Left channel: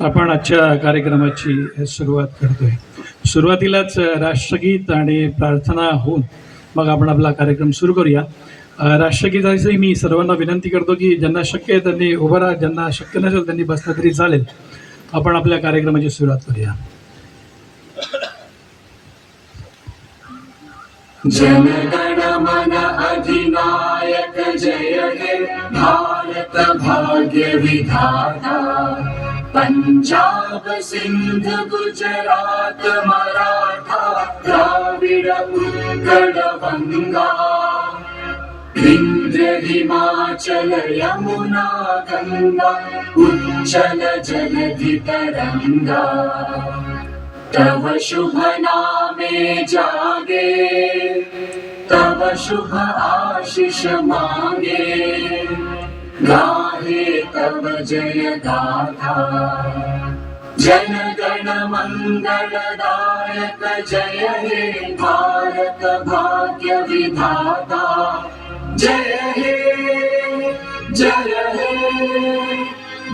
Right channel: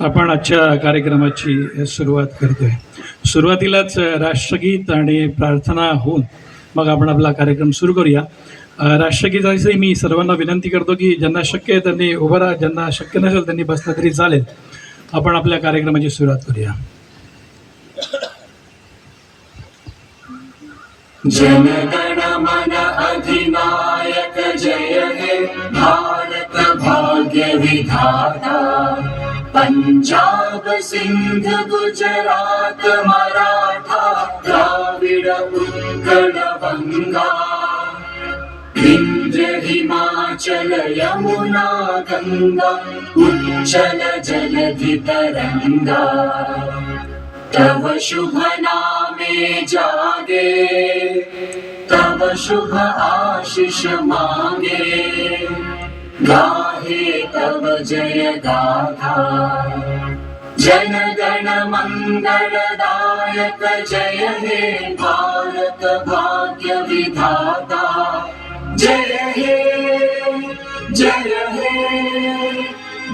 आपण आजच्या कार्यक्रमाची सुरुवात करतोय. सुरुवातीलाच राष्ट्रगीत आणि प्रार्थना होऊन मग आपण आपला कार्यक्रम सुरू करूया. राष्ट्रगीताची मी सर्वांना विनंती करतो की ज्यांना शक्य आहे त्यांनी उभं राहा, ज्यांना शक्य नसेल त्यांनी बसलं तरी चालेल. आपण आपल्या कार्यक्रमाची सुरुवात करूया. जनगण मन अधिनायक जय हे भारत भाग्य विधाता. पंजाब सिंध गुजरात मराठा द्राविड उत्कल गंगा. विंध्य हिमाचल यमुना गंगा उच्चल जलधि तरंगा. तव शुभ नामे जागे तव शुभ आशीष मांगे. गाहे तव जय गाथा. जन गण मंगलदायक जय हे भारत भाग्य विधाता. जय हे जय हे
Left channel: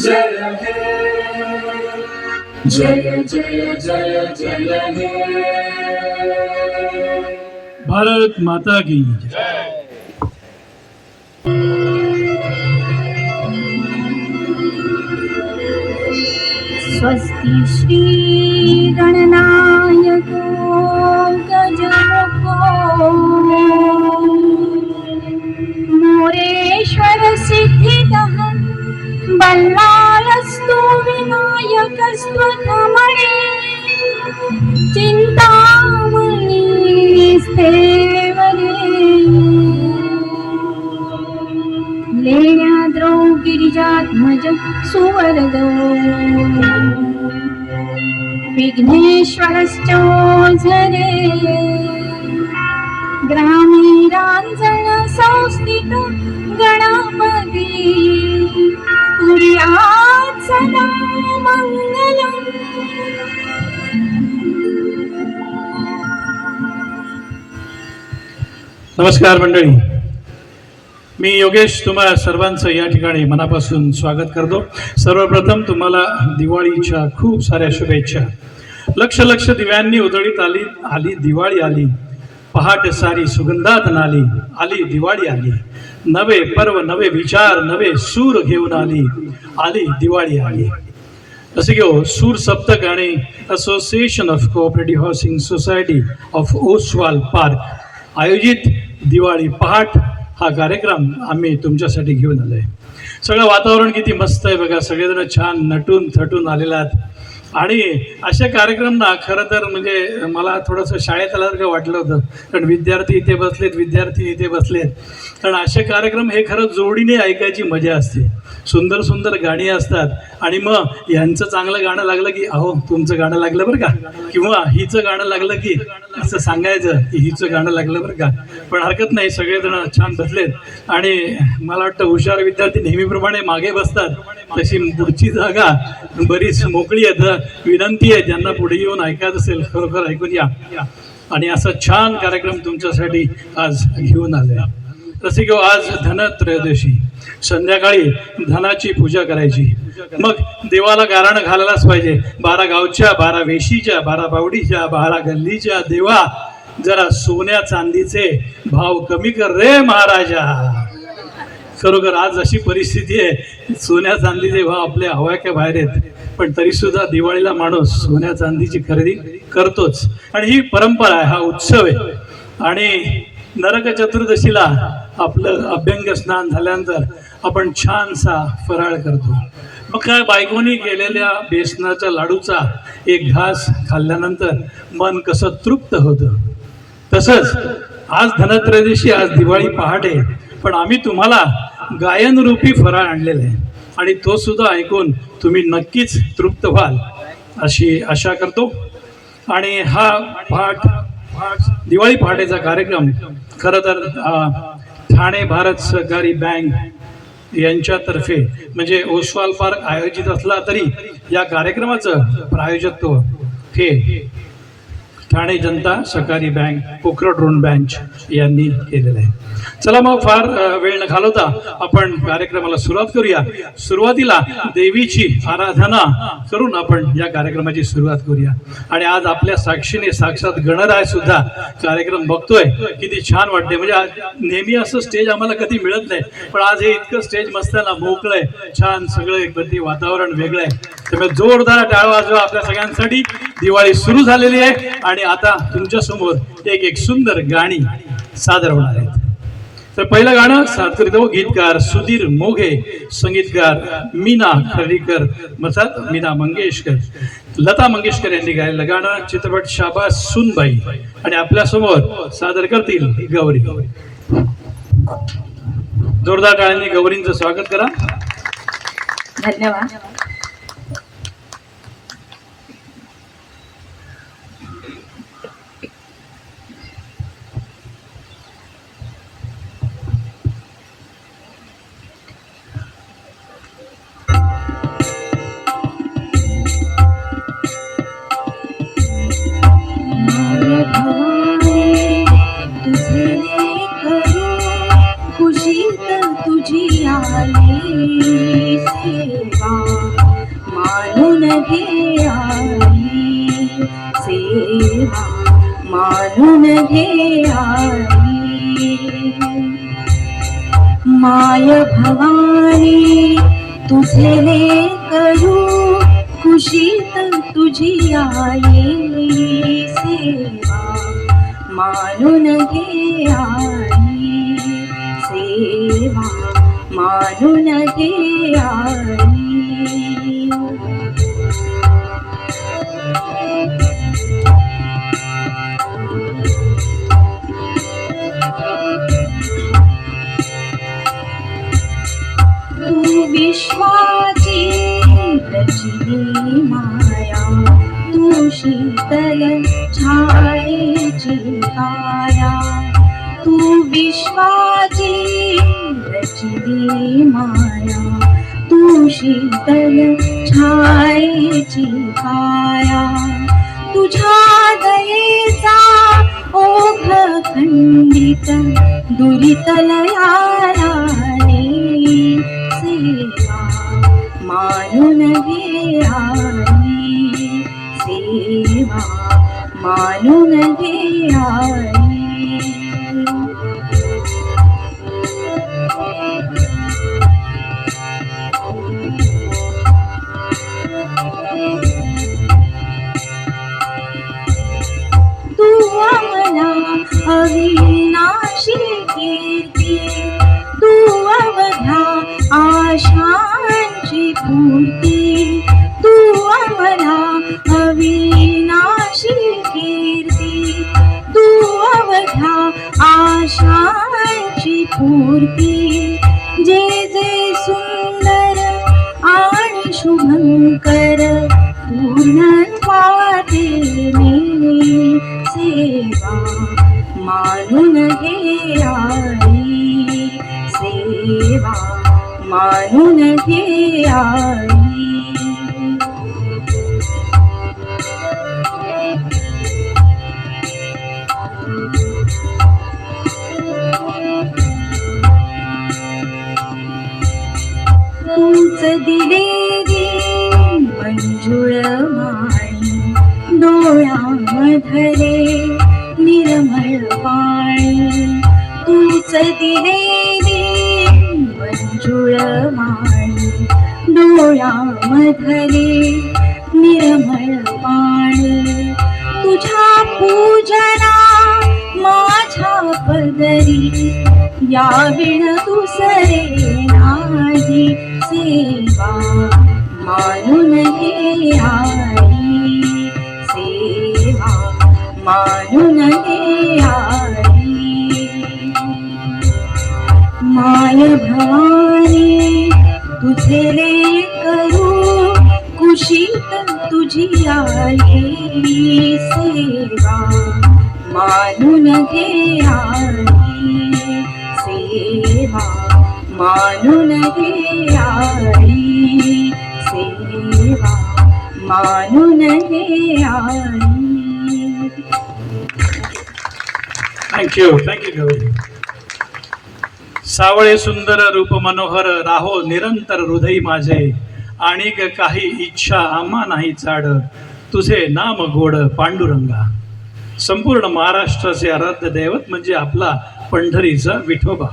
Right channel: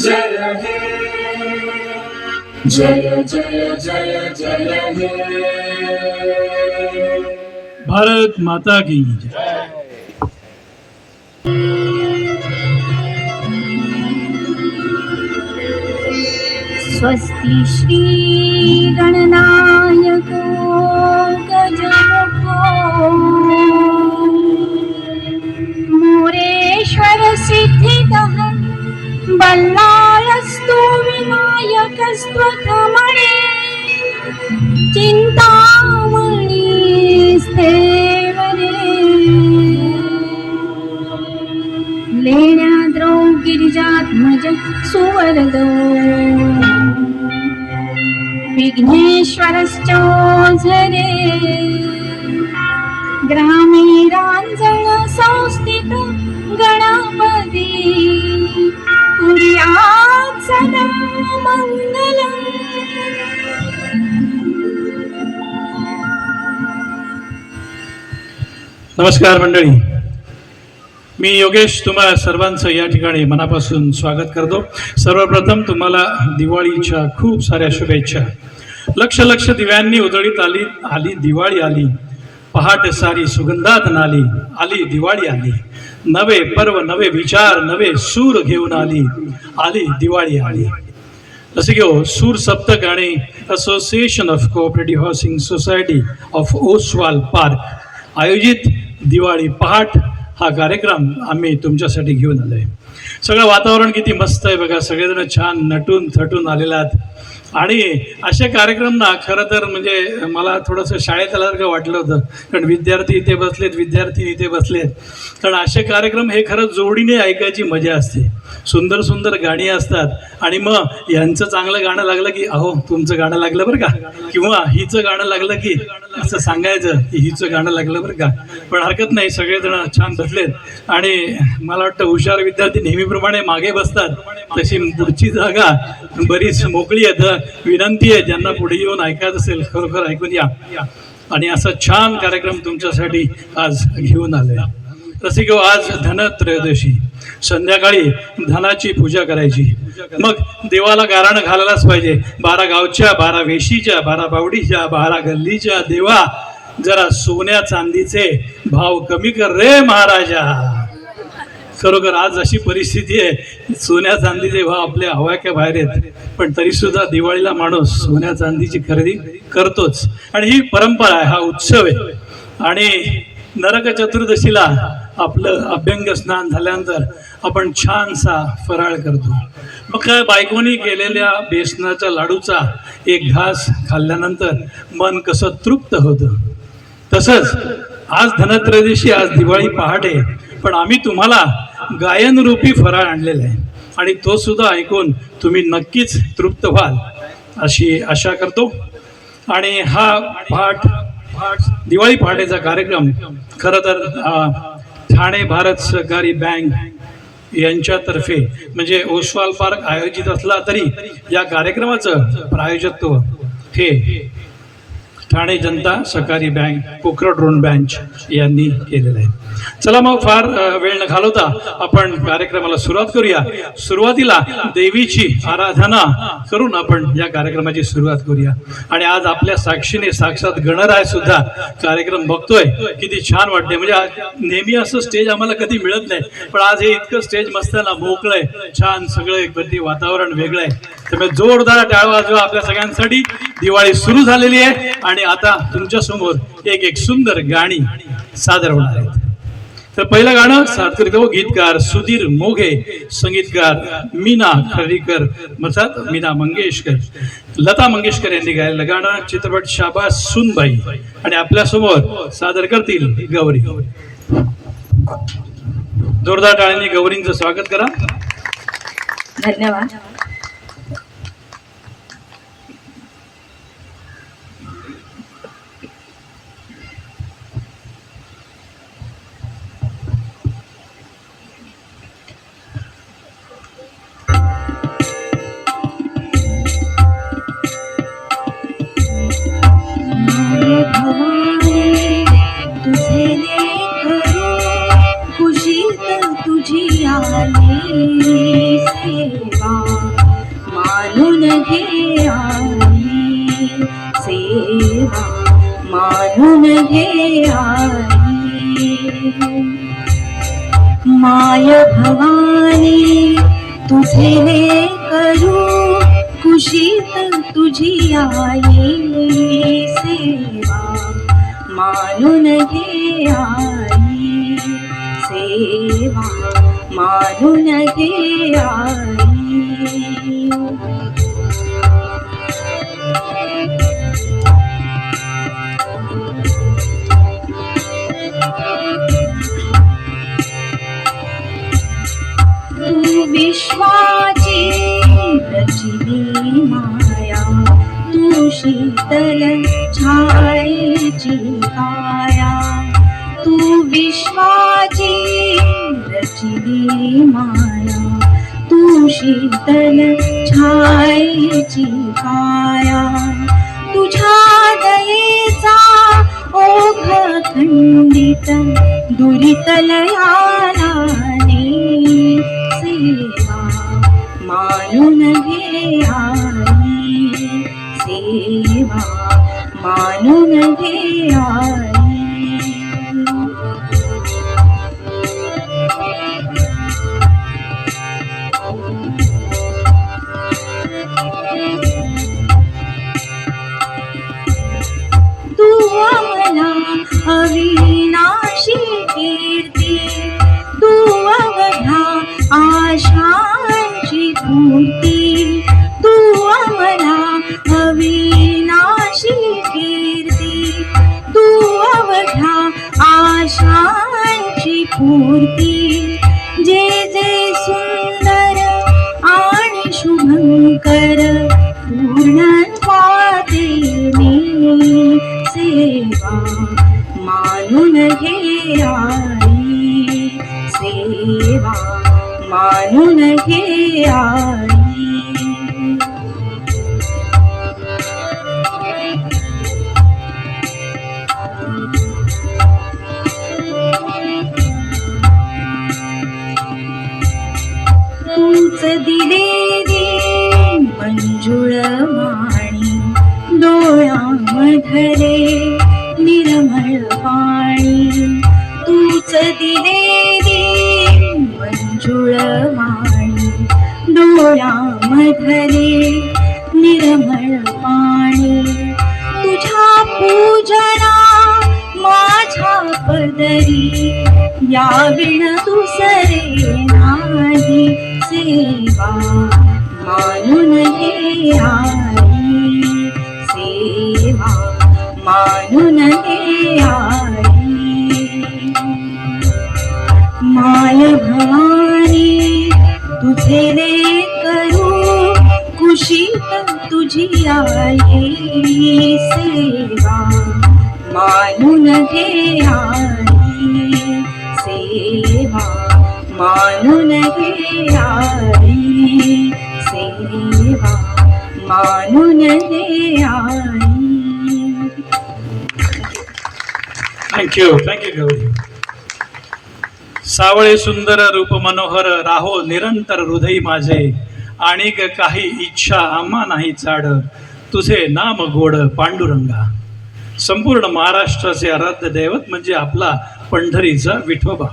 जय हे जय जय जय जय हे. भारत माता की जय. स्वस्ति श्री गणनायको गजमुखो मोरेश्वर सिद्धिदः बल्लालस्तु विनायकस्त्वमणे. चिन्तामणिस्तेवरे लेण्याद्रौ गिरिजात्मज सुवरदो. विघ्नेश्वरश्चोझरे ग्रामीरांजन संस्थित गणपती. कुर्यात् सदा मंगलम्. नमस्कार मंडळी, मी योगेश तुम्हा सर्वांचं या ठिकाणी मनापासून स्वागत करतो. सर्वप्रथम तुम्हाला दिवाळीच्या खूप साऱ्या शुभेच्छा. लक्ष लक्ष दिव्यांनी उजळीत आली आली दिवाळी आली. पहाट सारी सुगंधात नाली आली दिवाळी आली. नवे पर्व नवे विचार नवे सूर घेऊन आली आली दिवाळी आली. असं घेऊ सूर सप्तक आणि association of cooperative housing society of Oswal park आयोजित दिवाळी पहाट हा कार्यक्रम आम्ही तुमच्यासाठी घेऊन आलो आहे. सगळं वातावरण किती मस्त आहे बघा. सगळेजण छान नटून थटून आलेले आहेत. आणि असे कार्यक्रम ना खरं तर म्हणजे मला थोडंसं शाळेत आल्यासारखं वाटलं होतं. कारण विद्यार्थी इथे बसलेत, विद्यार्थी इथे बसलेत. कारण असे कार्यक्रम हे खरं जोडीने ऐकायची मजा असते. सुंदर सुंदर गाणी असतात आणि मग यांचं चांगलं गाणं लागलं की अहो तुमचं गाणं लागलं बरं का, किंवा हिचं गाणं लागलं की असं सांगायचं की हिचं गाणं लागलं बरं का. पण हरकत नाही, सगळेजण छान बसलेत. आणि मला वाटतं हुशार विद्यार्थी नेहमीप्रमाणे मागे बसतात, तशी पुढची जागा बरीच मोकळी आहे. विनंती आहे ज्यांना पुढे येऊन ऐकायचं असेल खरोखर ऐकून या. आणि असा छान कार्यक्रम तुमच्यासाठी आज घेऊन आलोय. तसे घेऊ आज धनत्रयोदशी, संध्याकाळी धनाची पूजा करायची. मग देवाला गाराणं घालायलाच पाहिजे. 12 गावच्या 12 वेशीच्या 12 बावडीच्या 12 गल्लीच्या देवा, जरा सोन्या चांदीचे भाव कमी कर रे महाराजा. खरोखर आज अशी परिस्थिती आहे, सोन्या चांदीचे भाव आपल्या हवाक्या बाहेर आहेत. पण तरी सुद्धा दिवाळीला माणूस सोन्या चांदीची खरेदी करतोच. आणि ही परंपरा आहे, हा उत्सव आहे. आणि नरक चतुर्दशीला आपलं अभ्यंग स्नान झाल्यानंतर आपण छानसा फराळ करतो. मग काय बायकोनी केलेल्या बेसनाच्या लाडूचा एक घास खाल्ल्यानंतर मन कसं तृप्त होतं. तसंच आज धनत्रयोदशी, आज दिवाळी पहाटे, पण आम्ही तुम्हाला गायनरूपी फराळ आणलेला आहे आणि तो सुद्धा ऐकून तुम्ही नक्कीच तृप्त व्हाल अशी आशा करतो. आणि हा दिवाळी पहाटेचा कार्यक्रम खरं तर ठाणे भारत सहकारी बँक यांच्यातर्फे म्हणजे ओसवाल पार्क आयोजित असला तरी या कार्यक्रमाचं प्रायोजकत्व हे ठाणे जनता सहकारी बँक पोखरड रोड ब्रँच यांनी केलेलं आहे. चला मग फार वेळ न घालवता आपण कार्यक्रमाला सुरुवात करूया. सुरुवातीला देवीची आराधना करून आपण या कार्यक्रमाची सुरुवात करूया. आणि आज आपल्या साक्षीने साक्षात गणराय सुद्धा कार्यक्रम बघतोय. किती छान वाटते. म्हणजे नेहमी असं स्टेज आम्हाला कधी मिळत नाही, पण आज हे इतकं स्टेज मस्त ना, मोकळं आहे, छान सगळं कधी वातावरण वेगळं आहे. त्यामुळे जोरदार टाळ वाजवा आपल्या सगळ्यांसाठी. दिवाळी सुरू झालेली आहे आणि आता तुमच्या समोर एक सुंदर गाणी सादर होणार आहेत. तर पहिलं गाणं सादर करीत आहोत गीतकार सुधीर मोघे, संगीतकार मीना खर्डीकर मसात मीना मंगेशकर, लता मंगेशकर यांनी गायलेलं गाणं चित्रपट शाबास सुनबाई. आणि आपल्या समोर सादर करतील गौरी. जोरदार टाळ्यांनी गौरींचं स्वागत करा. धन्यवाद. माय भवानी तुझे करू खुशीत तुझी आई सेवा मानून घे आई सेवा मानून घे आई. विश्वाची रचली माया तू शीतल छायेची काया. तू विश्वाची रचली माया तू शीतल छायेची काया. तुझ्या दयेचा ओघ खंडित दुरितलया मानून घे आई सेवा मानून घे आई. तू आम्हाला अविनाशी कीर्ती तू अवघ्या आशांची पूर्ती. तू आम्हाला अविनाशी कीर्ती तू अवघ्या आशांची पूर्ती. जे जे सुंदर आणि शुभंकर पूर्ण पातेने सेवा मानून घे आई सेवा मानून घे आई. तूच दिलेली मंजुळ माणी डोळ्यामधले निर्मळ पाणी. तूच दिलेली मंजुळ माणी डोळ्यामधले निर्मळ पाणी. तुझ्या पूजना माझ्या पदरी याविण दुसरे नाही सेवा मानून घे आई सेवा मानून घे आई. माय भवानी तुझे करू खुशीत तुझी आई सेवा मानून घे आई सेवा मानून घे आई सेवा मानून घे आई. थँक्यू गवळी. सावळे सुंदर रूप मनोहर राहो निरंतर हृदय माझे, आणिक काही इच्छा आम्हा नाही चाड, तुझे नाम गोड पांडुरंगा. संपूर्ण महाराष्ट्राचे आराध्य दैवत म्हणजे आपला पंढरीचा विठोबा.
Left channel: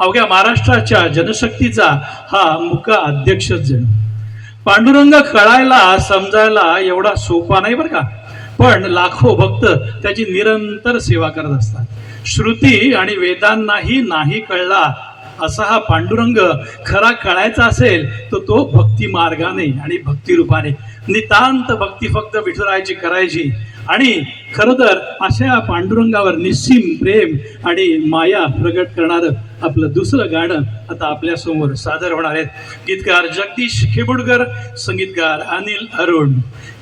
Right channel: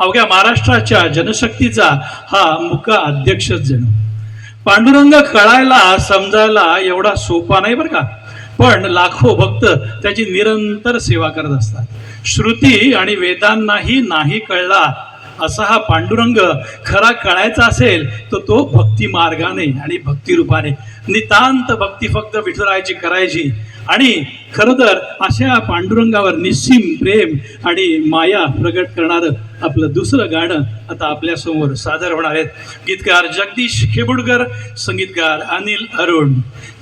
अवघ्या महाराष्ट्राच्या जनशक्तीचा हा मुका अध्यक्षच जणू. पांडुरंग कळायला समजायला एवढा सोपा नाही बरं का, पण लाखो भक्त त्याची निरंतर सेवा करत असतात. श्रुती आणि वेदांनाही नाही कळला असा हा पांडुरंग खरा कळायचा असेल तर तो भक्ती मार्गाने आणि भक्ती रूपाने नितांत भक्ती फक्त विठुरायाची करायची. आणि खरं तर अशा पांडुरंगावर निस्सीम प्रेम आणि माया प्रगट करणारं आपलं दुसरं गाणं आता आपल्यासमोर सादर होणार आहेत. गीतकार जगदीश खेबुडकर, संगीतकार अनिल अरुण,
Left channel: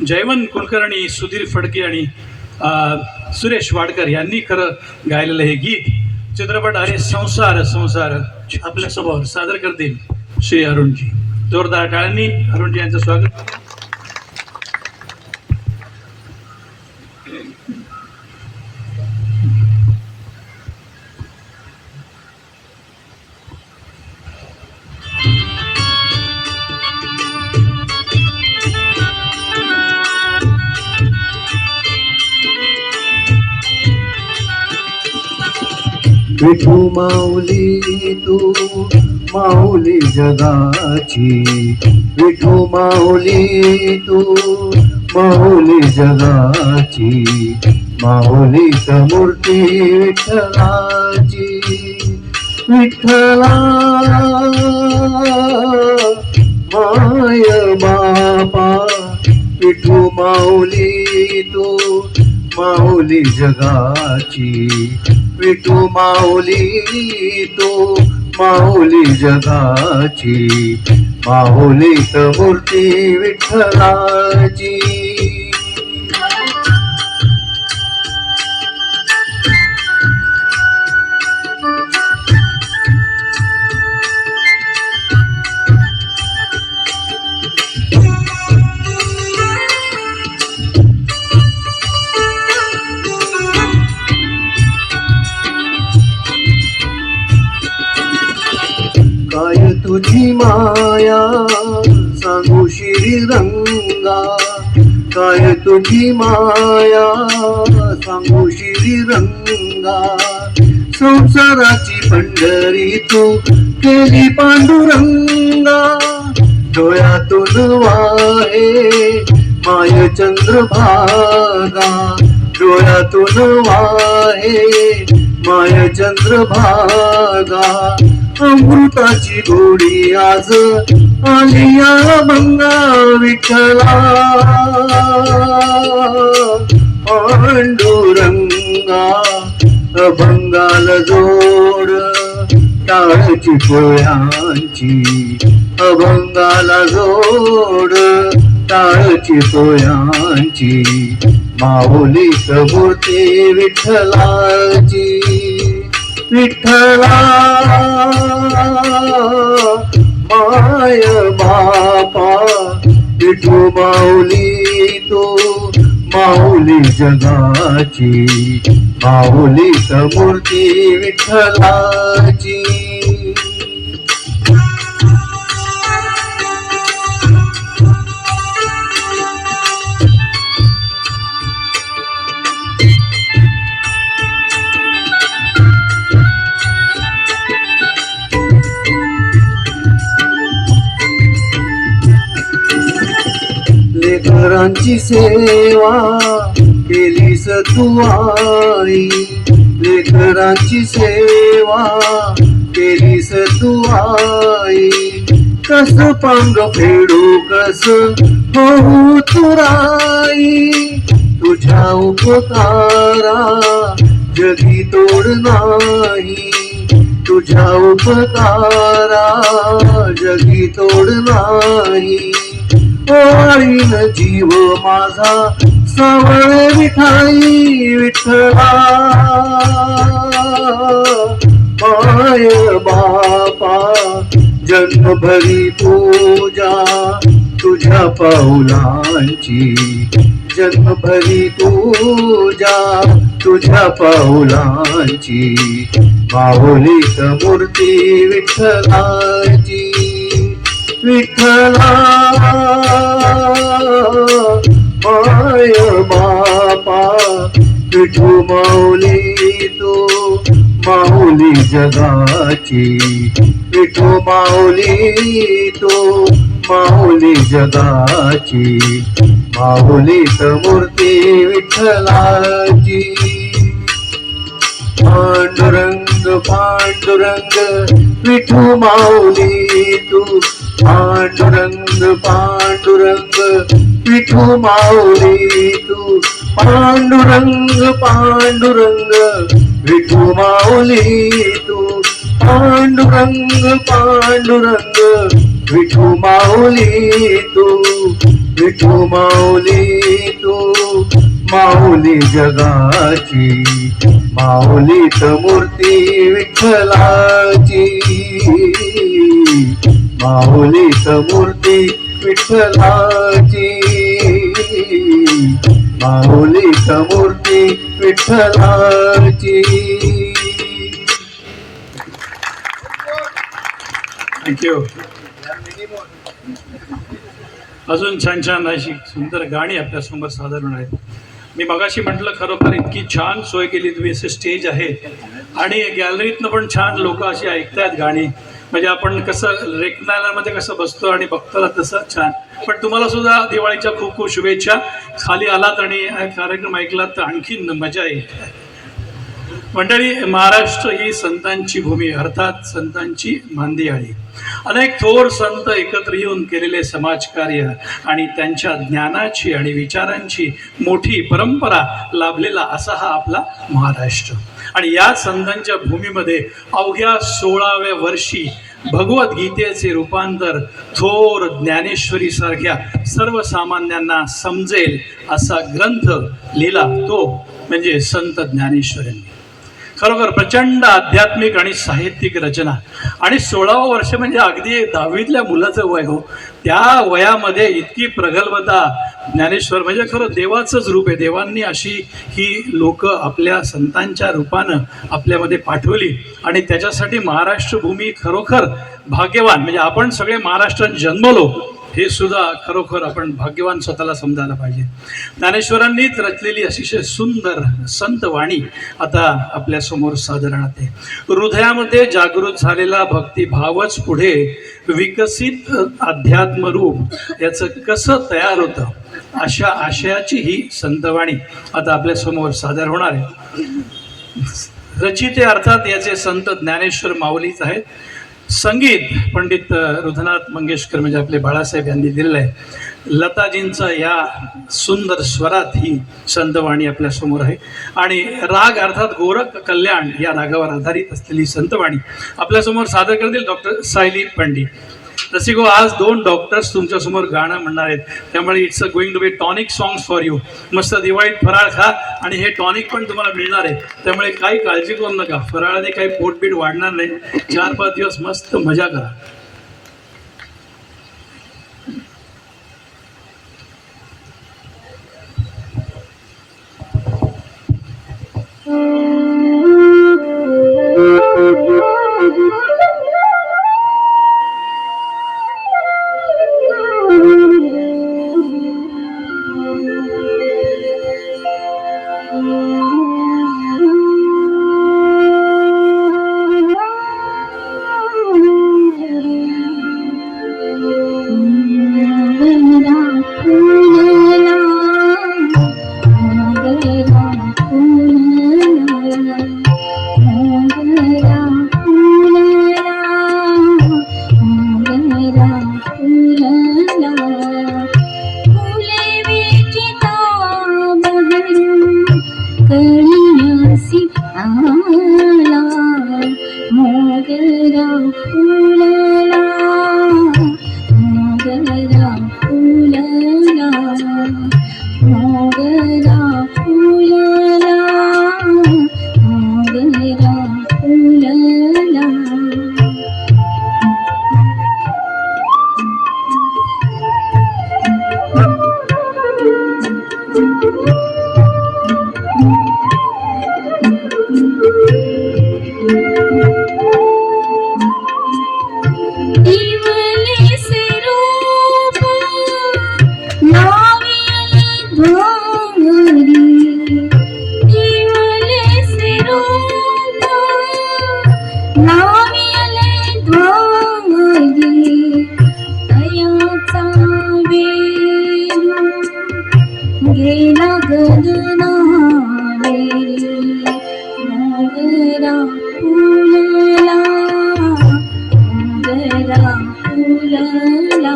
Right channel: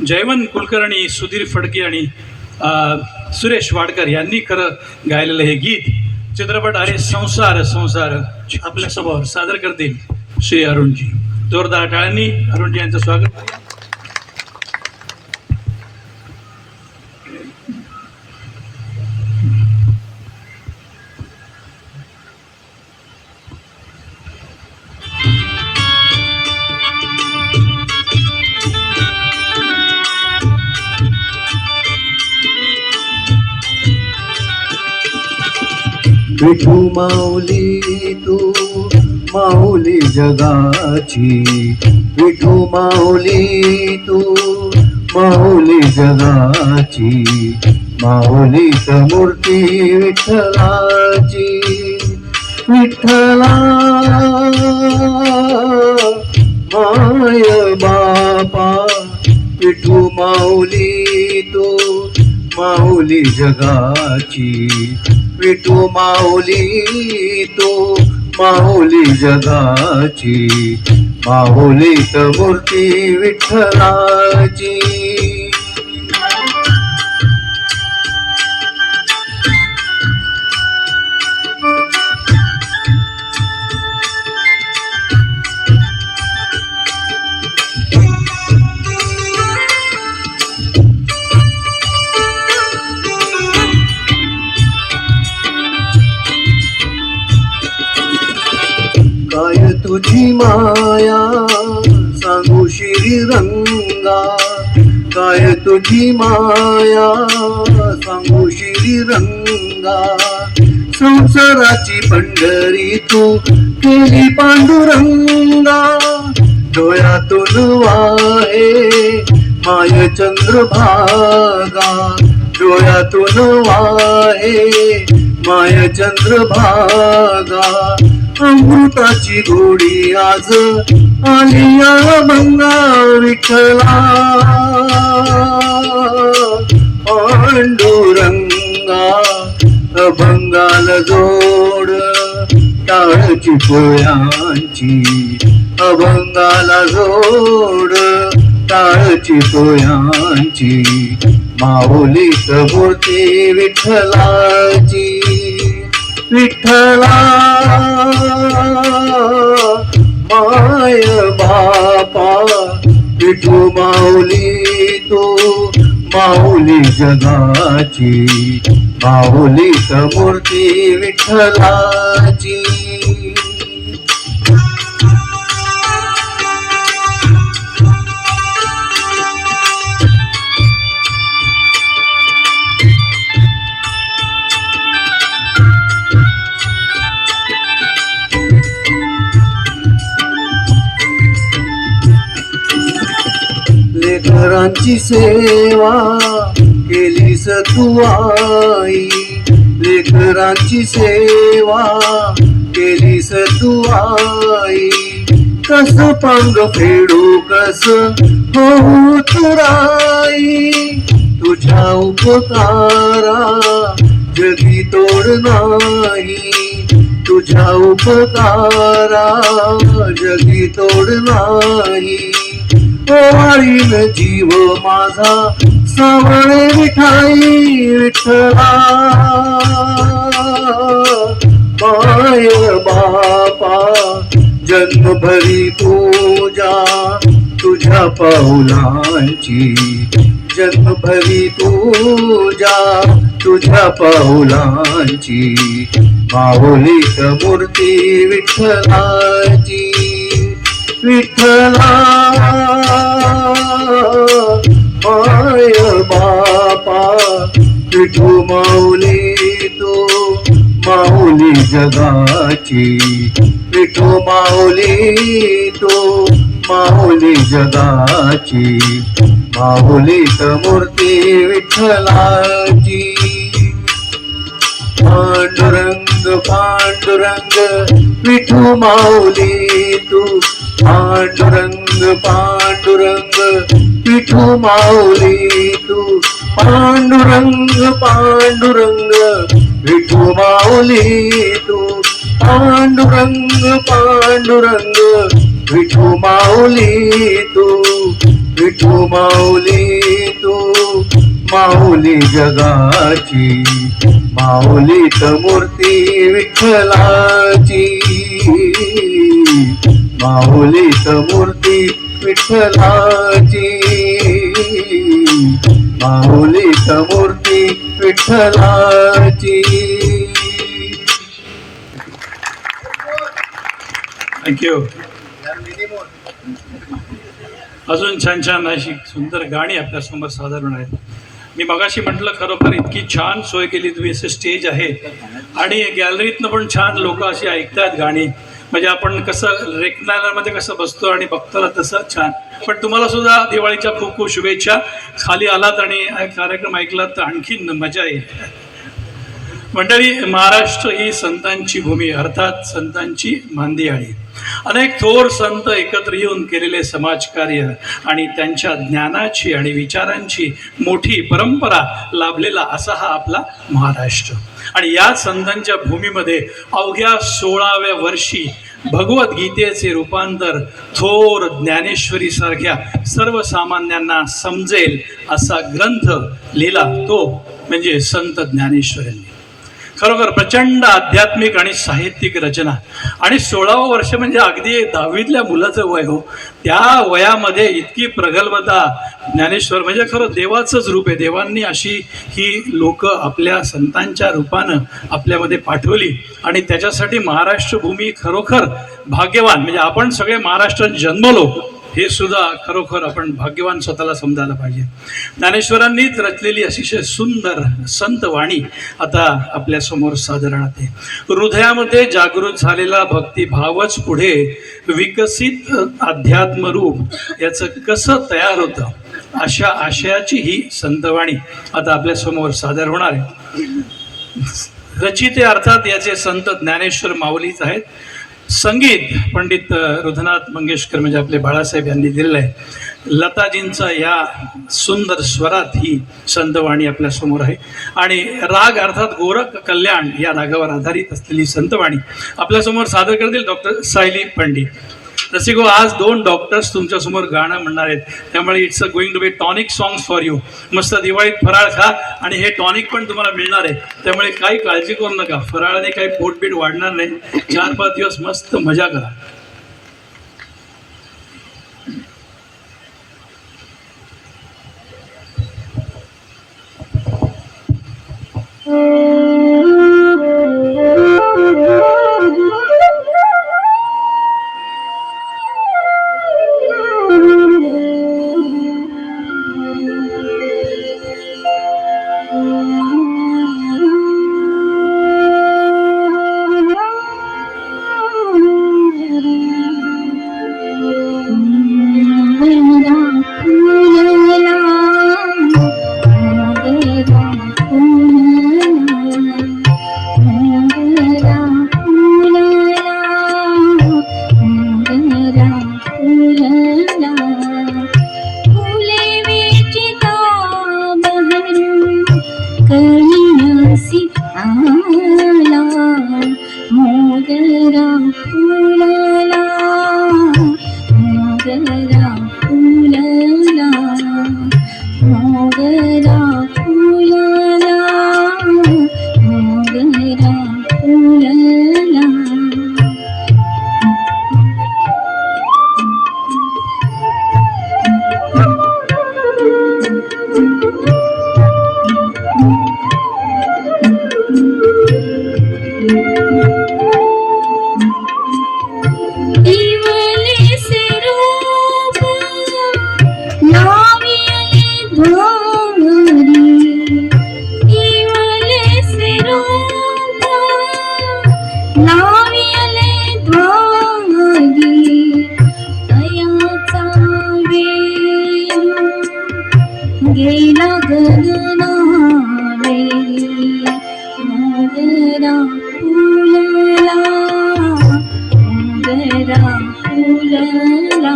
जयवंत कुलकर्णी, सुधीर फडके आणि सुरेश वाडकर यांनी खरं गायलेलं हे गीत चित्रपट अरे संसार संसार आपल्यासमोर सादर करतील श्री अरुणजी. जोरदार टाळ्यांनी अरुणजी यांचं स्वागत. विठू माऊली तू माऊली जगाची, विठू माऊली तू माऊली जगाची, माऊली मूर्ती विठ्ठलाची. विठ्ठला माय बापा, विठू माऊली तू माऊली जगाची, विठू माऊली तू माऊली जगाची, माऊली मूर्ती विठ्ठलाची. काय तुझी माया सांगू श्रीरंगा, काय तुझी माया सांगू श्रीरंगा. संसाराची पंढरी तू केली पांडुरंगा, डोळ्यातून वाहे माय चंद्रभागा, डोळ्यातून वाहे माय चंद्रभागा. अमृताची गोडी आज आली या भंगा विठ्ठला. पांडुरंगा अभंगाला जोड टाळची पोळ्यांची, अभंगाला जोड टाळची पोळ्यांची, माऊली मूर्ती विठ्ठलाची. विठ्ठला माय बापा, विठू माऊली तू माऊली जगाची, माऊली मूर्ती विठ्ठलाची. लेकरांची सेवा केलीस तू आई, लेकरांची सेवा केलीस तू आई. कस पंग फेडू कस होऊ तुराई, तुझ्या उपकारा जगी तोड नाही, तुझ्या उपकारा जगी तोड नाही. ओवाळीन जीव माझा सावळ विठाई विठ्ठला. माय बापा जन्मभरी पूजा तुझ्या पाऊलांची, जन्मभरी पूजा तुझ्या पाऊलांची माऊलीत मूर्ती विठ्ठलाची विठ्ठला माय बापा विठू माऊली तो माऊली जगाची विठू माऊली तो माऊली जगाची माऊलीत मूर्ती विठ्ठलाची पांडुरंग पांडुरंग विठू माऊली तू पांडुरंग पांडुरंग विठू माऊली तू पांडुरंग पांडुरंग विठू माऊली तू पांडुरंग पांडुरंग विठू माऊली तू विठू माऊली तू माऊली जगाची माऊलीत मूर्ती विठ्ठलाची माऊलीत मूर्ती विठ्ठलाची माऊलीत मूर्ती विठ्ठलाची. थँक्यू. अजून छान छान अशी सुंदर गाणी आपल्यासमोर सादर होणार आहेत. मी मगाशी म्हटलं खरोखर इतकी छान सोय केली तुम्ही, असं स्टेज आहे आणि गॅलरीतनं पण छान लोक अशी ऐकतात गाणी. म्हणजे आपण कसं रेकनालमध्ये कसं बसतो आणि बघतो तसं छान. पण तुम्हाला सुद्धा दिवाळीच्या खूप खूप शुभेच्छा. खाली आलात आणि कार्यक्रम ऐकलात तर आणखीन मजा येईल. मंडळी, महाराष्ट्र ही संतांची भूमी अर्थात संतांची मांदियाळी. अनेक थोर संत एकत्र येऊन केलेले समाजकार्य आणि त्यांच्या ज्ञानाची आणि विचारांची मोठी परंपरा लाभलेला असा हा आपला महाराष्ट्र. आणि या संतांच्या भूमीमध्ये अवघ्या 16व्या वर्षी भगवद्गीतेचे रूपांतर थोर ज्ञानेश्वरी सारख्या सर्वसामान्यांना समजेल असा ग्रंथ लिहिला तो म्हणजे संत ज्ञानेश्वरांनी. खरोखर प्रचंड आध्यात्मिक आणि साहित्यिक रचना. आणि 16वं वर्ष म्हणजे अगदी 10वीतल्या मुलाचं वय हो. त्या वयामध्ये इतकी प्रगल्भता. ज्ञानेश्वर म्हणजे खरं देवाचंच रूप आहे. देवांनी अशी ही लोक आपल्या संतांच्या रूपानं आपल्यामध्ये पाठवली आणि त्याच्यासाठी महाराष्ट्र भूमी खरोखर भाग्यवान. म्हणजे आपण सगळे महाराष्ट्रात जन्मलो हे सुद्धा खरोखर आपण भाग्यवान स्वतःला समजायला पाहिजे. ज्ञानेश्वरांनीच रचलेली अतिशय सुंदर संतवाणी आता आपल्यासमोर सादर राहते. हृदयामध्ये जागृत झालेला भक्तिभावच पुढे विकसित अध्यात्मरूप याचं कसं तयार होतं अशा आशयाची ही संतवाणी आता आपल्यासमोर सादर होणार आहे. रचिते अर्थात याचे संत ज्ञानेश्वर माऊलीच आहेत. संगीत पंडित रुधनाथ मंगेशकर म्हणजे आपले बाळासाहेब यांनी दिलेलं आहे. लताजींचा या सुंदर स्वरात ही संतवाणी आपल्यासमोर आहे. आणि राग अर्थात गोरख कल्याण या रागावर आधारित असलेली संतवाणी आपल्यासमोर सादर करतील डॉक्टर सायली पंडित. रसिको, आज 2 डॉक्टर्स तुमच्यासमोर गाणं म्हणणार आहेत. त्यामुळे it's going to be tonic songs for you. मस्त दिवाळीत फराळ खा आणि हे टॉनिक पण तुम्हाला मिळणार आहे. त्यामुळे काही काळजी करू नका. फराळाने काही पोटपीट वाढणार नाही. 4-5 दिवस मस्त मजा करा. इवलेसे रूप लाविले ध्वरी इवलेसे रूप लाविले ध्वरी तयाचा वेणू गेला गगनावे मोगरा फुलला मोगरा फुलला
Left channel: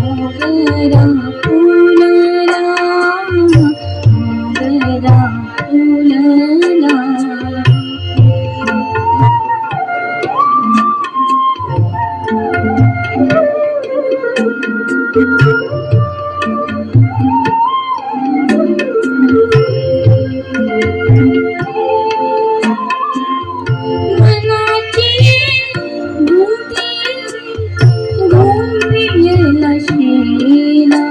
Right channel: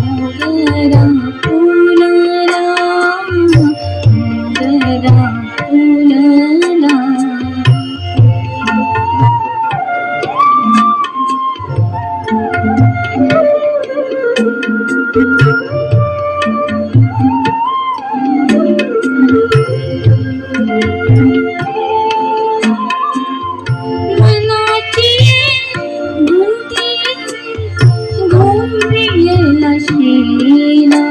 मोगरा फुलला मोगरा फुलला मनाची गुंती गोंधळला शेला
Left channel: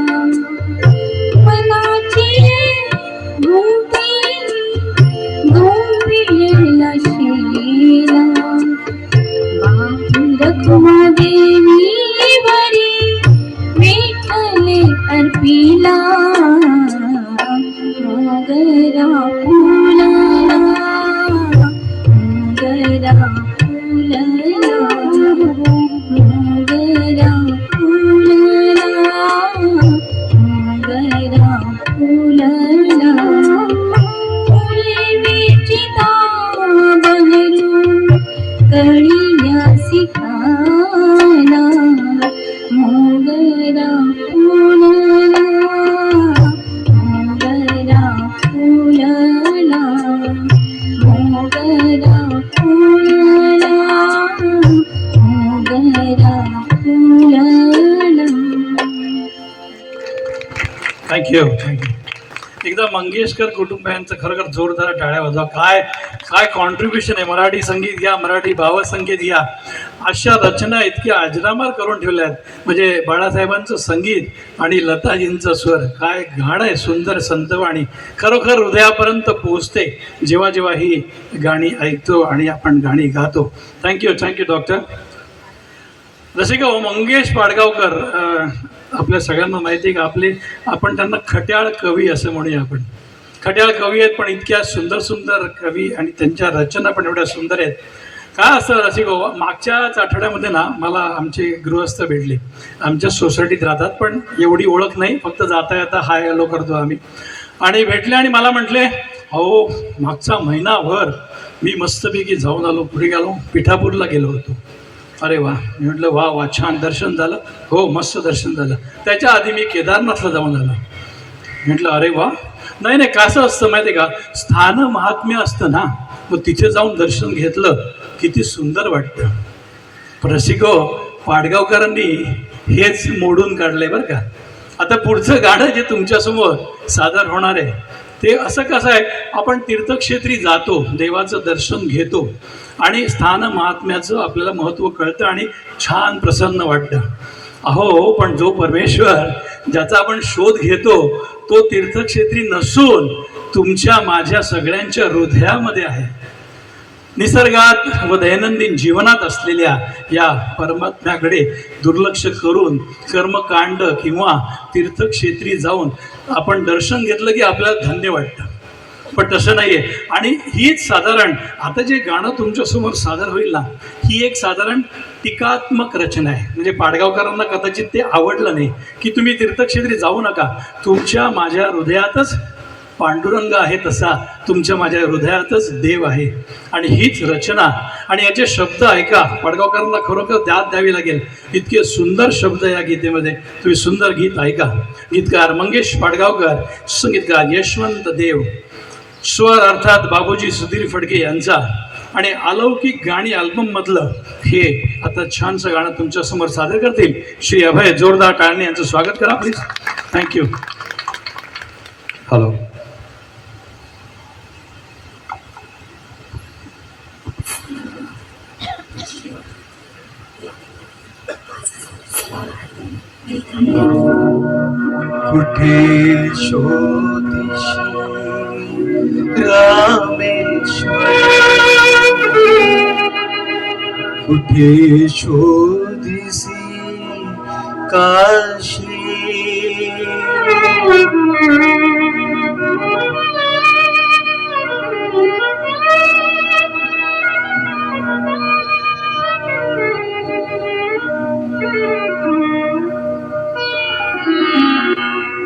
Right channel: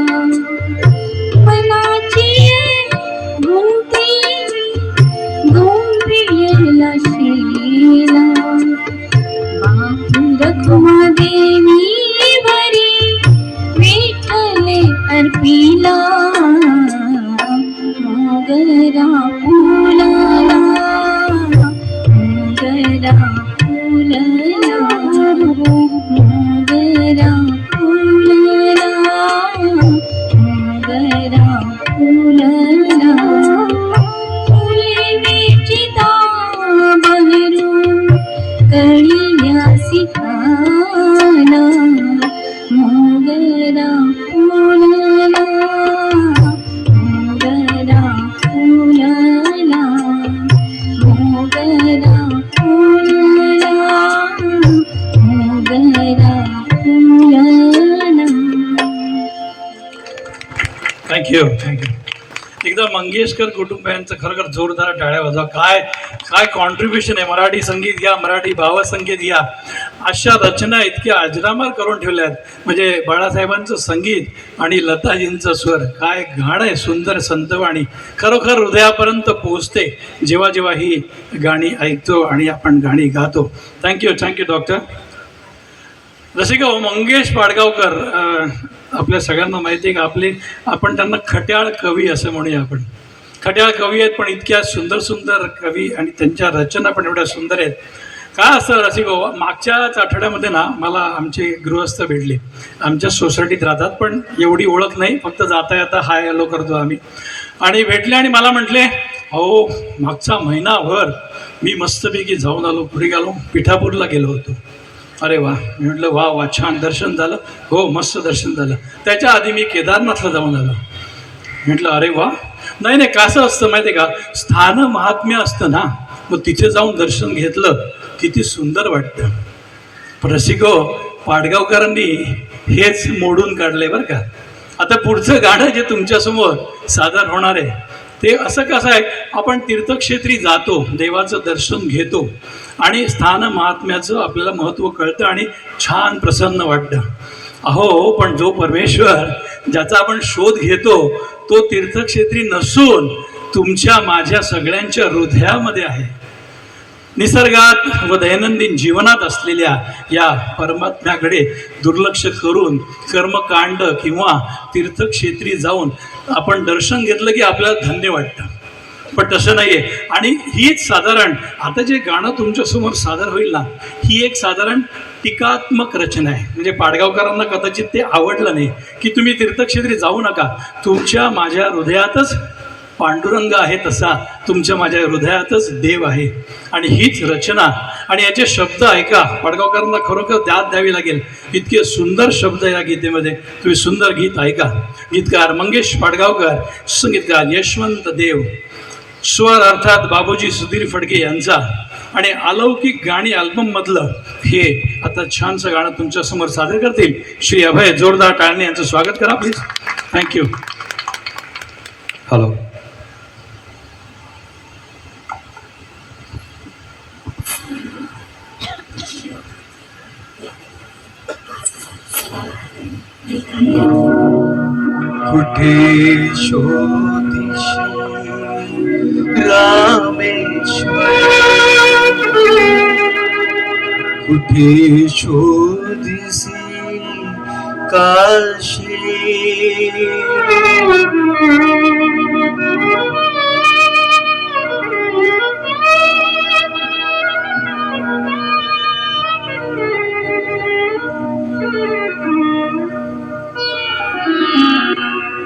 मनाची गुंती गोंधळला शेला रखुमा देवी वरी विठ्ठले अर्पिला मोगरा फुलला मोगरा फुलला मोगरा फुलला मोगरा फुलला फुले विचिता बहरू कळिया सिखाना मोगरा फुलला मोगरा फुलला मोगरा फुलला मोगरा फुलला थँक्यू एकदा मंगेशकर कुटुंबियांचं खरोखर जोरदार टाळ्या वाजवा. काय काय कॉन्ट्रीब्युशन आहे. मराठी संगीत घ्या, मराठी भावसंगीत घ्या, अशा रचना इतक्या अजरामर करून ठेवल्यात. म्हणजे बाळासाहेबांचं संगीत आणि लताजींचं स्वर, काय गाणं आहे सुंदर संतवाणी, खरोखर हृदयापर्यंत पोहोचते जेव्हा जेव्हा ही गाणी ऐकतो आणि आपण गाणी गातो. Thank you doctor. जसे का मंगेश पाडगावकर आपल्या सगळ्यांना माहिती आहे का, आपण त्यांना खट्याळ कवी असं म्हणूया. आपण खट्याळ कवी आहेत, पण इतक्या सुंदर सुंदर कवी आणि त्यांच्या रचना पण एवढ्या सुंदर आहेत. काय असतं रसिक हो, मागच्याच आठवड्यामध्ये ना मला आमचे गृहस्थ भेटले. आमच्या सोसायटीत राहतात, पण एवढी ओळख नाही, फक्त जाता येता हाय हॅलो करतो आम्ही. आणि भेटले आणि मला म्हटले, अहो मागचा महिनाभर मी मस्तपैकी जाऊन आलो, पुढे गेलो, पिठापूरला गेलो होतो. अरे वा. मी म्हटलं वा वा, छान दर्शन झालं. हो मस्त दर्शन झालं. त्याच्या आधी मी केदारनाथला जाऊन आलो. म्हटलं अरे वा. नाही कसं असतं माहिती आहे का, स्थान महात्म्य असतं ना, मग तिथे जाऊन दर्शन घेतलं किती सुंदर वाटतं. रसिको, पाडगावकरांनी हेच मोडून काढलंय बरं का. आता पुढचं गाणं जे तुमच्यासमोर सादर होणार आहे ते असं कसं आहे, आपण तीर्थक्षेत्री जातो, देवाचं दर्शन घेतो आणि स्थान महात्म्याचं आपल्याला महत्त्व कळतं आणि छान प्रसन्न वाटतं. अहो पण जो परमेश्वर ज्याचा आपण शोध घेतो तो तीर्थक्षेत्री नसून तुमच्या माझ्या सगळ्यांच्या हृदयामध्ये आहे. निसर्गात व दैनंदिन जीवनात असलेल्या या परमात्म्याकडे दुर्लक्ष करून कर्मकांड किंवा तीर्थक्षेत्री जाऊन आपण दर्शन घेतलं की आपल्याला धन्य वाटतं. पण तसं नाही आहे. आणि हीच साधारण आता जे गाणं तुमच्यासमोर सादर होईल ना, ही एक साधारण टीकात्मक रचना आहे. म्हणजे पाडगावकरांना कदाचित ते आवडलं नाही की तुम्ही तीर्थक्षेत्री जाऊ नका, तुमच्या माझ्या हृदयातच पांडुरंग आहे, तसा तुमच्या माझ्या हृदयातच देव आहे. आणि हीच रचना आणि याचे शब्द ऐका, पाडगावकरांना खरोखर दाद द्यावी लागेल. इतके सुंदर शब्द या गीतेमध्ये. तुम्ही सुंदर गीत ऐका. गीतकार मंगेश पाडगावकर, संगीतकार यशवंत देव, स्वर अर्थात बाबूजी सुधीर फडके यांचा, आणि अलौकिक गाणी अल्बममधलं हे आता छानसं गाणं तुमच्यासमोर सादर करतील श्री अभय. जोरदार टाळणे यांचं स्वागत करा प्लीज. थँक्यू. हॅलो. कुठे शोधिशी रामेश्वर कुठे शोधिसी काशी.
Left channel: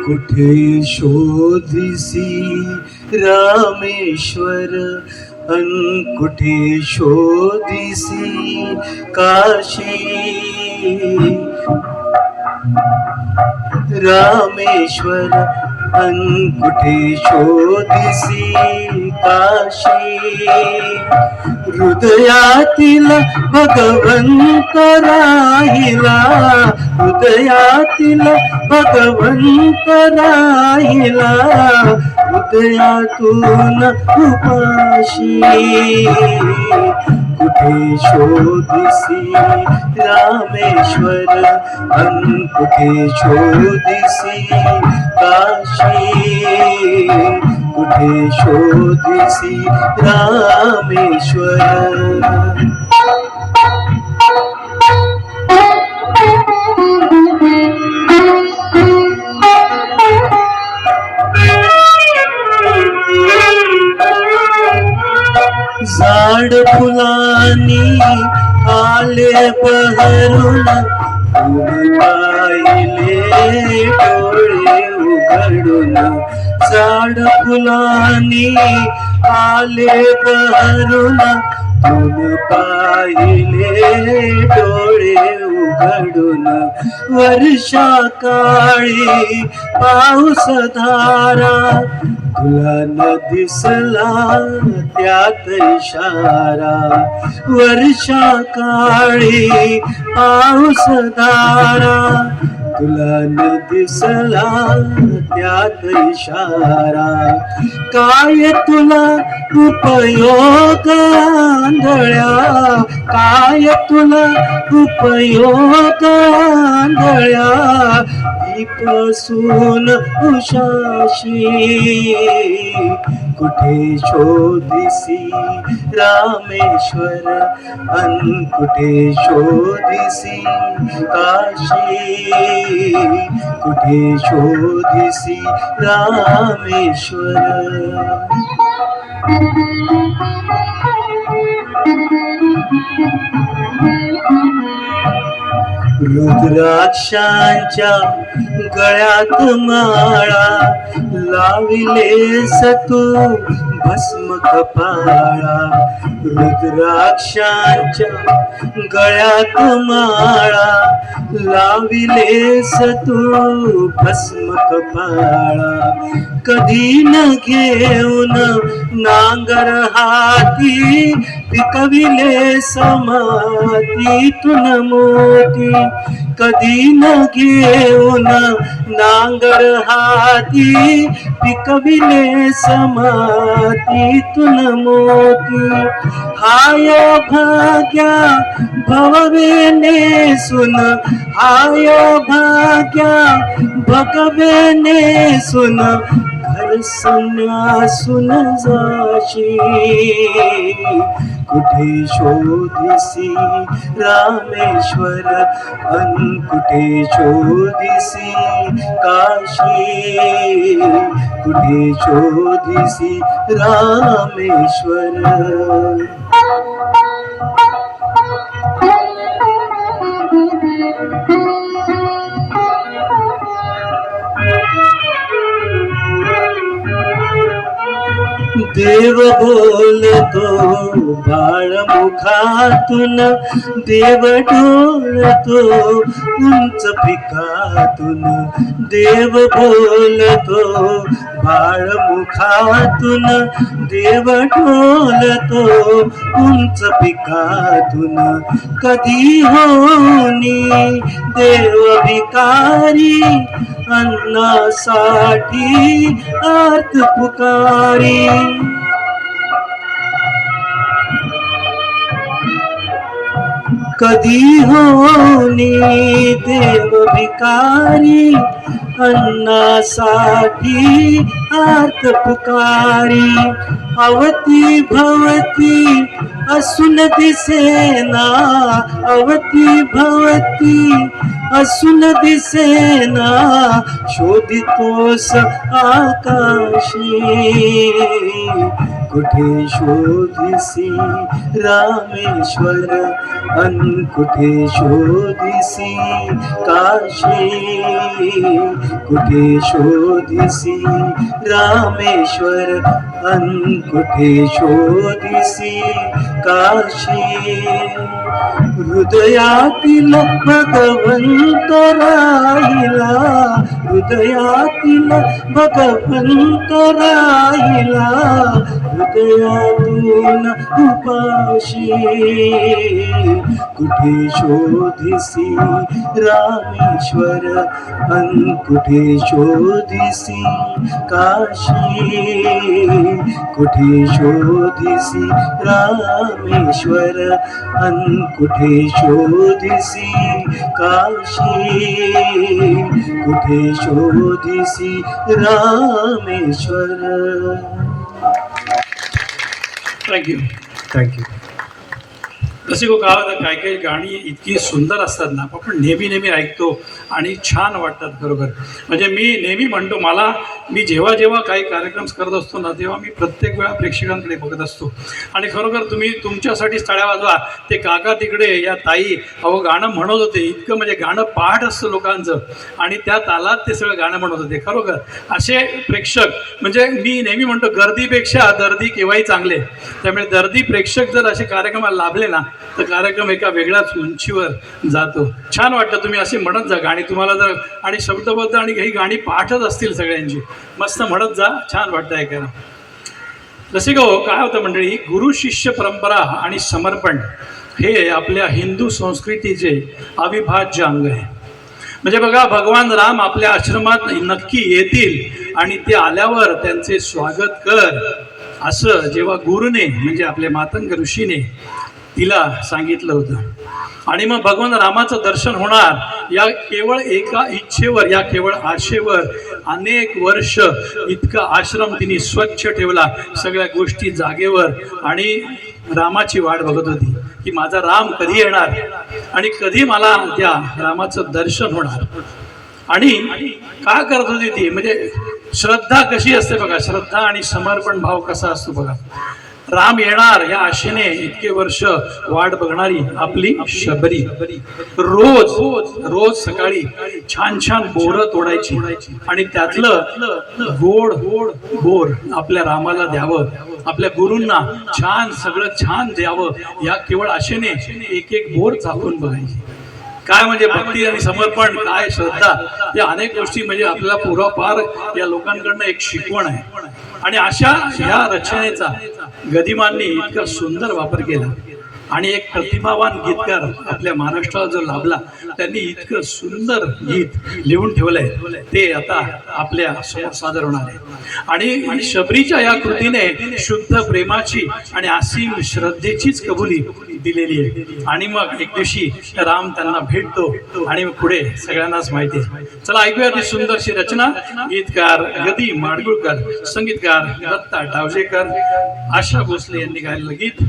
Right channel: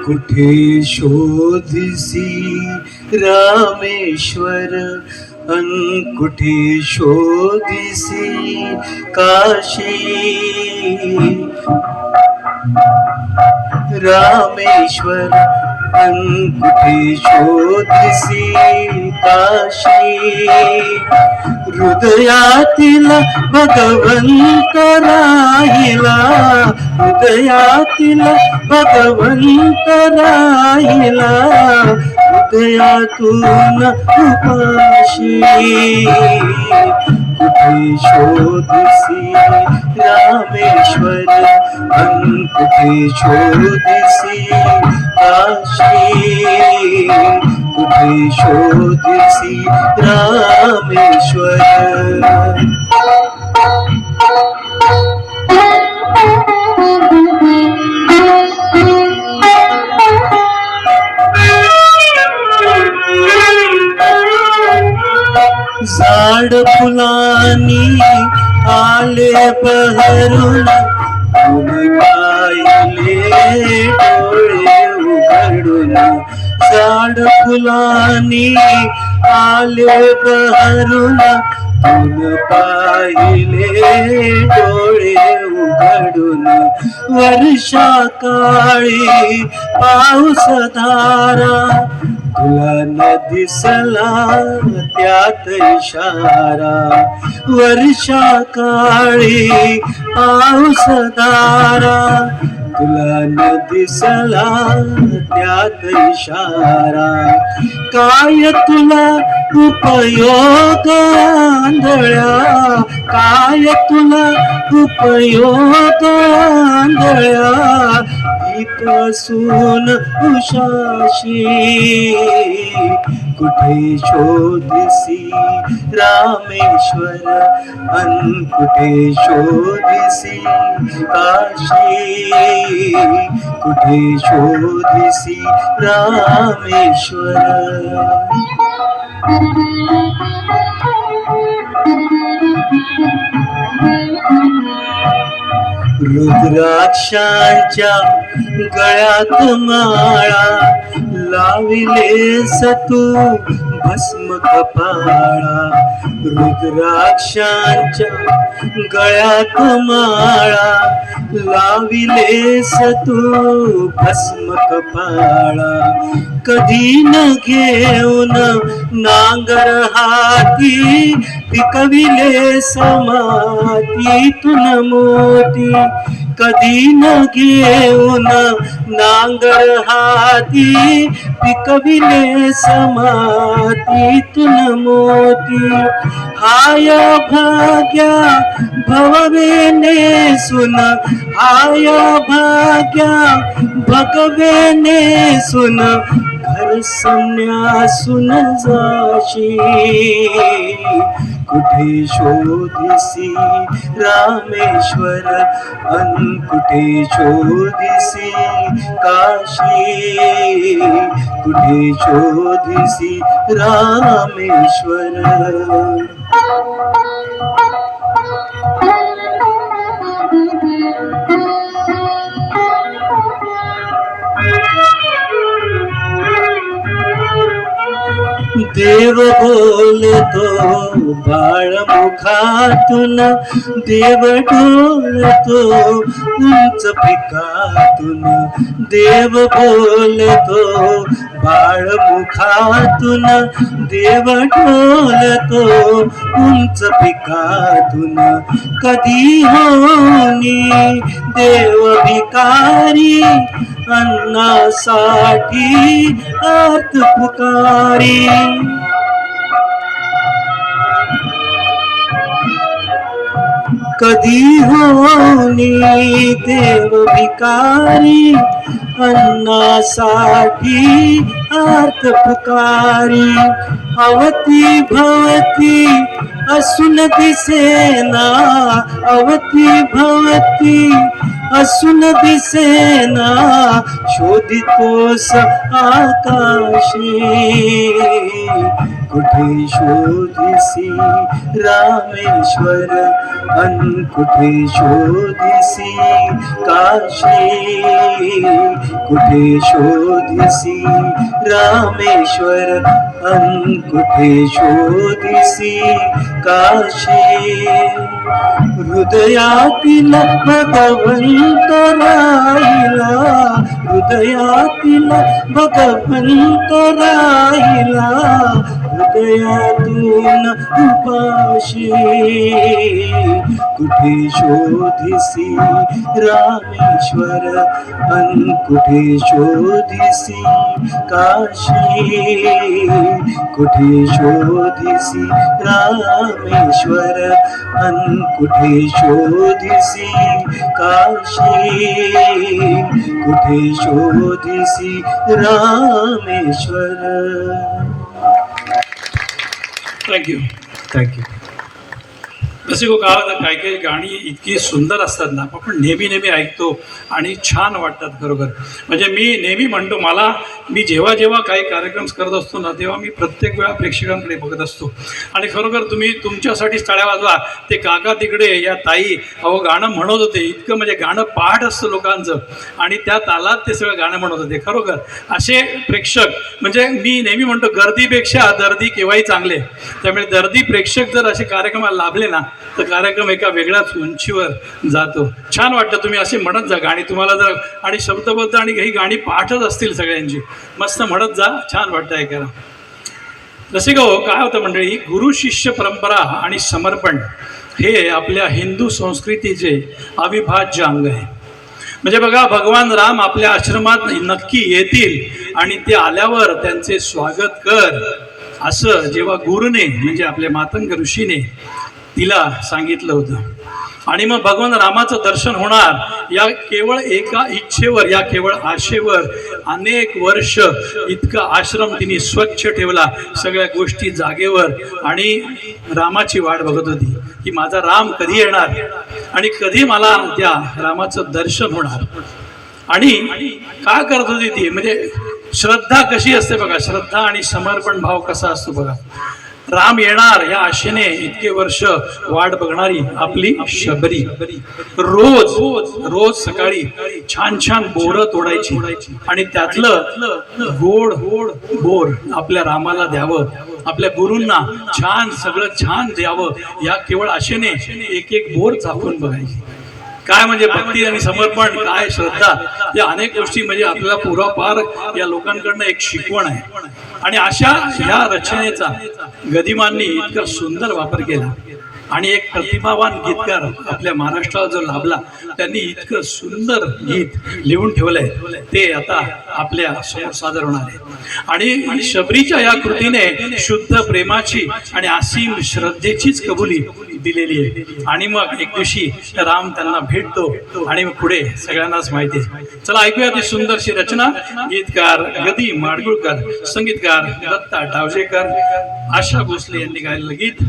कुठे शोधिसी रामेश्वर अन कुठे शोधिसी काशी. रामेश्वर अन कुठे शोधिसी काशी. हृदयातील भगवंत राहिला, हृदयातील भगवंत राहिला, हृदयातून उपाशी. कुठे शोधिसी रामेश्वर अन कुठे शोधिसी काशी. कुठे शोधिसी रामेश्वर. झाड फुलांनी आले बहरून, फुल पाहिले डोळे उघडून. झाड फुलांनी आले बहरून, फुल पाहिले डोळे उघडून. वर्षा काळी पाऊस धारा, तुला न दिसला त्यात इशारा. वर्षा काळी पाऊस धारा, तुला न दिसला त्यात इशारा. काय तुला उपयोग आंधळ्या, काय तुला उपयोग आंधळ्या. दीप असून उशाशी. कुठे शोधिसी रामेश्वर अन कुठे शोधिसी काशी. कुठे शोधिसी रामेश्वर. रुद्राक्षांच्या गळ्यात माळा, लाविलेस तू भस्म कपाळा. रुद्राक्षांच्या गळ्यात माळा, लाविलेस तू भस्म कपाळा. कधी न घेऊन नांगर हाती, पिकविले समातीतून मोती. कधी न घेऊन नांगर हाती, पिकविले समातीतून मोती. हाय भाग्या भववेने सुन, हाय भाग्या भगवेने सुन. घर संन्यासून जाशी. कुठे शोधिसी रामेश्वर अन कुठे शोधिसी काशी. कुठे शोधिसी रामेश्वर. देव बोलतो बाळमुखातून, देव डोलतो उंच पिकातून. देव बोलतो बाळमुखातून, देव डोलतो उंच पिकातून. कधी होनी देव भिकारी, अन्नासाठी आत पुकारी. कधी होनी देव भिकारी, अन्नासाठी आर्त पुकारी. अवती भवती असून दिसेना, अवती भवती असून दिसेना, शोधितोस आकाशी. कुठे शोधिसी रामेश्वर, अन कुठे शोधिसी काशी. कुठे शोधिसी रामेश्वर, अन कुठे शोधिसी काशी. हृदयातील भगवंत राहिला, हृदयातील भगवंत राहिला, हृदयातून उपाशी. कुठे शोधिसी रामेश्वर, अन कुठे शोधिसी काशी. कुठे शोधिसी रामेश्वर, अन कुठे शोधिसी काशी. कुठे शोधिसी रामेश्वर. थँक्यू. थँक्यू. रसिको, काय होतं, काही काही गाणी इतकी सुंदर असतात ना, आपण नेहमी नेहमी ऐकतो आणि छान वाटतात खरोखर. म्हणजे मी नेहमी म्हणतो, मी जेव्हा जेव्हा काही कार्यक्रम करत असतो ना, तेव्हा मी प्रत्येक वेळा प्रेक्षकांकडे बघत असतो. आणि खरोखर तुम्ही तुमच्यासाठीच टाळ्या वाजवा. ते काका तिकडे, या ताई अहो गाणं म्हणत होते, इतकं म्हणजे गाणं पाठ असतं लोकांचं आणि त्या तालात ते सगळं गाणं म्हणत होते. खरोखर असे प्रेक्षक, म्हणजे मी नेहमी म्हणतो, गर्दीपेक्षा दर्दी केव्हाही चांगले. त्यामुळे दर्दी प्रेक्षक जर असे कार्यक्रमाला लाभले ना, तर कार्यक्रम एका वेगळ्याच उंचीवर जातो. छान वाटतं. तुम्ही असे म्हणत जा गाणी, तुम्हाला जर आणि शब्दबद्ध आणि काही गाणी पाठच असतील सगळ्यांची, मस्त म्हणत जा, छान वाटतं ऐकायला. रसिका हो, काय होतं मंडळी, गुरु शिष्य परंपरा आणि समर्पण हे आपल्या हिंदू संस्कृतीचे अविभाज्य अंग आहे. म्हणजे बघा, भगवान राम आपल्या आश्रमात नक्की येतील आणि ते आल्यावर त्यांचे स्वागत कर, असं जेव्हा गुरुने म्हणजे आपल्या मातंग ऋषीने तिला सांगितलं होतं. आणि मग भगवान रामाचं दर्शन होणार या केवळ एका इच्छेवर, या केवळ आशेवर अनेक वर्ष इतका आश्रम तिने स्वच्छ ठेवला, सगळ्या गोष्टी जागेवर. आणि रामाची वाट बघत होती की माझा राम कधी येणार आणि कधी मला त्या रामाचं दर्शन होणार. आणि काय करत होती ती, म्हणजे श्रद्धा कशी असते बघा, श्रद्धा आणि समर्पण भाव कसा असतो बघा. राम येणार या आशेने इतके वर्ष वाट बघणारी आपली शबरी रोज रोज सकाळी छान छान बोरं तोडायची आणि त्यातलं गोड गोड बोर आपल्या रामाला द्यावं, आपल्या गुरूंना छान सगळं छान द्यावं, या केवळ आशेने एक एक बोर चाकून बघायची. काय म्हणजे भक्ती आणि समर्पण, काय श्रद्धा, या अनेक गोष्टी म्हणजे आपल्याला पूर्वापार या लोकांकडनं एक शिकवण आहे. आणि अशा ह्या रचनेचा गदिमांनी इतका सुंदर वापर केला. आणि एक प्रतिभावान गीतकार आपल्या महाराष्ट्राला जो लाभला, त्यांनी इतकं सुंदर गीत लिहून ठेवलंय, ते आता आपल्या समोर सादर होणार आहे. आणि शबरीच्या या कृतीने शुद्ध प्रेमाची आणि असीम श्रद्धेचीच कबुली दिलेली आहे. आणि मग एक दिवशी राम त्यांना भेटतो आणि पुढे सगळ्यांनाच माहिती आहे. चला ऐकूया ती सुंदरशी रचना. गीतकार गदी माडगुळकर, संगीतकार दत्ता डावजेकर, आशा भोसले यांनी गायलेलं गीत,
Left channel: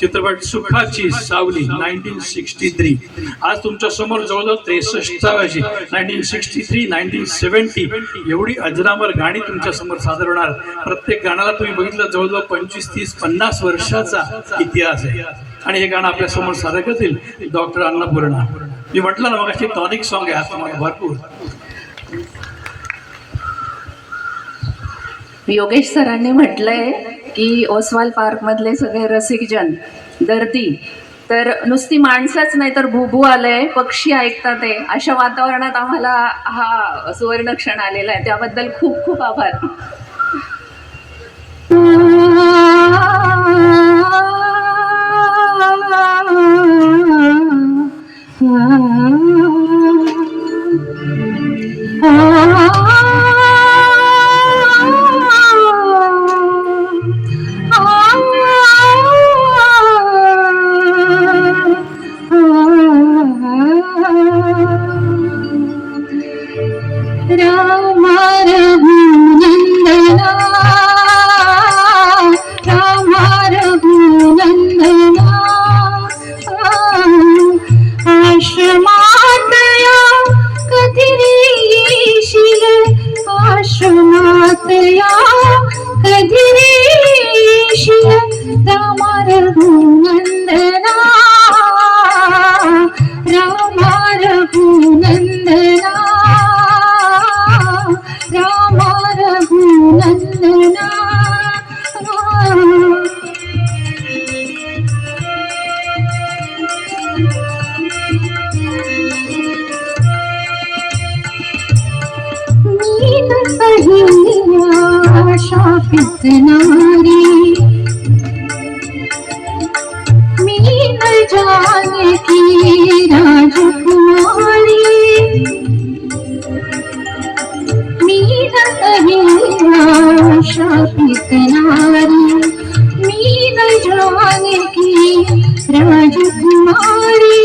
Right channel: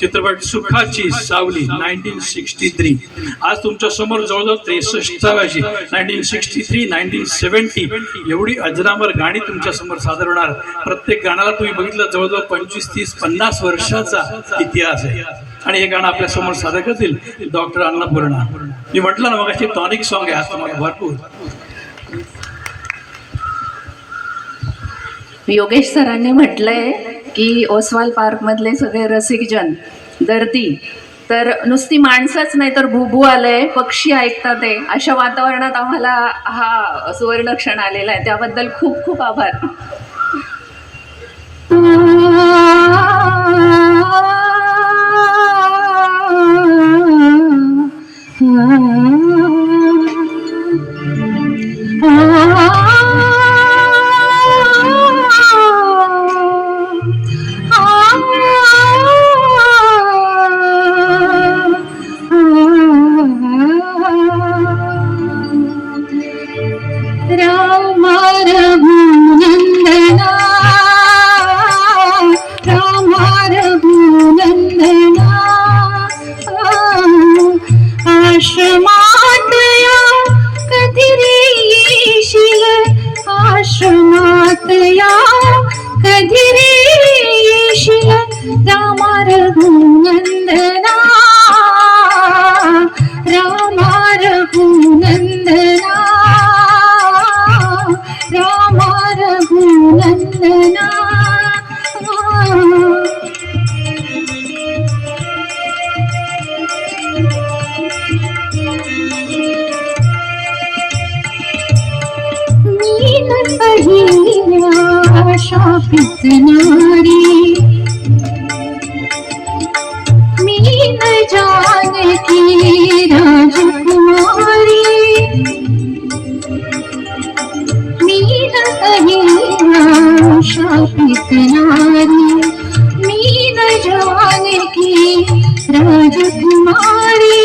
चित्रपट सुखाची सावली 1963. आज तुमच्या समोर जवळजवळ 63 1963 1970 एवढी अजरामर गाणी तुमच्या समोर सादर होणार. प्रत्येक गाण्याला तुम्ही बघितलं जवळजवळ 25 30 50 वर्षाचा इतिहास आहे. आणि हे गाणं आपल्या समोर सादर करतील डॉक्टर अन्नपूर्णा. मी म्हटलं ना मग अशी टॉनिक सॉन्ग आहे आज तुम्हाला भरपूर. योगेश सरांनी म्हटलंय की ओसवाल पार्क मधले सगळे रसिकजन दर्दी तर नुसती माणसंच नाही तर भुभू आलंय, पक्षी ऐकतात आहे, अशा वातावरणात आम्हाला हा सुवर्ण क्षण आलेला आहे, त्याबद्दल खूप खूप आभार. राम रामा रघुनंदना रामा रघुनंदना रामा रघुनंदना मीन पहिल्या शापित नारी मीन जानकी राजकुमारी मीन पहिल्या शापित नारी मीन जानकी राजकुमारी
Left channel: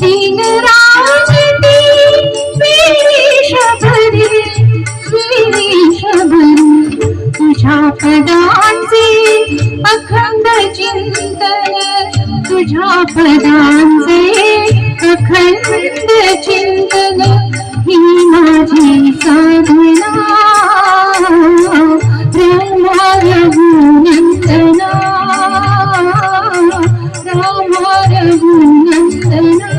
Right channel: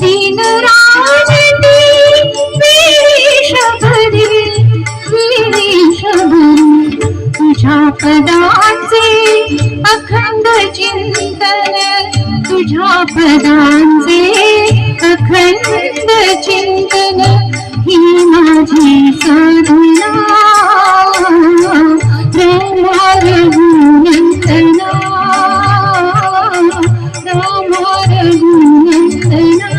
दीन राजती तुझ्या पदांचे अखंड चिंतन तुझ्या पदांचे अखंड चिंतन ही माझी साधना रामा रघुनंदना रामा रघुनंदना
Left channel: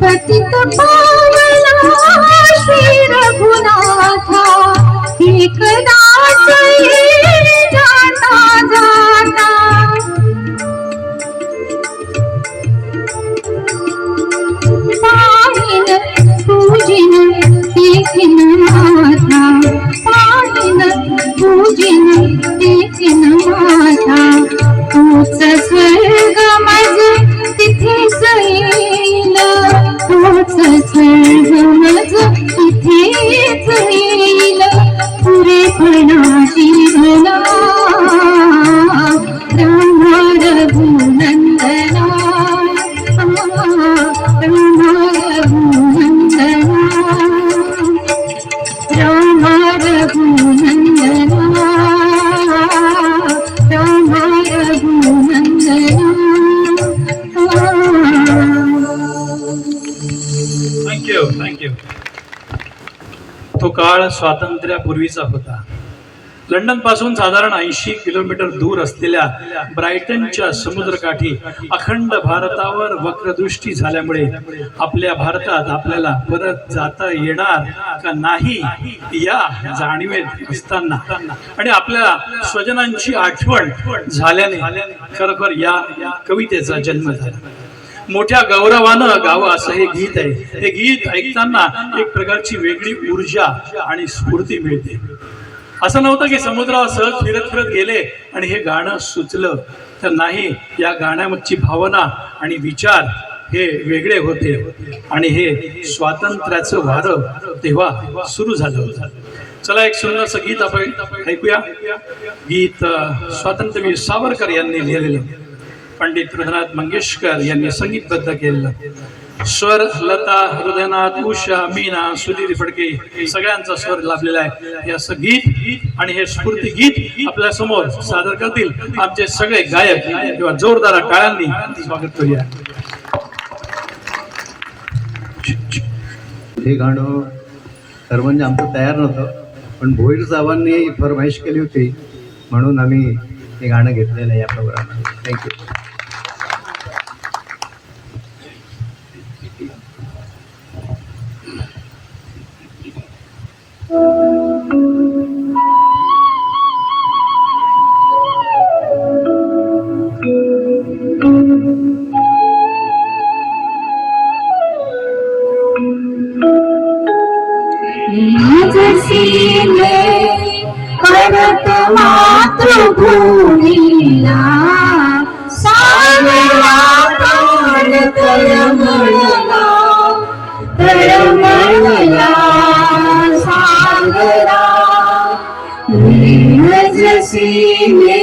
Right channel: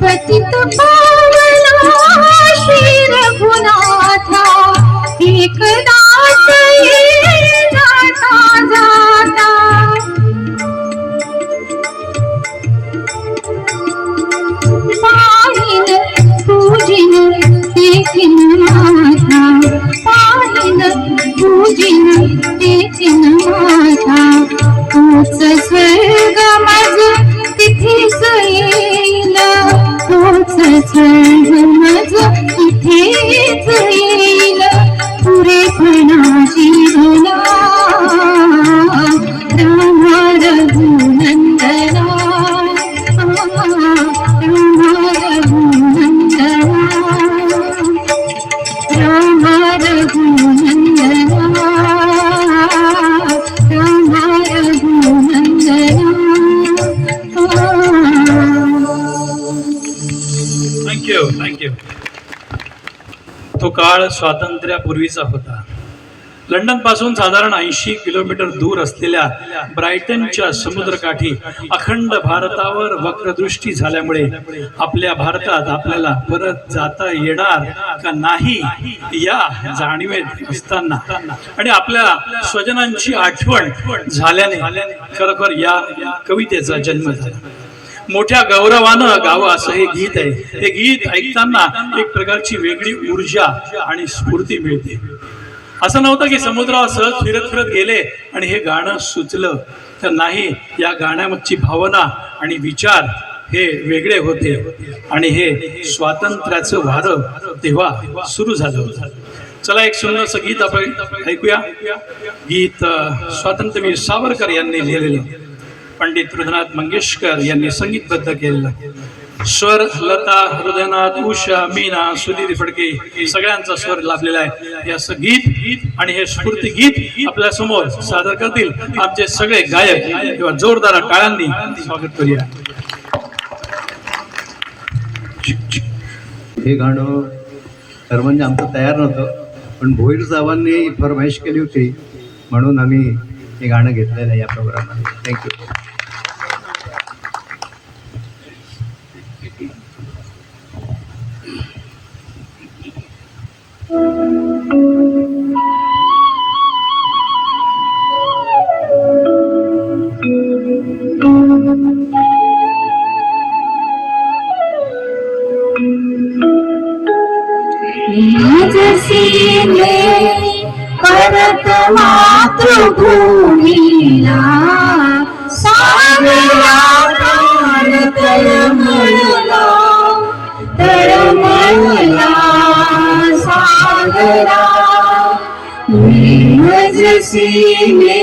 पतित पावना श्री रघुनाथा एकदा जाता जाता पाहिन पूजिन देखिन माथा पाहिन पूजिन देखिन माथा तूच स्वर्ग माझ तिथेच येईल तूच स्वर्ग माझ तिथेच येईल पुरेपणाची भला रामा रघुनंदना रामा रघुनंदना रामा रघुनंदना रामा रघुनंदना थँक्यू. तो काळ स्वातंत्र्यापूर्वीचा होता. लंडन पासून साधारण 80 किलोमीटर दूर असलेल्या ब्रायटनच्या समुद्रकाठी अखंड भारतावर वक्रदृष्टी झाल्यामुळे आपल्या भारतात आपल्याला परत जाता येणार का नाही या जाणीवेत असताना आणि आपल्या स्वजनांची आठवण झाल्याने खरोखर या कवितेचा जन्म झाला. मोठ्या गौरवानं गावं असं हे गीत आहे. हे गीत ऐकताना एक प्रकारची वेगळी ऊर्जा आणि स्फूर्ती मिळते. असं नव्हतं की समुद्रावर सहज फिरत फिरत गेले आणि हे गाणं सुचलं, तर नाही. या गाण्यामागची भावना आणि विचार हे वेगळे होते आणि हे स्वातंत्र्याचं वारं तेव्हा सुरू झालं होतं. चला एक सुंदरसं गीत आपण ऐकूया. गीत स्वातंत्र्यवीर सावरकर यांनी लिहिलेलं, पंडित हृदयनाथ मंगेशकर यांनी संगीतबद्ध केलेलं. स्वर लता, हृदयनाथ, उषा, मीना, सुधीर फडके सगळ्यांचा स्वर लाभलेला आहे. हे असं गीत आणि हे स्फूर्ती गीत आपल्या समोर सादर करतील आमचे सगळे गायक. तेव्हा जोरदार टाळ्यांनी स्वागत करूया. हे गाणं खरं म्हणजे आमचं तयार नव्हतं, पण भोईर साहेबांनी फरमाईश केली होती म्हणून आम्ही हे गाणं घेतलेलं आहे या प्रोग्राममध्ये. थँक्यू. परत मातृभूमीला सागरा काल तळमळला तळमळला सागरा सीमे.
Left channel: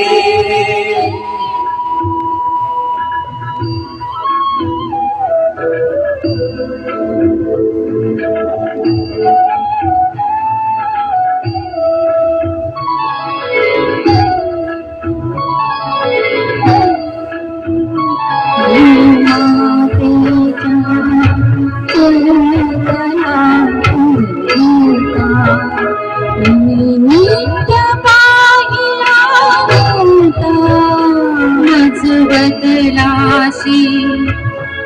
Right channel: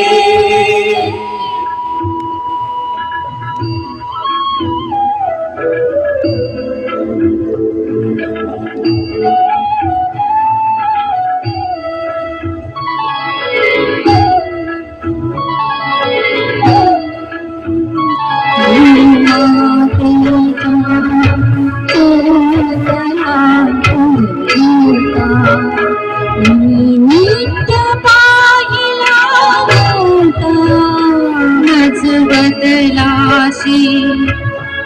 वासी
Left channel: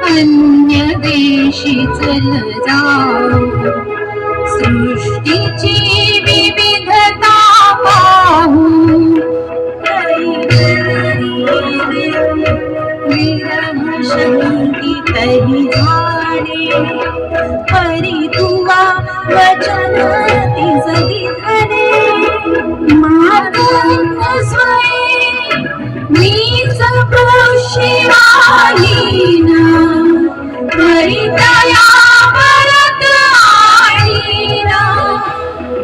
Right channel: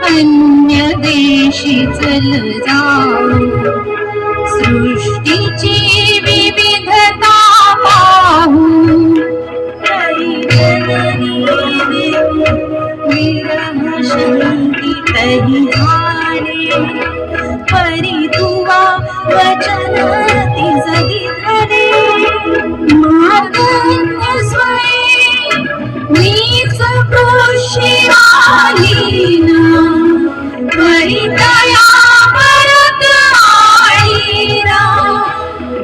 अन्य देशी चल जाऊ सृष्टीची विविधता पाहू विरह शंकितहि झाले परी तुवा वचन तिजगी धरे मागण्य स्वये मीच कृषी आलीना परितया परत आलीना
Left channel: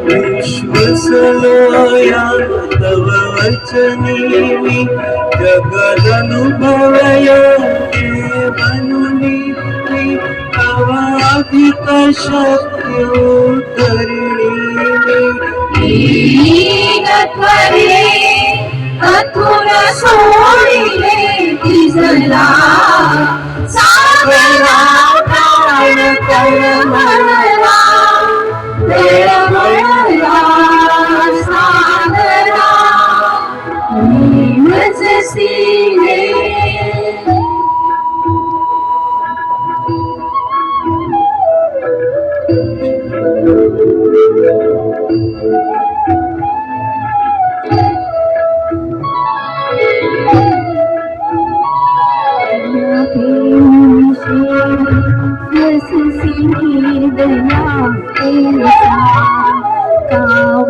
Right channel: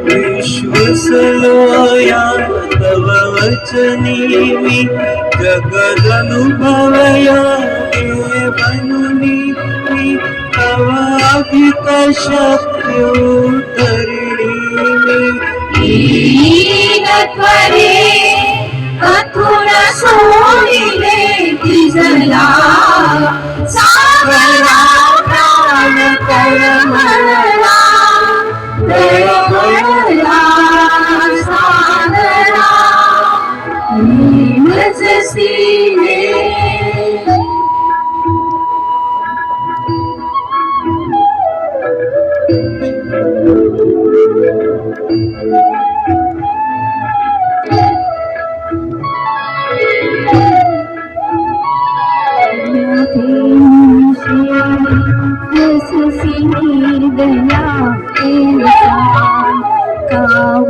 विश्वसयोया तव वचनी मी जगदनुभवया बनूनी मी अवाधित शक्योतरिणी त्वरे अथुन सोडिले तिजला सागरा प्राण तळमळला तळमळला सागरा नीमच सीने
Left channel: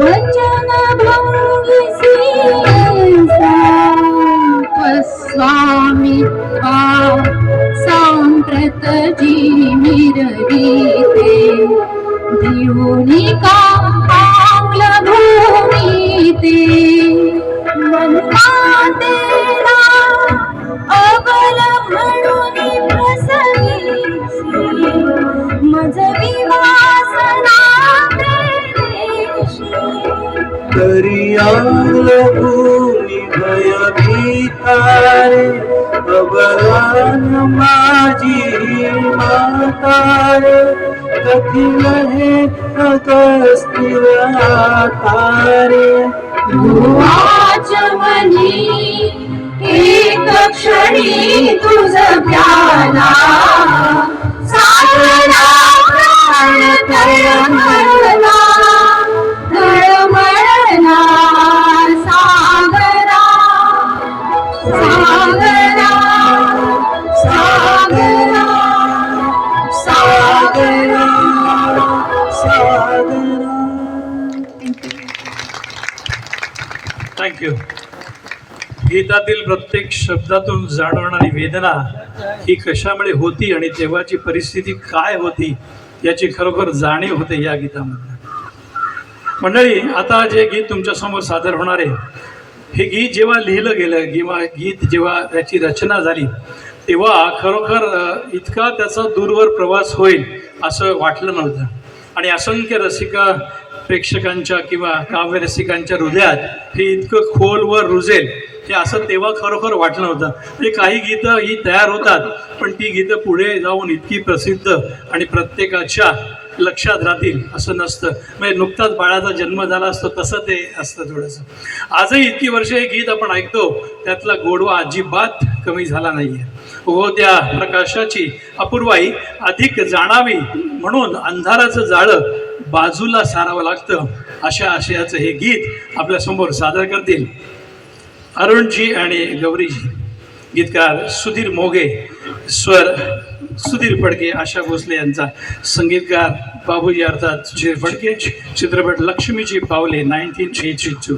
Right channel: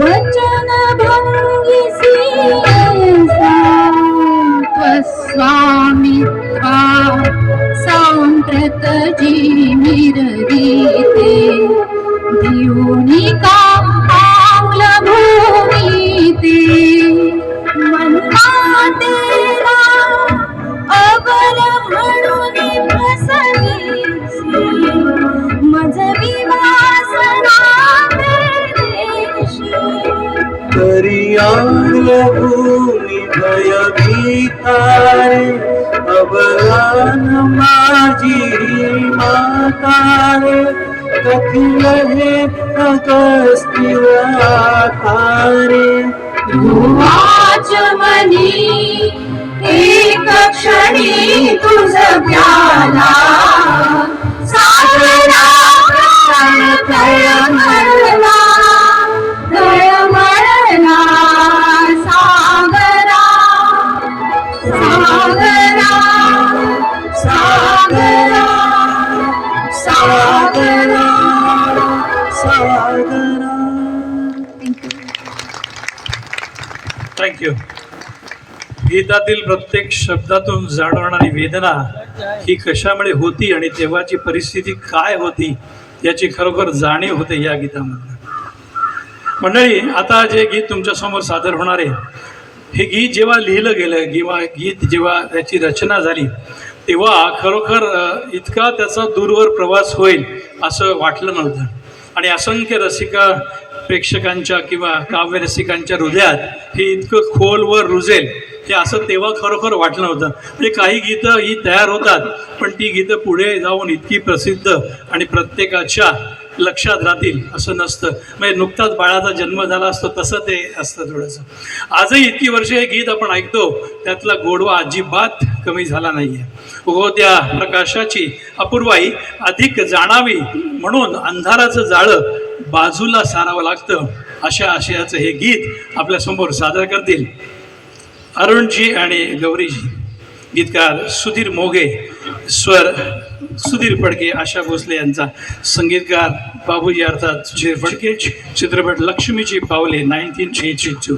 वचन भंगिसी स्वामित्वा सांप्रत जीविरवीते धियुनिका पावल भूमिते मनमातेला अबल म्हणून फसलीसी मज विवासना प्रेषी तरी आल भूमी भयभीतारे अबलान माझी मातारे कथिल हे अगस्त्यातारे वाचमनी एक क्षणी तुझ प्याला सागरा प्राण तळमळला तळमळला सागरा सागरा सागरा सागरा सागरा. थँक्यू. गीतातील प्रत्येक शब्दातून जाणवणारी वेदना ही कशामुळे होती आणि तेव्हाची परिस्थिती काय होती याची खरोखर जाणीव होते या गीतामध्ये. मंडळी, आता जे गीत तुमच्यासमोर सादर होणार आहे हे गीत जेव्हा लिहिलं गेलं किंवा गीत जेव्हा याची रचना झाली तेव्हा खरोखर इतका त्याचा दूरवर प्रवास होईल असं वाटलं नव्हतं आणि असंख्य प्रेक्षकांच्या किंवा काव्यरसिकांच्या हृदयात हे इतकं खोलवर रुजेल हे असं तेव्हा खरोखर वाटलं नव्हतं. म्हणजे काही गीतं ही तयार होतात पण ती गीतं पुढे जाऊन इतकी प्रसिद्ध आणि प्रत्येकाच्या लक्षात राहतील असं नसतं. म्हणजे नुकताच बाळाचा जन्म झाला असतो तसं ते असतं थोडंसं. आजही इतकी वर्षे हे गीत आपण ऐकतो त्यातला गोडवा अजिबात कमी झाला नाही आहे. हो, त्या प्रकाशाची अपूर्वाई अधिक जाणावी म्हणून अंधाराचं जाळं बाजूला सारावं लागतं अशा आशयाचं हे गीत आपल्यासमोर सादर करतील अरुणजी आणि गौरीजी. गीतकार सुधीर मोघे, स्वर सुधीर फडके, आशा भोसले यांचा, संगीतकार बाबूजी अर्थात सुधीर फडके, चित्रपट लक्ष्मीची पावले 1982.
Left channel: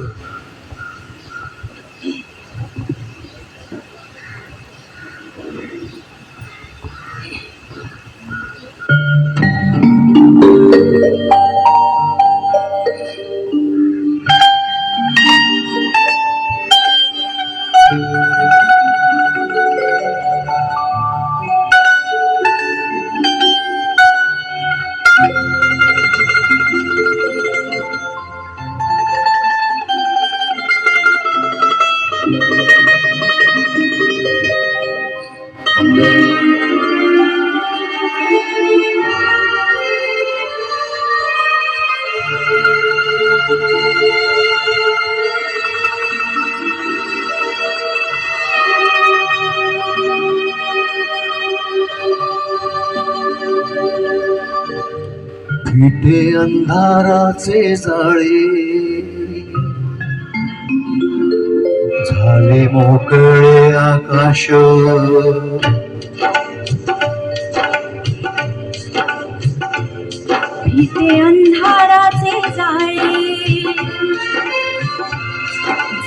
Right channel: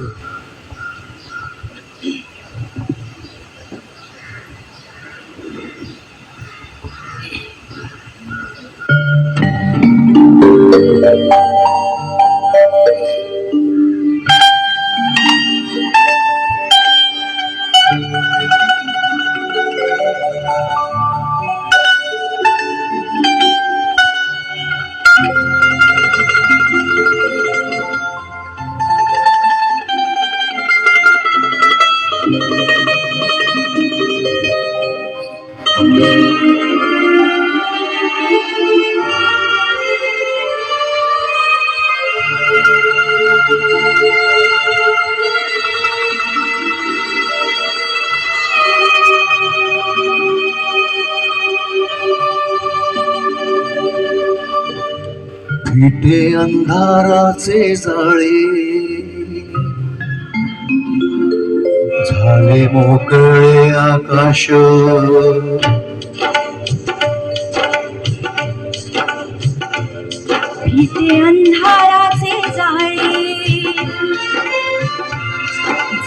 विटे अंधाराचे जाळे झाले मोकळे आकाश भीते अंधाराचे जाळे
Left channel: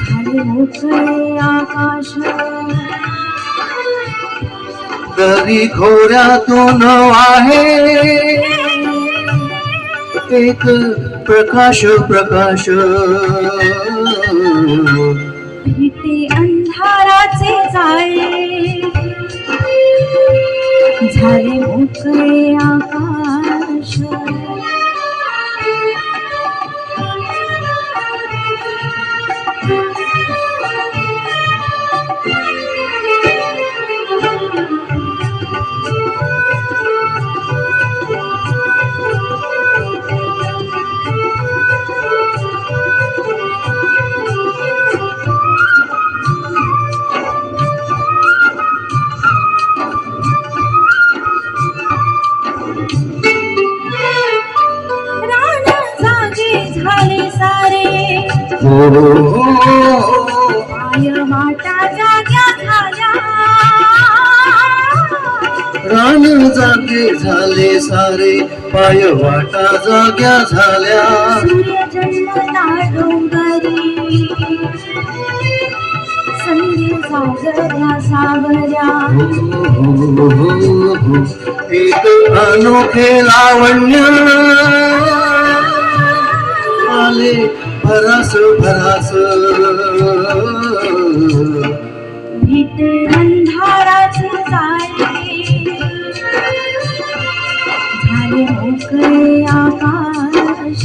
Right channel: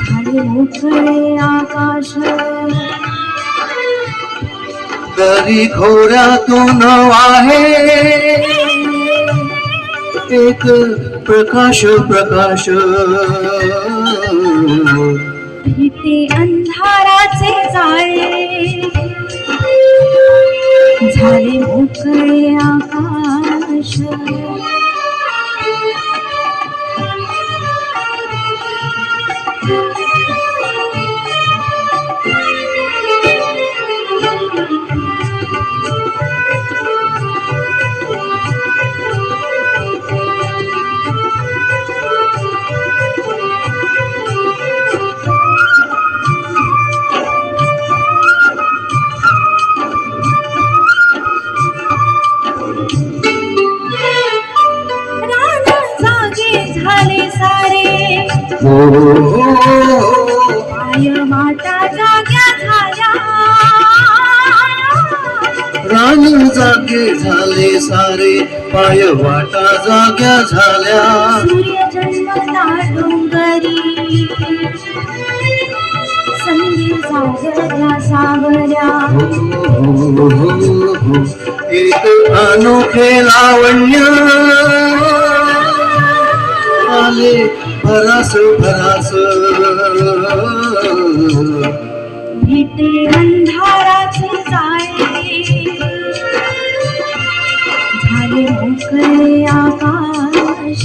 झाले मोकळे आकाश दरी खोऱ्यातून आहे एक प्रकाश प्रकाश भीते अंधाराचे जाळे झाले मोकळे आकाश रान जागे झाले सारे पाय वाटा जाग्या झाल्या रान जागे झाले सारे पाय वाटा जाग्या झाल्या सूर्य जन्मता डोंगरी संधी सागऱ्या सागऱ्या एक अनोखे लावण्य आले भरास भरास भीते अंधाराचे जाळे झाले मोकळे आकाश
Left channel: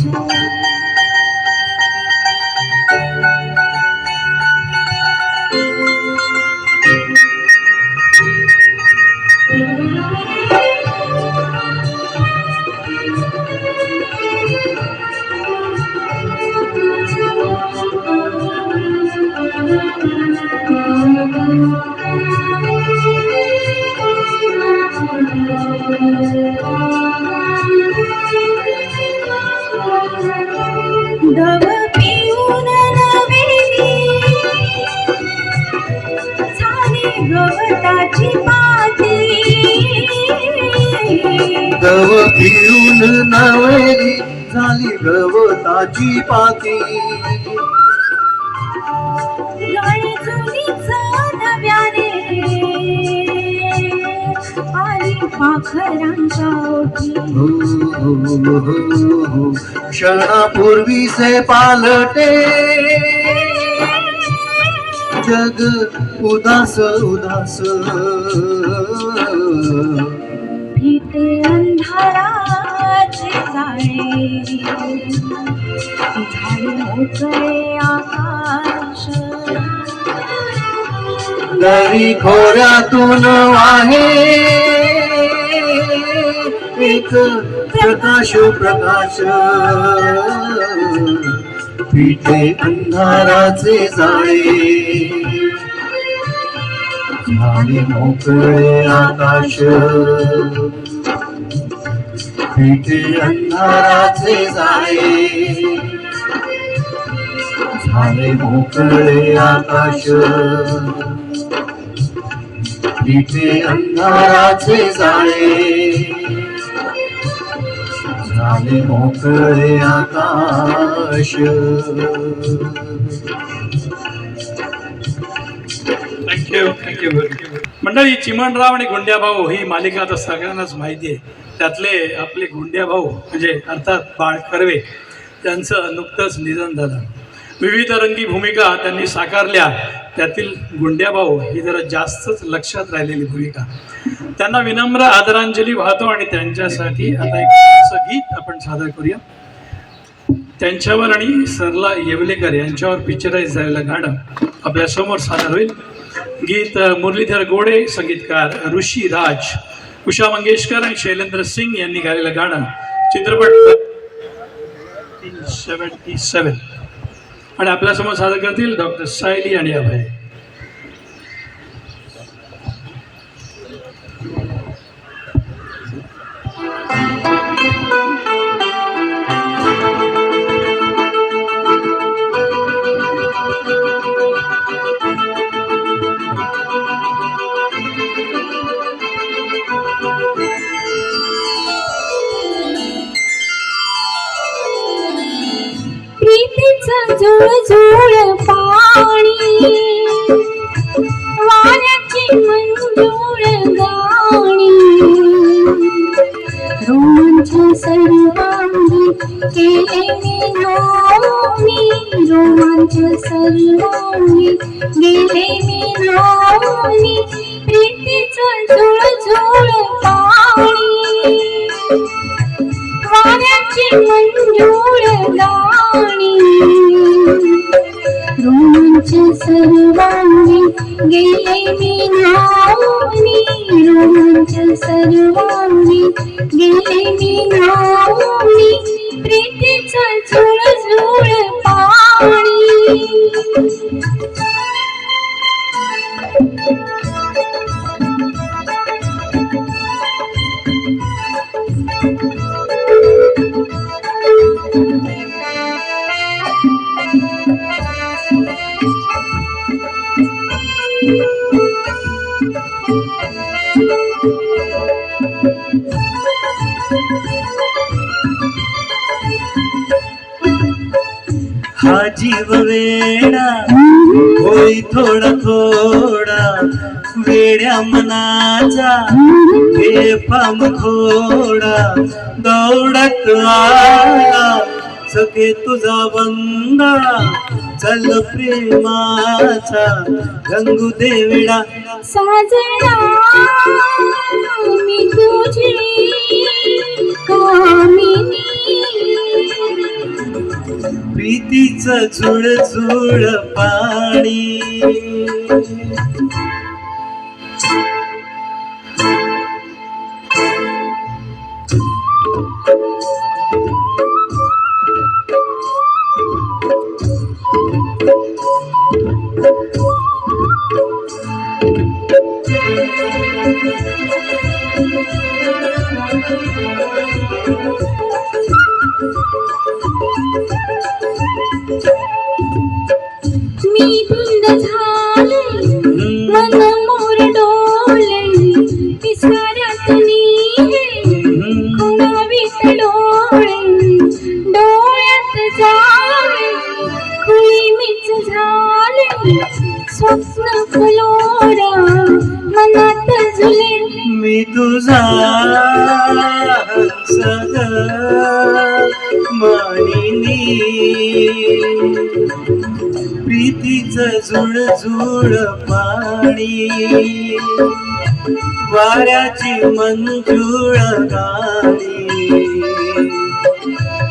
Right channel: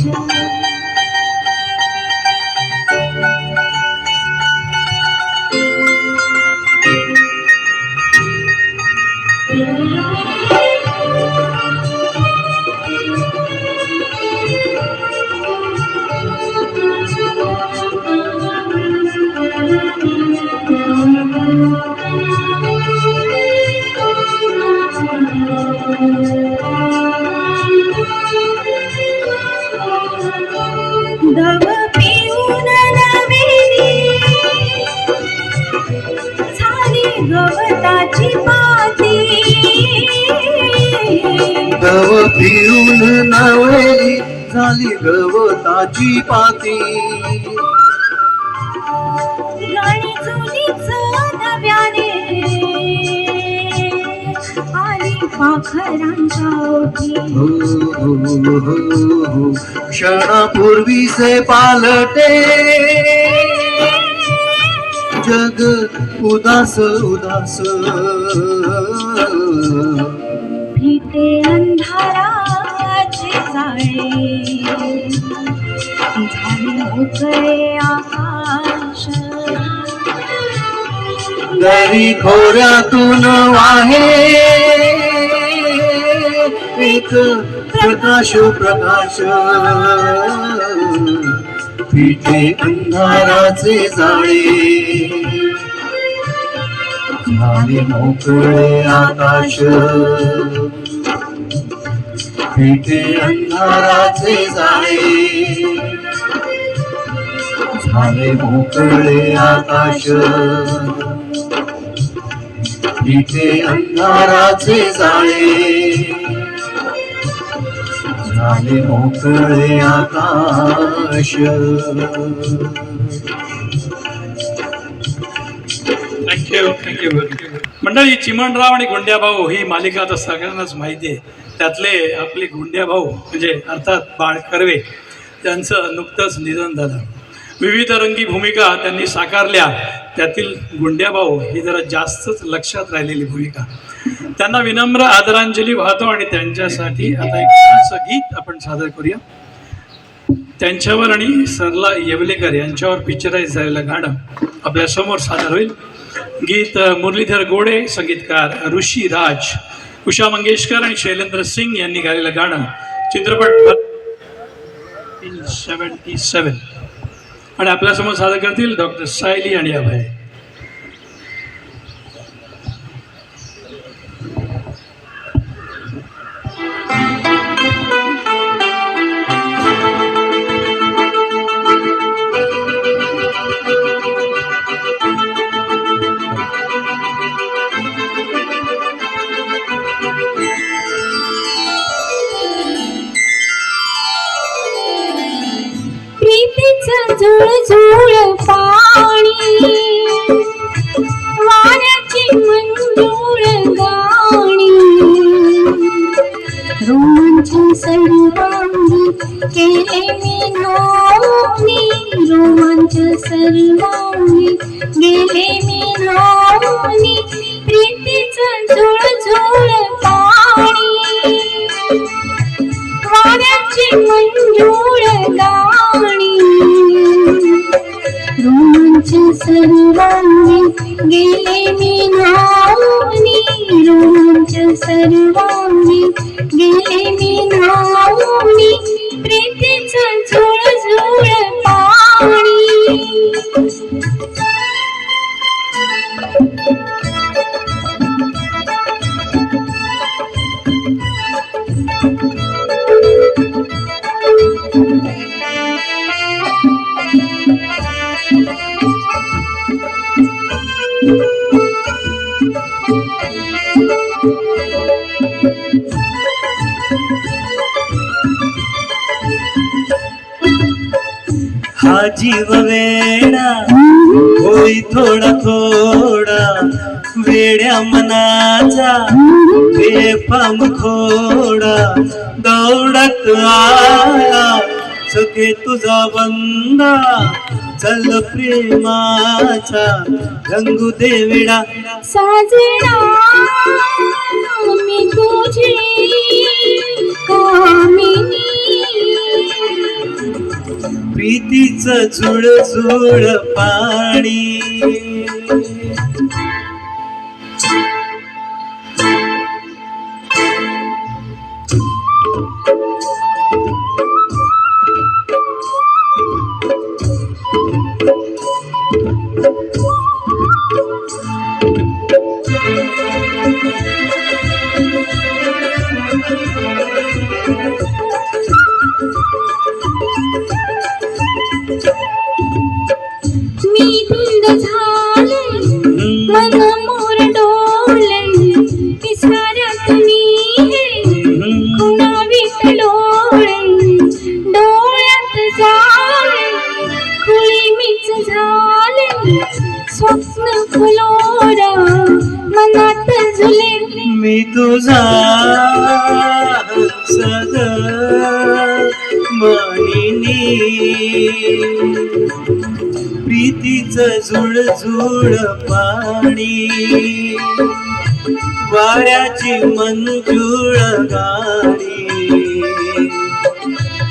दव पिऊन नवेली झाली गवताची पाती दव पिऊन नावेली झाली गवताची पाती गाणी जुनीच नव्याने आली पाखरांच्या ओठी क्षणापूर्वीचे पालटे जग उदास उदास भीते अंधाराचे जाळे झाले मोकळे आकाश दरी खोऱ्यातून वाहे एक प्रकाश प्रकाश पिठे अंधाराचे जाळे झाले मोकळे आकाश पिठे अंधाराचे जाळे झाले मोकळे आकाश पिठे अंधाराचे जाळे झाले मोकळे आकाश. थँक्यू मंडळी, चिमणराव आणि गुंड्याभाऊ ही मालिका आता सगळ्यांनाच माहिती आहे. त्यातले आपले गुंड्याभाऊ म्हणजे अर्थात बाळ कर्वे, त्यांचं नुकतंच निधन झालं. विविध रंगी भूमिका त्यांनी साकारल्या, त्यातील गुंड्याभाऊ ही जरा जास्तच लक्षात राहिलेली भूमिका. त्यांना विनम्र आदरांजली वाहतो आणि त्यांच्यासाठी आता एक छानसं गीत आपण सादर करूया. त्यांच्यावर आणि सरला येवलेकर यांच्यावर पिक्चराइज झालेलं गाणं आपल्यासमोर सादर होईल. गीत मुरलीधर गोडे, संगीतकार ऋषी राज, उषा मंगेशकर आणि शैलेंद्र सिंग यांनी गायलेलं गाणं, चित्रपट 1977. आणि आपल्यासमोर सादर करतील डॉक्टर सायली आणि अभय. झुळ झुळ पाणी वाऱ्याची मंजूळ गाणी रोमांच सर्वांगी केले मी नवनी रोमांच सर्वांगी गेले मी नवनी प्रीतीचं झुळ झुळ पाणी वाऱ्याची मंजूळ गाणी रोमांच सर्वांगी गेले मी नवनी रोमांच सर्वांगी गेले मी नवनी प्रीतीचं झुळ झुळ पाणी हा जीव वेडा होई थोडा थोडा वेड्या मनाचा बेफाम घोडा दौडत आला सखे तुझा बंदा चल प्रेमाचा रंगू देविडा साजना मी तुझी कामिनी प्रीतीचं झुळ झुळ पाणी मी धुंद झाले मन मोर डोले पिसाऱ्यात मी हे खुणावीत डोळे डोळ्यात जाळे खुळी मीच झाले स्वप्न फुलोरा मनात झुले मी तुझा सद मानिनी प्रीतीचं झुळ झुळ पाणी वाऱ्याची मंजूळ गाणी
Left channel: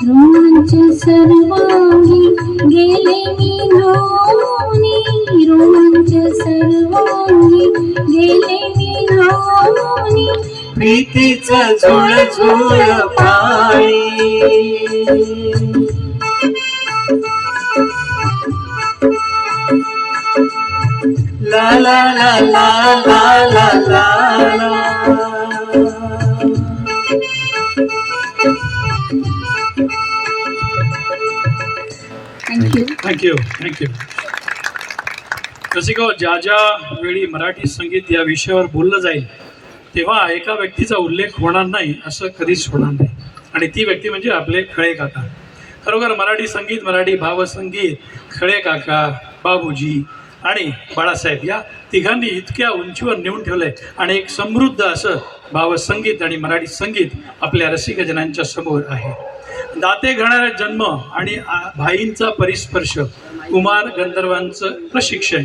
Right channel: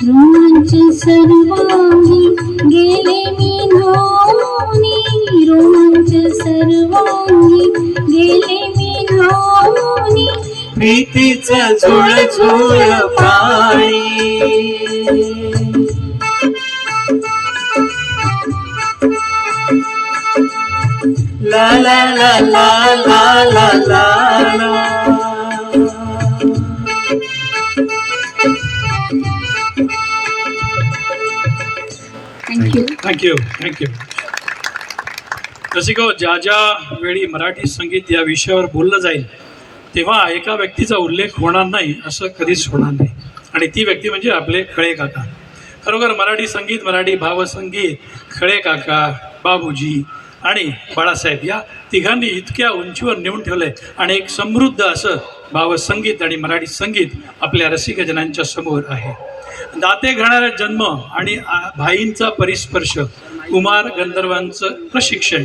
रोमांच सर्वांगी गेले मी नवनी रोमांच सर्वांगी गेले मी नवनी प्रीतीचं झुळ झुळ पाणी ला ला ला ला ला ला ला ला थँक्यू थँक्यू रसिको, ज्या ज्या वेळी मराठी संगीत या विषयावर बोललं जाईल तेव्हा एका व्यक्तीचा उल्लेख होणार नाही असं कधीच होणार नाही, आणि ती व्यक्ती म्हणजे आपले खळे काका. खरोखर मराठी संगीत, मराठी भावसंगीत, खळे काका, बाबूजी आणि बाळासाहेब या तिघांनी इतक्या उंचीवर नेऊन ठेवलं आहे, आणि एक समृद्ध असं भावसंगीत आणि मराठी संगीत आपल्या रसिकजनांच्या समोर आहे. दाते घडणारा जन्म आणि भाईंचा परिस्पर्श, कुमार गंधर्वांचं प्रशिक्षण,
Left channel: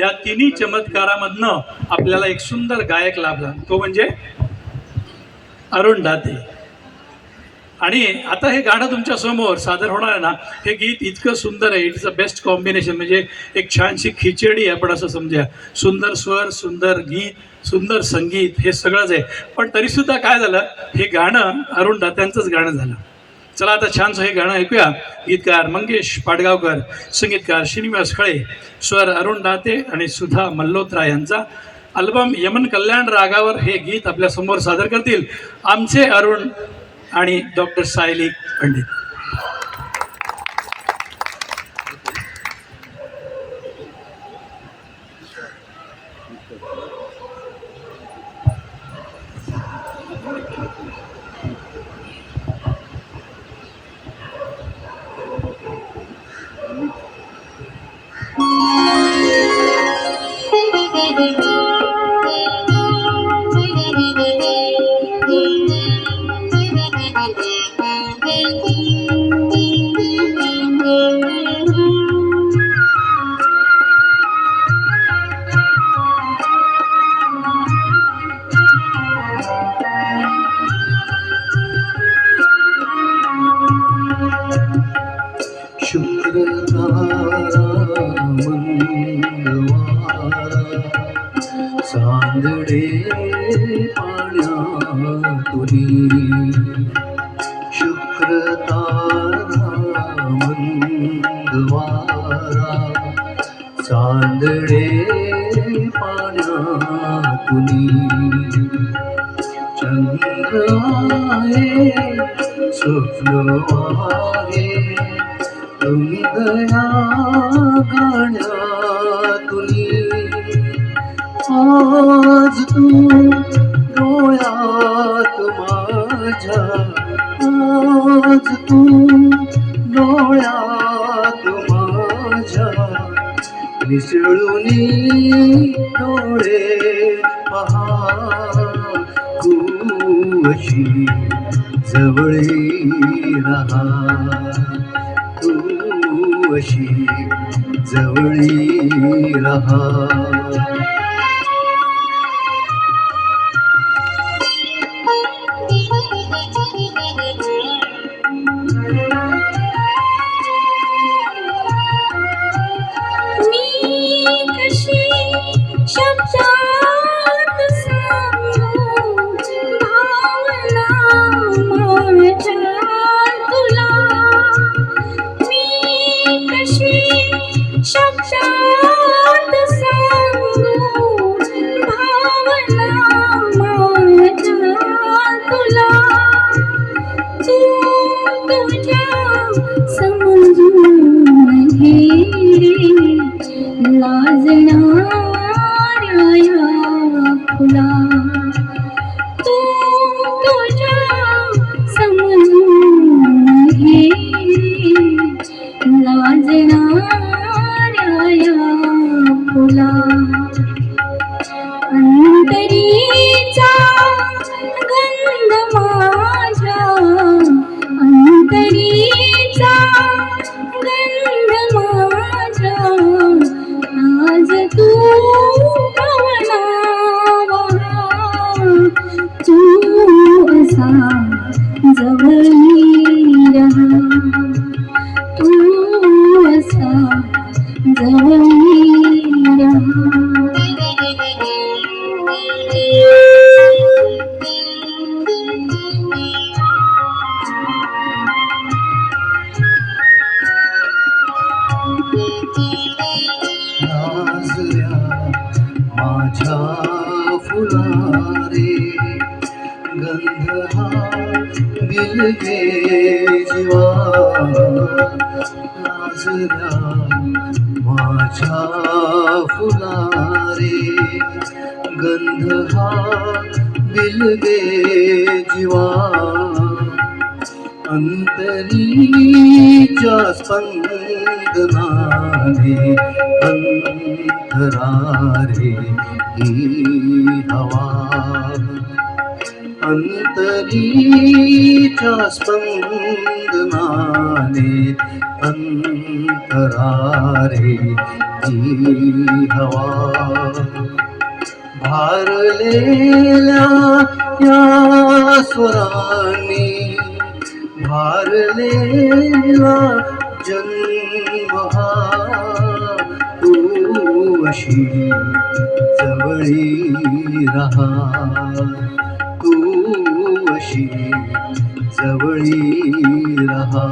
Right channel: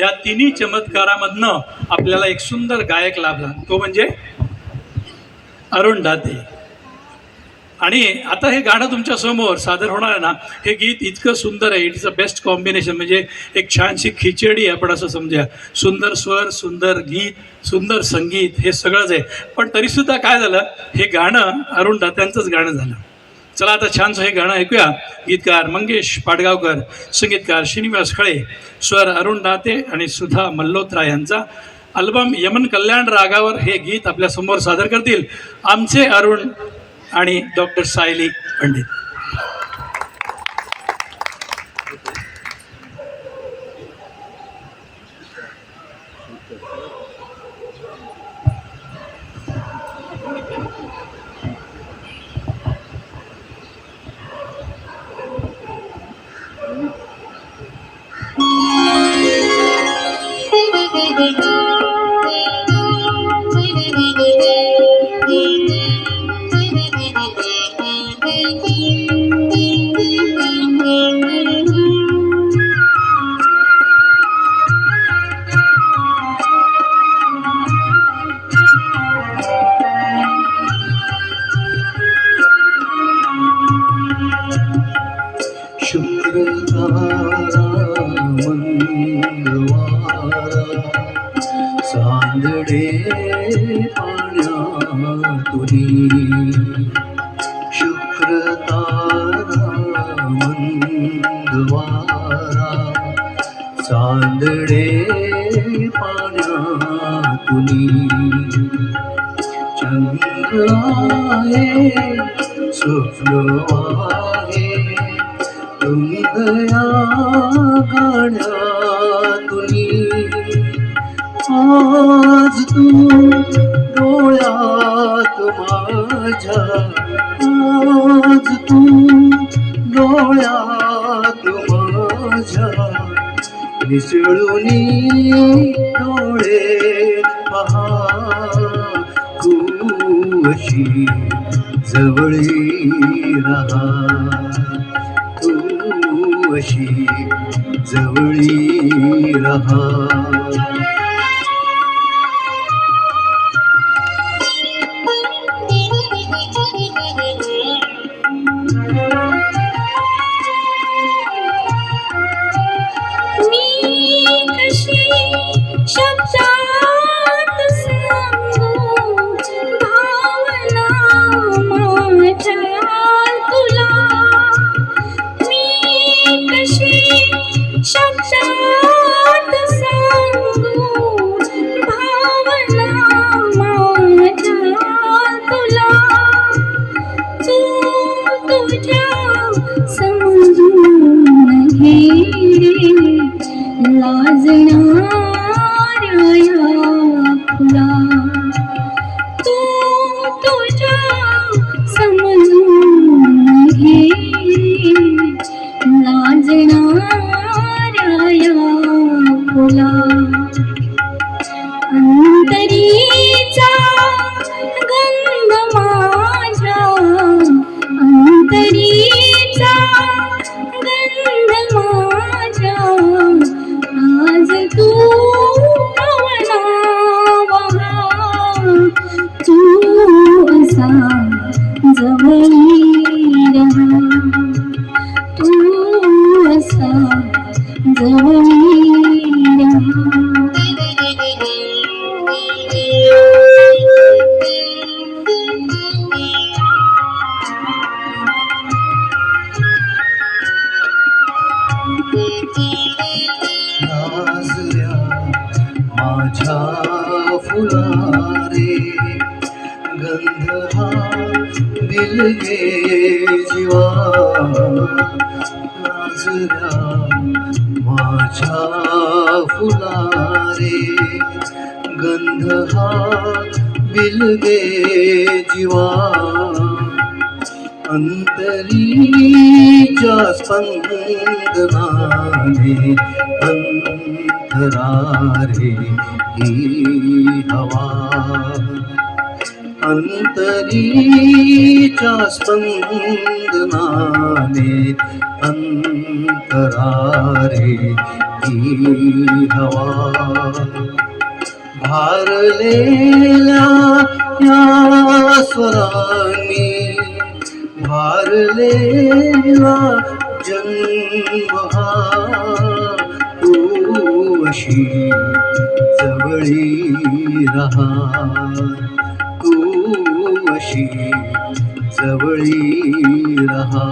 या तिन्ही चमत्कारामधनं आपल्याला एक सुंदर गायक लाभला, तो म्हणजे अरुण दाते. आणि आता हे गाणं तुमच्या समोर सादर होणार आहे ना, हे गीत इतकं सुंदर आहे, इट्स अ बेस्ट कॉम्बिनेशन, म्हणजे एक छानशी खिचडी आपण असं समजा. सुंदर स्वर, सुंदर गीत, सुंदर संगीत, हे सगळंच आहे. पण तरीसुद्धा काय झालं, हे गाणं अरुण दात्यांचंच गाणं झालं. चला आता छानसं हे गाणं ऐकूया. गीतकार मंगेश पाडगावकर, संगीतकार श्रीनिवास खळे, स्वर अरुण दाते आणि सुधा मल्होत्रा यांचा. अल्बम यमन कल्याण रागावर हे गीत आपल्यासमोर सादर करतील आमचे अरुण आणि डॉक्टर सायली पंडित. पाण्यातुनी शुक्रतारा मंदवारा चांदणे पाण्यातुनी चंद्र आहे स्वप्न आहे हृदया गाण्यातुनी आज तू डोळ्यात माझ्या आज तू डोळ्यात माझ्या मिसळूनी डोळे पहा तू अशी जवळी रहा तू अशी जवळी रहा शब्दात सांगू भावना माझ्या तुला मी कशी शब्दात सांगू भावना माझ्या तुला तू तुझ्या समजून घे लाजणाऱ्या या फुला तू तुझ्या समजून घे लाजणाऱ्या या फुला अंतरीचा गंध माझ्या अंतरीचा गंध माझ्या आज तू पवनावा तू असा जवळी रहा तू असा जवळी नाजऱ्या माझ्या फुलारे गंध हा दिलगे जीवा नाजऱ्या माझ्या फुलारे गंध हा दिलगे जीवा अंतरीच्या स्पंदनाने अंतरारे ही हवा अंतरीच्या स्पंदनाने अंतरारे ही हवा भारलेल्या या स्वरांनी भारलेला जन्म हा तू अशी जवळी रहा तू अशी जवळी रहा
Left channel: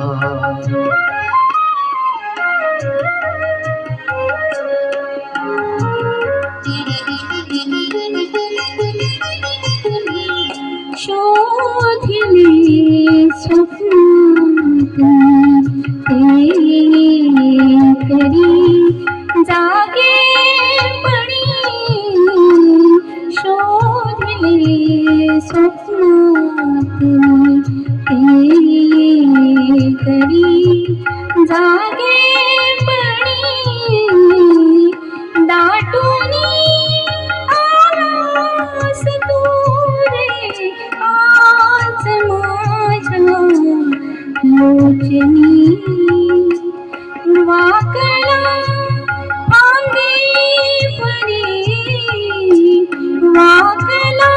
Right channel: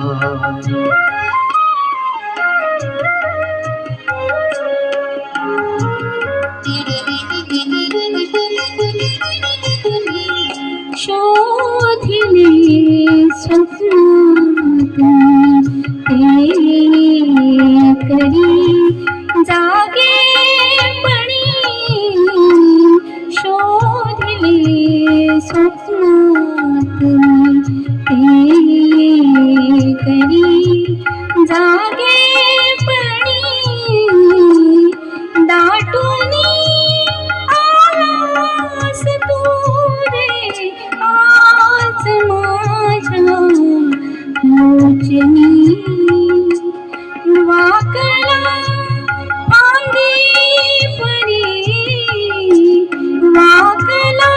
शोधिले स्वप्नात ते करी जागेपणी शोधिले स्वप्नात ते करी जागेपणी दाटूनी आलास तू रे आज माझ्या लोचनी वाकला फांदी परी वाकला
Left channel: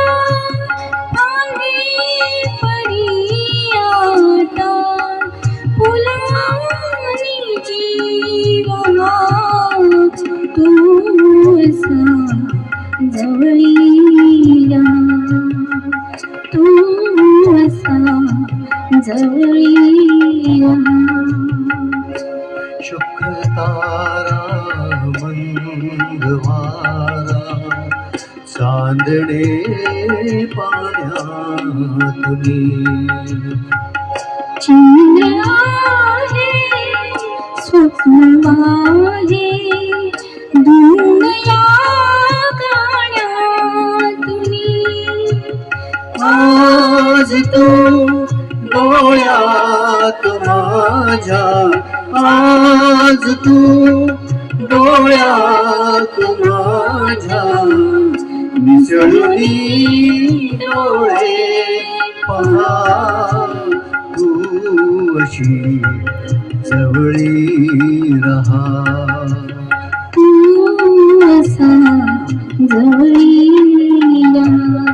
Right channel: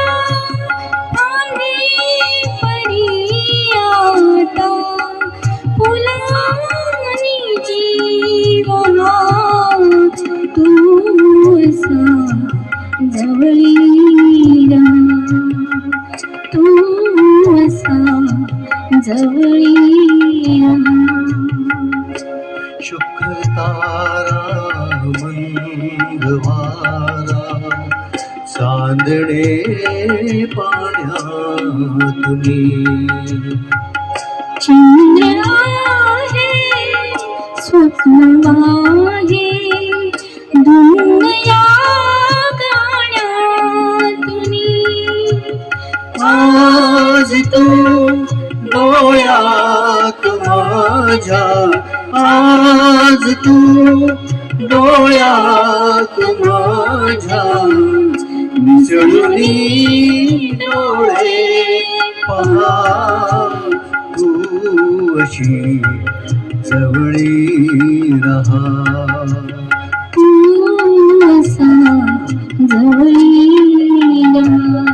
फांदी परी आता फुलानी जीवना तू असा जवळी रहा जवळी रहा. शुक्र तारा मंगवारा चांदणे पाण्यातुनी चंद्र आहे स्वप्न आहे दुनिया गाण्यातुनी. आज तू डोळ्यात माझ्या आज तू डोळ्यात माझ्या मिसळली डोळे पहा तू अशी जवळी रहा. तू असा जवळी रहा.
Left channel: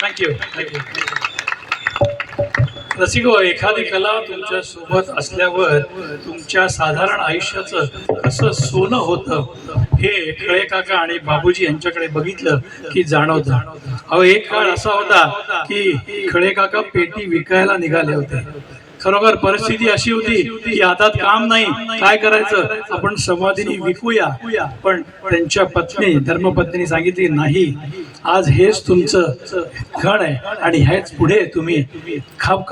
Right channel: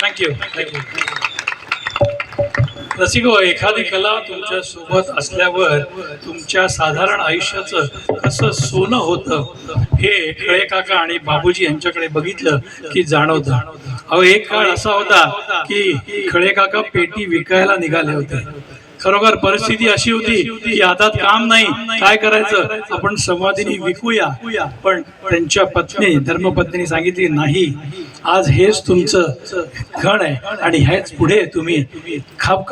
थँक्यू. रसिको, एखादी कला तुमच्या सोबत असल्यावर तुमच्या साधारण आयुष्याचं कसं सोनं होतं हे खळे काका आणि बाबूजी यांच्याकडे बघितलं की जाणवतं. अहो, एक काळ असा होता की खळे काका पेटी विकायला निघाले होते. खरोखर परिस्थिती अशी होती की हातात काम नाही, काय करायचं, आपण समाधीनी विकूया. पण त्यांच्या पत्नी धर्मपत्नीने सांगितली नाही, आज हेच तुमचं घण आहे आणि हेच पुढे तुम्ही खूप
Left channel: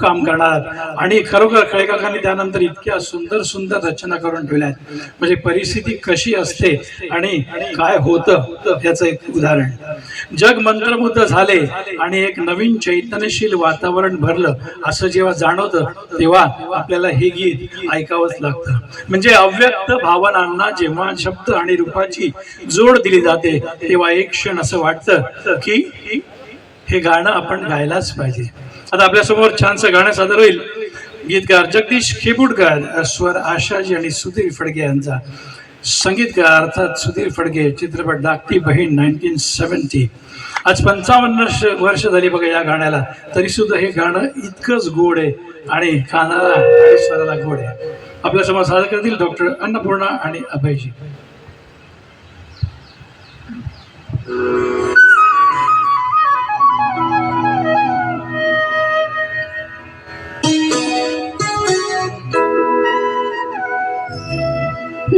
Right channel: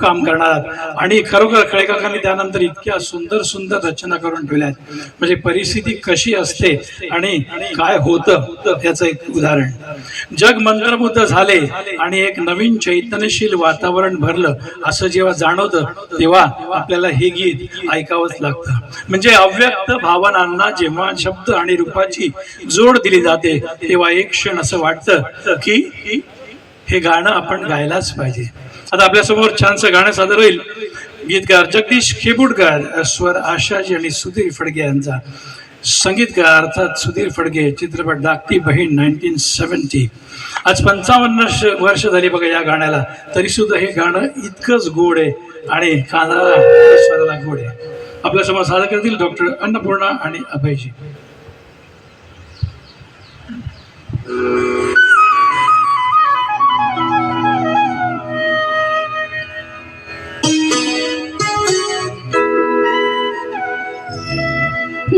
काम करणार आहात. आणि खरोखर खळेकाकांनी त्यानंतर इतक्या सुंदर सुंदर रचना करून ठेवल्या आहेत. म्हणजे परिस्थिती कशी असते आणि काय होतं याचं एक उदाहरण. जग मंत्रमुग्ध झाले आणि एक नवीन चैतन्यशील वातावरण भरलं असं जेव्हा जाणवतं तेव्हा आपल्याला हे गीत ऐकावंच लागतं. म्हणजे अव्यक्त भावनांना जेव्हा शब्द आणि रूपाची जोड दिली जाते तेव्हा एक क्षण असं वाटतं की हे गाणं आपण गायलाच पाहिजे. आता आपल्यासमोर छानसं गाणं सादर होईल. गीतकार जगदीश खेपुडकर, स्वर आशाजी आणि सुधीर फडके यांचा, संगीतकार अर्थात सुधीर फडके, चित्रपट धाकटी बहीण 1970. आज 55 वर्ष झाली बघा या गाण्याला, तरी सुद्धा हे गाणं इतकंच गोड आहे आणि कानाला स्वराला गोड आहे. आपल्यासमोर सादर करतील डॉक्टर अन्नपूर्णा आणि अभयजी.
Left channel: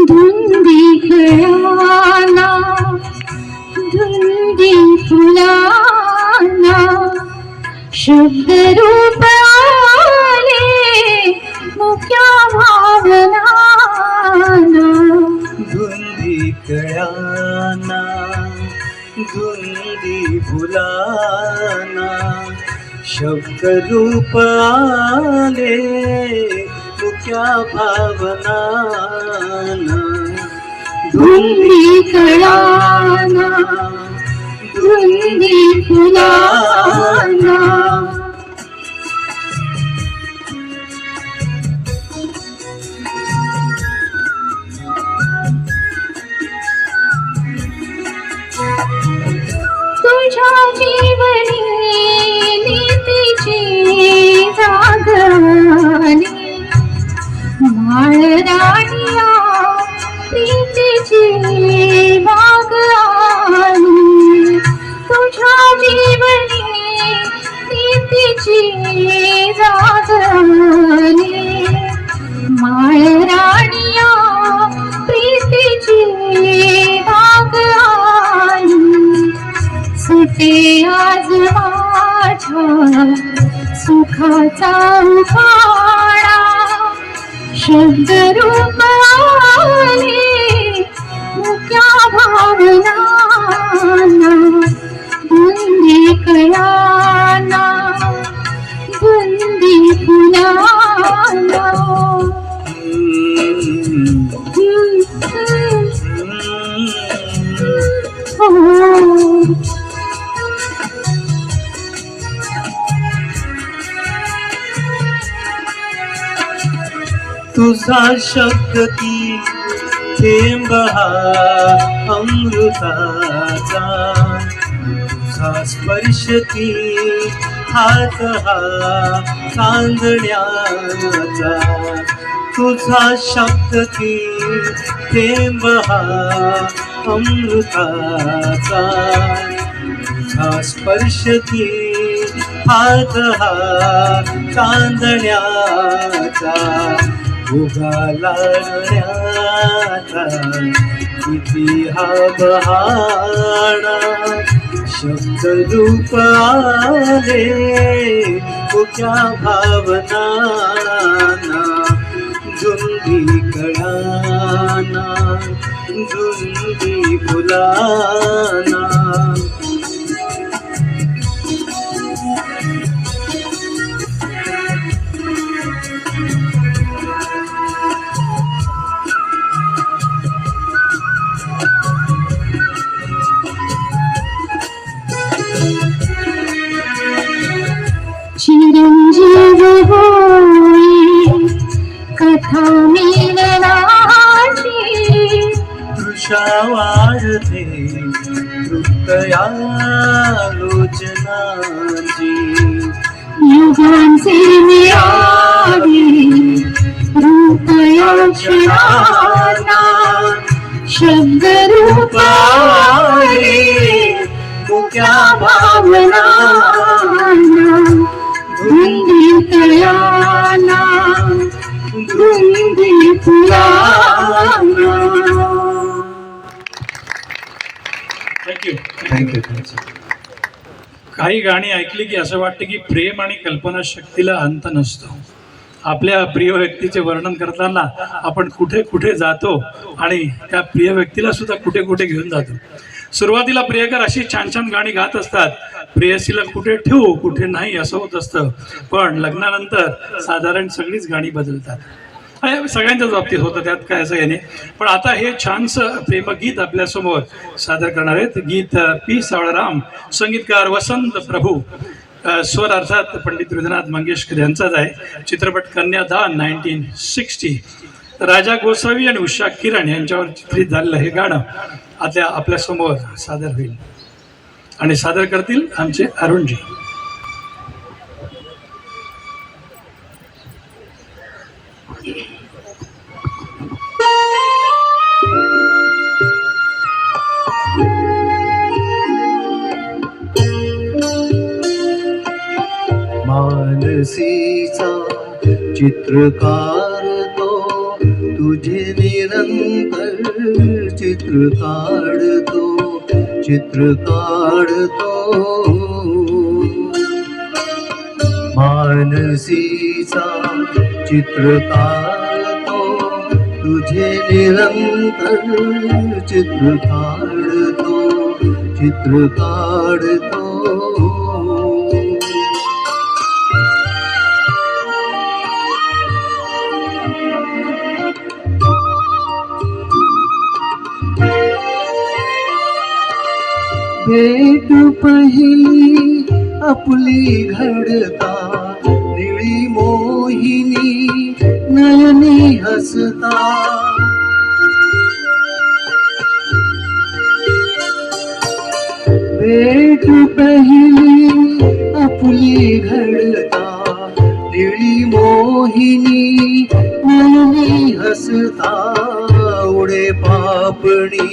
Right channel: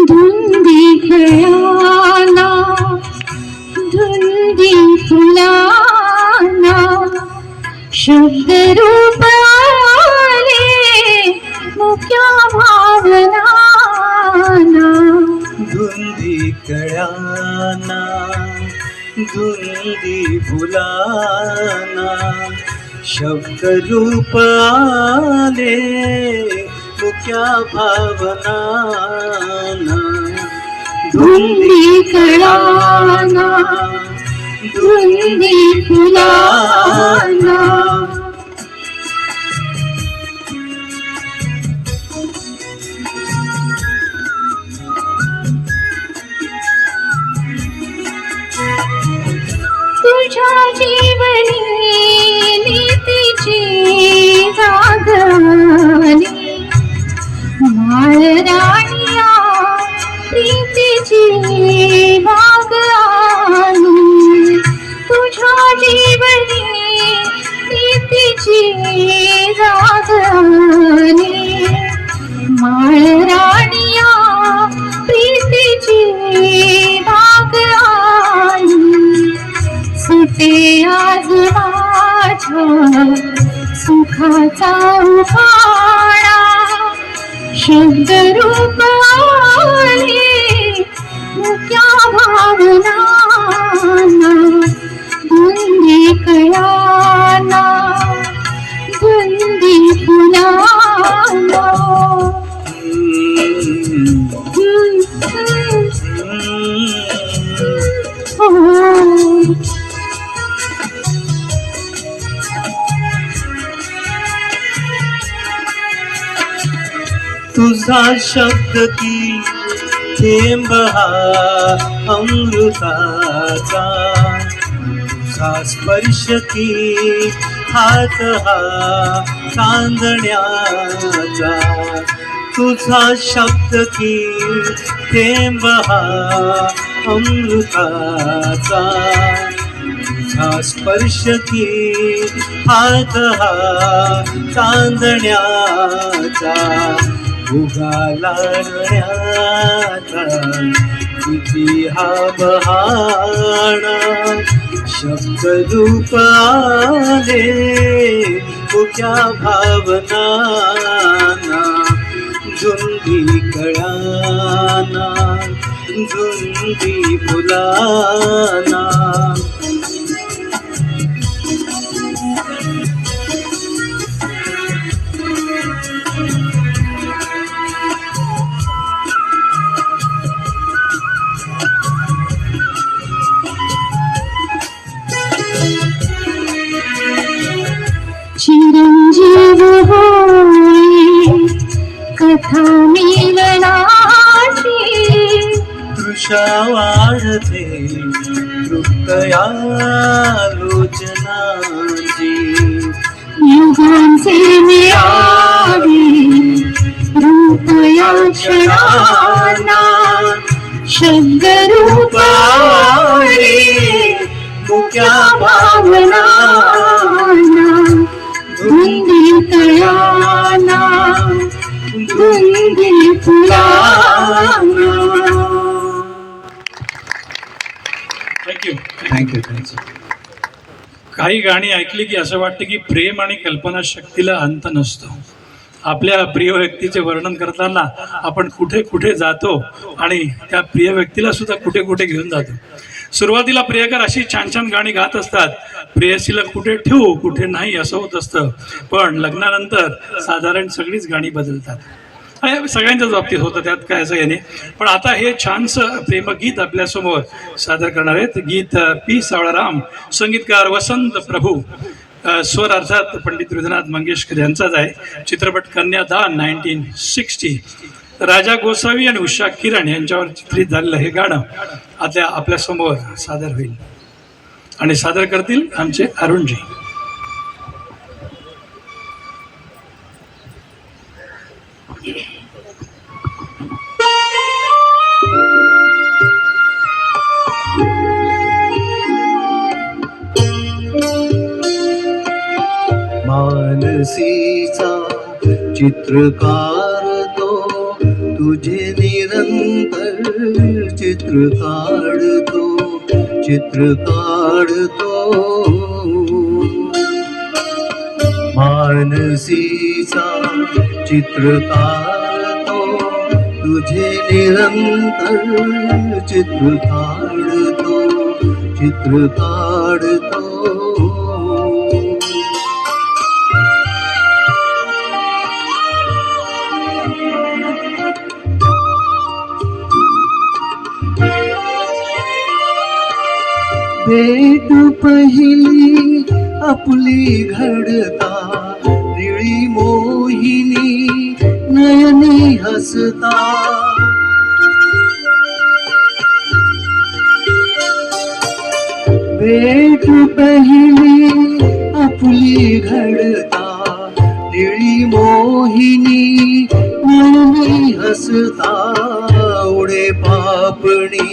धुंदी खेळाना धुंदी फुलाना शब्द रूप आले मुक्या भावनाना. धुंदी कळाना धुंदी फुलाना शब्द रूप आले मुक्या भावनाना. धुंदी कळाना धुंदी फुलाना. तुझ्या जीवनी नीतीची जागली माळ राणिया प्रीतीची बाग आली. तुझ्या जीवनी नीतीची जागली माळ राणिया प्रीतीची बाग आली. सुटे आज माझ्या सुखाचा उफाळा शब्द रूप आले मुक्या भावनाना. धुंदी कळाना धुंदी फुलाना. तुझा शब्द की थेंब हा अमृताचा तुझा स्पर्श की हात हा चांदण्याचा, तुझा शब्द की थेंब हा अमृताचा, तुझा स्पर्श की हात हा चांदण्याचा, उगालाण्याचा किती हा बहाणा, शब्द रूप आले मुक्या भावनाना, झुंदी कळाना झुंदी फुलाना. चिरंजीव होई कथा मिलनाची, तृषा वाढते तृप्तयालोचनाची, युगांचे मिळावी रूप या क्षणाला, शब्द रूप आले मुक्या भावनाना, धुंदी तळाला धुंदी फुलाला. थँक्यू. थँक्यू. काही गाणी ऐकली की असं वाटतं की प्रेम आणि कल्पनाशक्तीला अंत नसतो. आपल्या प्रिय व्यक्तीचे वर्णन करताना आपण कुठे कुठे जातो आणि त्या प्रिय व्यक्तीला सुद्धा कुठे कुठे घेऊन जातो. सुरुवातीला प्रियकर अशी छान छान गाणी गात असतात, प्रेयसीला कुठे ठेवू कुठे नाही असं होत असतं. पण लग्नानंतर साधारण सगळीच गाणी बदलतात. हे सगळ्यांच्याच बाबतीत होतं, त्यात काय असं येणे. पण आता हे छानसं प्रेमगीत आपल्यासमोर सादर करणार आहेत. गीत पी सावळाराम, संगीतकार वसंत प्रभू, स्वर अर्थात पंडित हृदयनाथ मंगेशकर यांचाच आहे. चित्रपट कन्यादान 1960. राजा गोसावी आणि उषा किरण यांच्यावर चित्रित झालेलं हे गाणं आता आपल्यासमोर सादर होईल आणि सादर करतील आमचे अरुणजी. मानसीचा चित्रकार तो, तुझे निरंतर चित्र काढतो, चित्र काढतो. मानसीचा चित्रकार तो, तुझे निरंतर चित्र काढतो, चित्र काढतो. भेट पहिली आपली घडता, निळी मोहिनी नयनी हसता, भेट पहिली आपली घडता, निळी मोहिनी नयनी हसता, उडे पापणी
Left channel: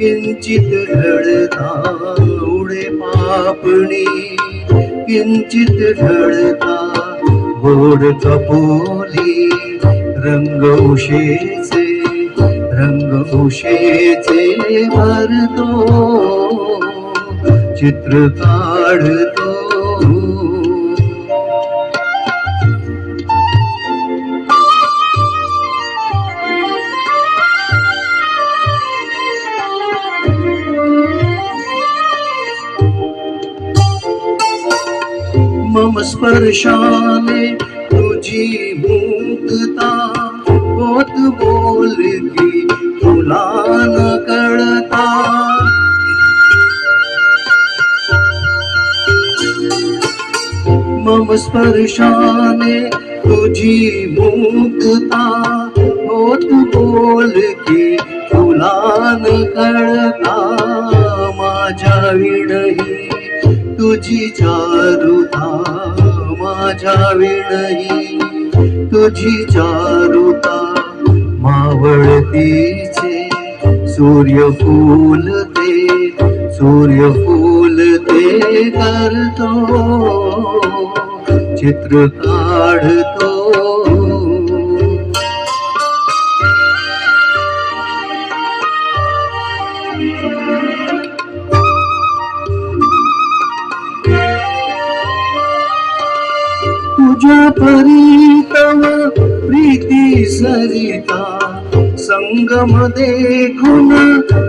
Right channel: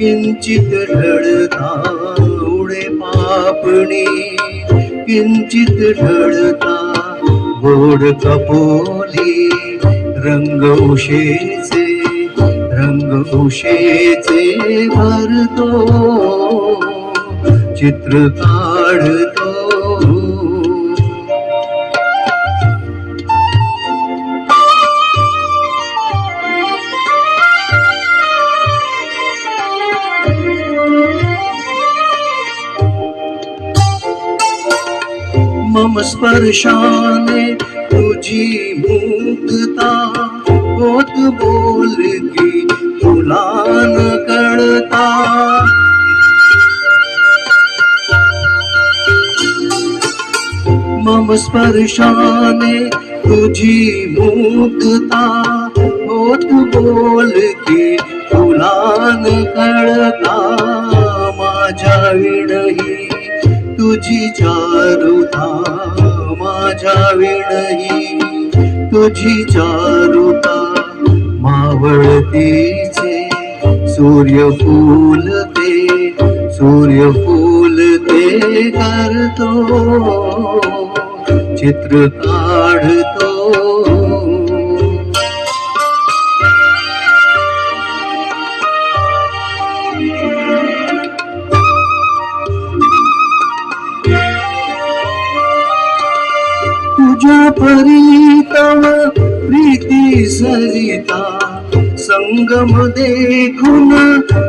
किंचित ढळता, उडे पापणी किंचित ढळता, गोड कपोली रंग उशेचे, रंग उशेचे भरतो, चित्र काढतो. मम स्पर्शाने तुझी मुक्तता, होत बोल की तुला न कळता, मम स्पर्शाने तुझी मुक्तता, होत बोल की तुला न कळता, माझ्या विणही तुझी चारुता, माझ्या विणही तुझी चारुता. मावळतीचे सूर्यफूल ते करतो, चित्र काढतो. तुझ्या प्रीतम प्रीती सरिता, संगम देखून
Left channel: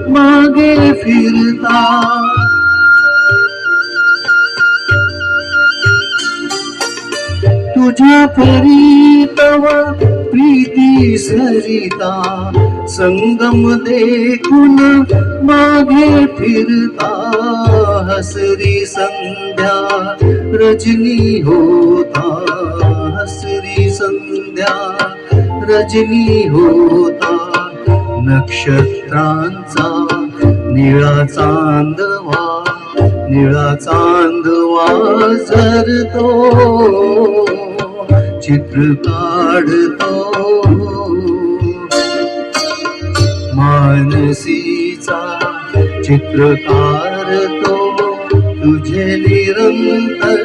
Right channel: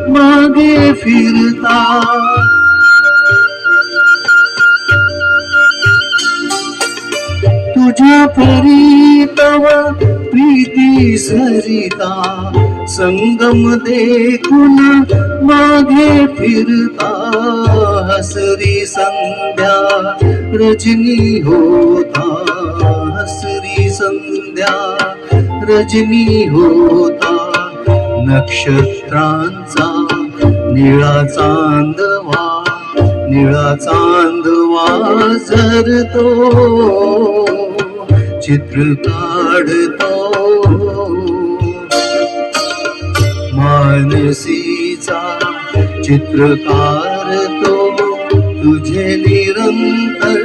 मागे फिरता. तुझ्या प्रीतम प्रीती सरिता, संगम देखून मागे फिरता. हसरी संध्या रजनी होता, हसरी संध्या रजनी होता. नक्षत्रांचा निळा चांदवा, निळा चांदवा झरतो, चित्र काढतो. मानसीचा चित्रकार तो, तुझे निरंतर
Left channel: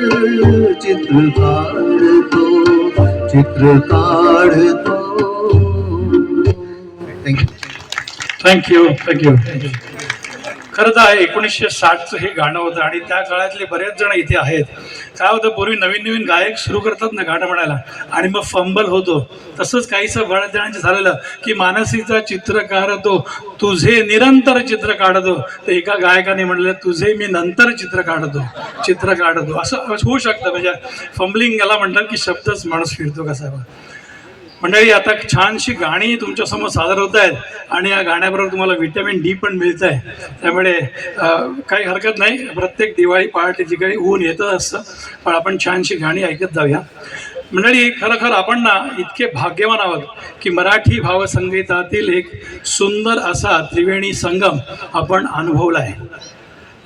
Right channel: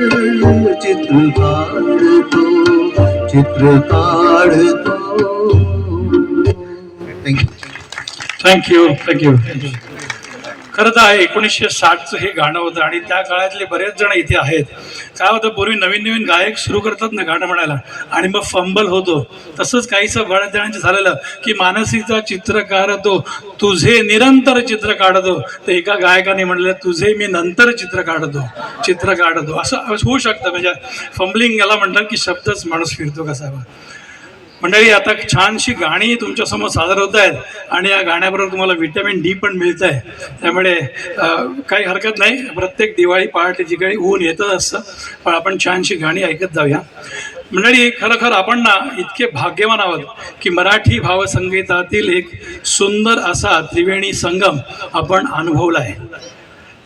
चित्र काढतो, चित्र काढतो. थँक्यू. खरं तर 1960चं हे गाणं होतं आणि त्या काळातले बरेच जण इथे आहेत. काय होतं, पूर्वी नवीन गायक सुरू करतात ना गाणं म्हणायला आणि मग फंबल होतो. तसंच काहीसं बऱ्याच जणांचं झालेलं की मानसीचा चित्रकार तो, तुझे निरंतर चित्र काढतो. तर एका गायकाने म्हणलं, तुझे मी नंतर चित्र काढतो. असं होऊ शकतं. म्हणजे फंबलिंग याला म्हणतात की शब्दच माणूस फिरतो कसा. मंडळी, आता छानशी गाणी तुमच्यासमोर सादर होत आहेत आणि या गाण्याबरोबर तुम्हाला व्हिटॅमिन डी पण मिळत आहे. त्यामुळे काही हरकत नाही. प्रत्येक दिवाळी पहाटे जी काही ऊन येतच असतं, पण आपण छानशी गाणी ऐकत जाऊया. मंडळी, खरं आपण ना इतके भाग्यवान आहोत की मराठी भावसंगीतातील एक सुंदर असा त्रिवेणी संगम आपण अनुभवला आहे.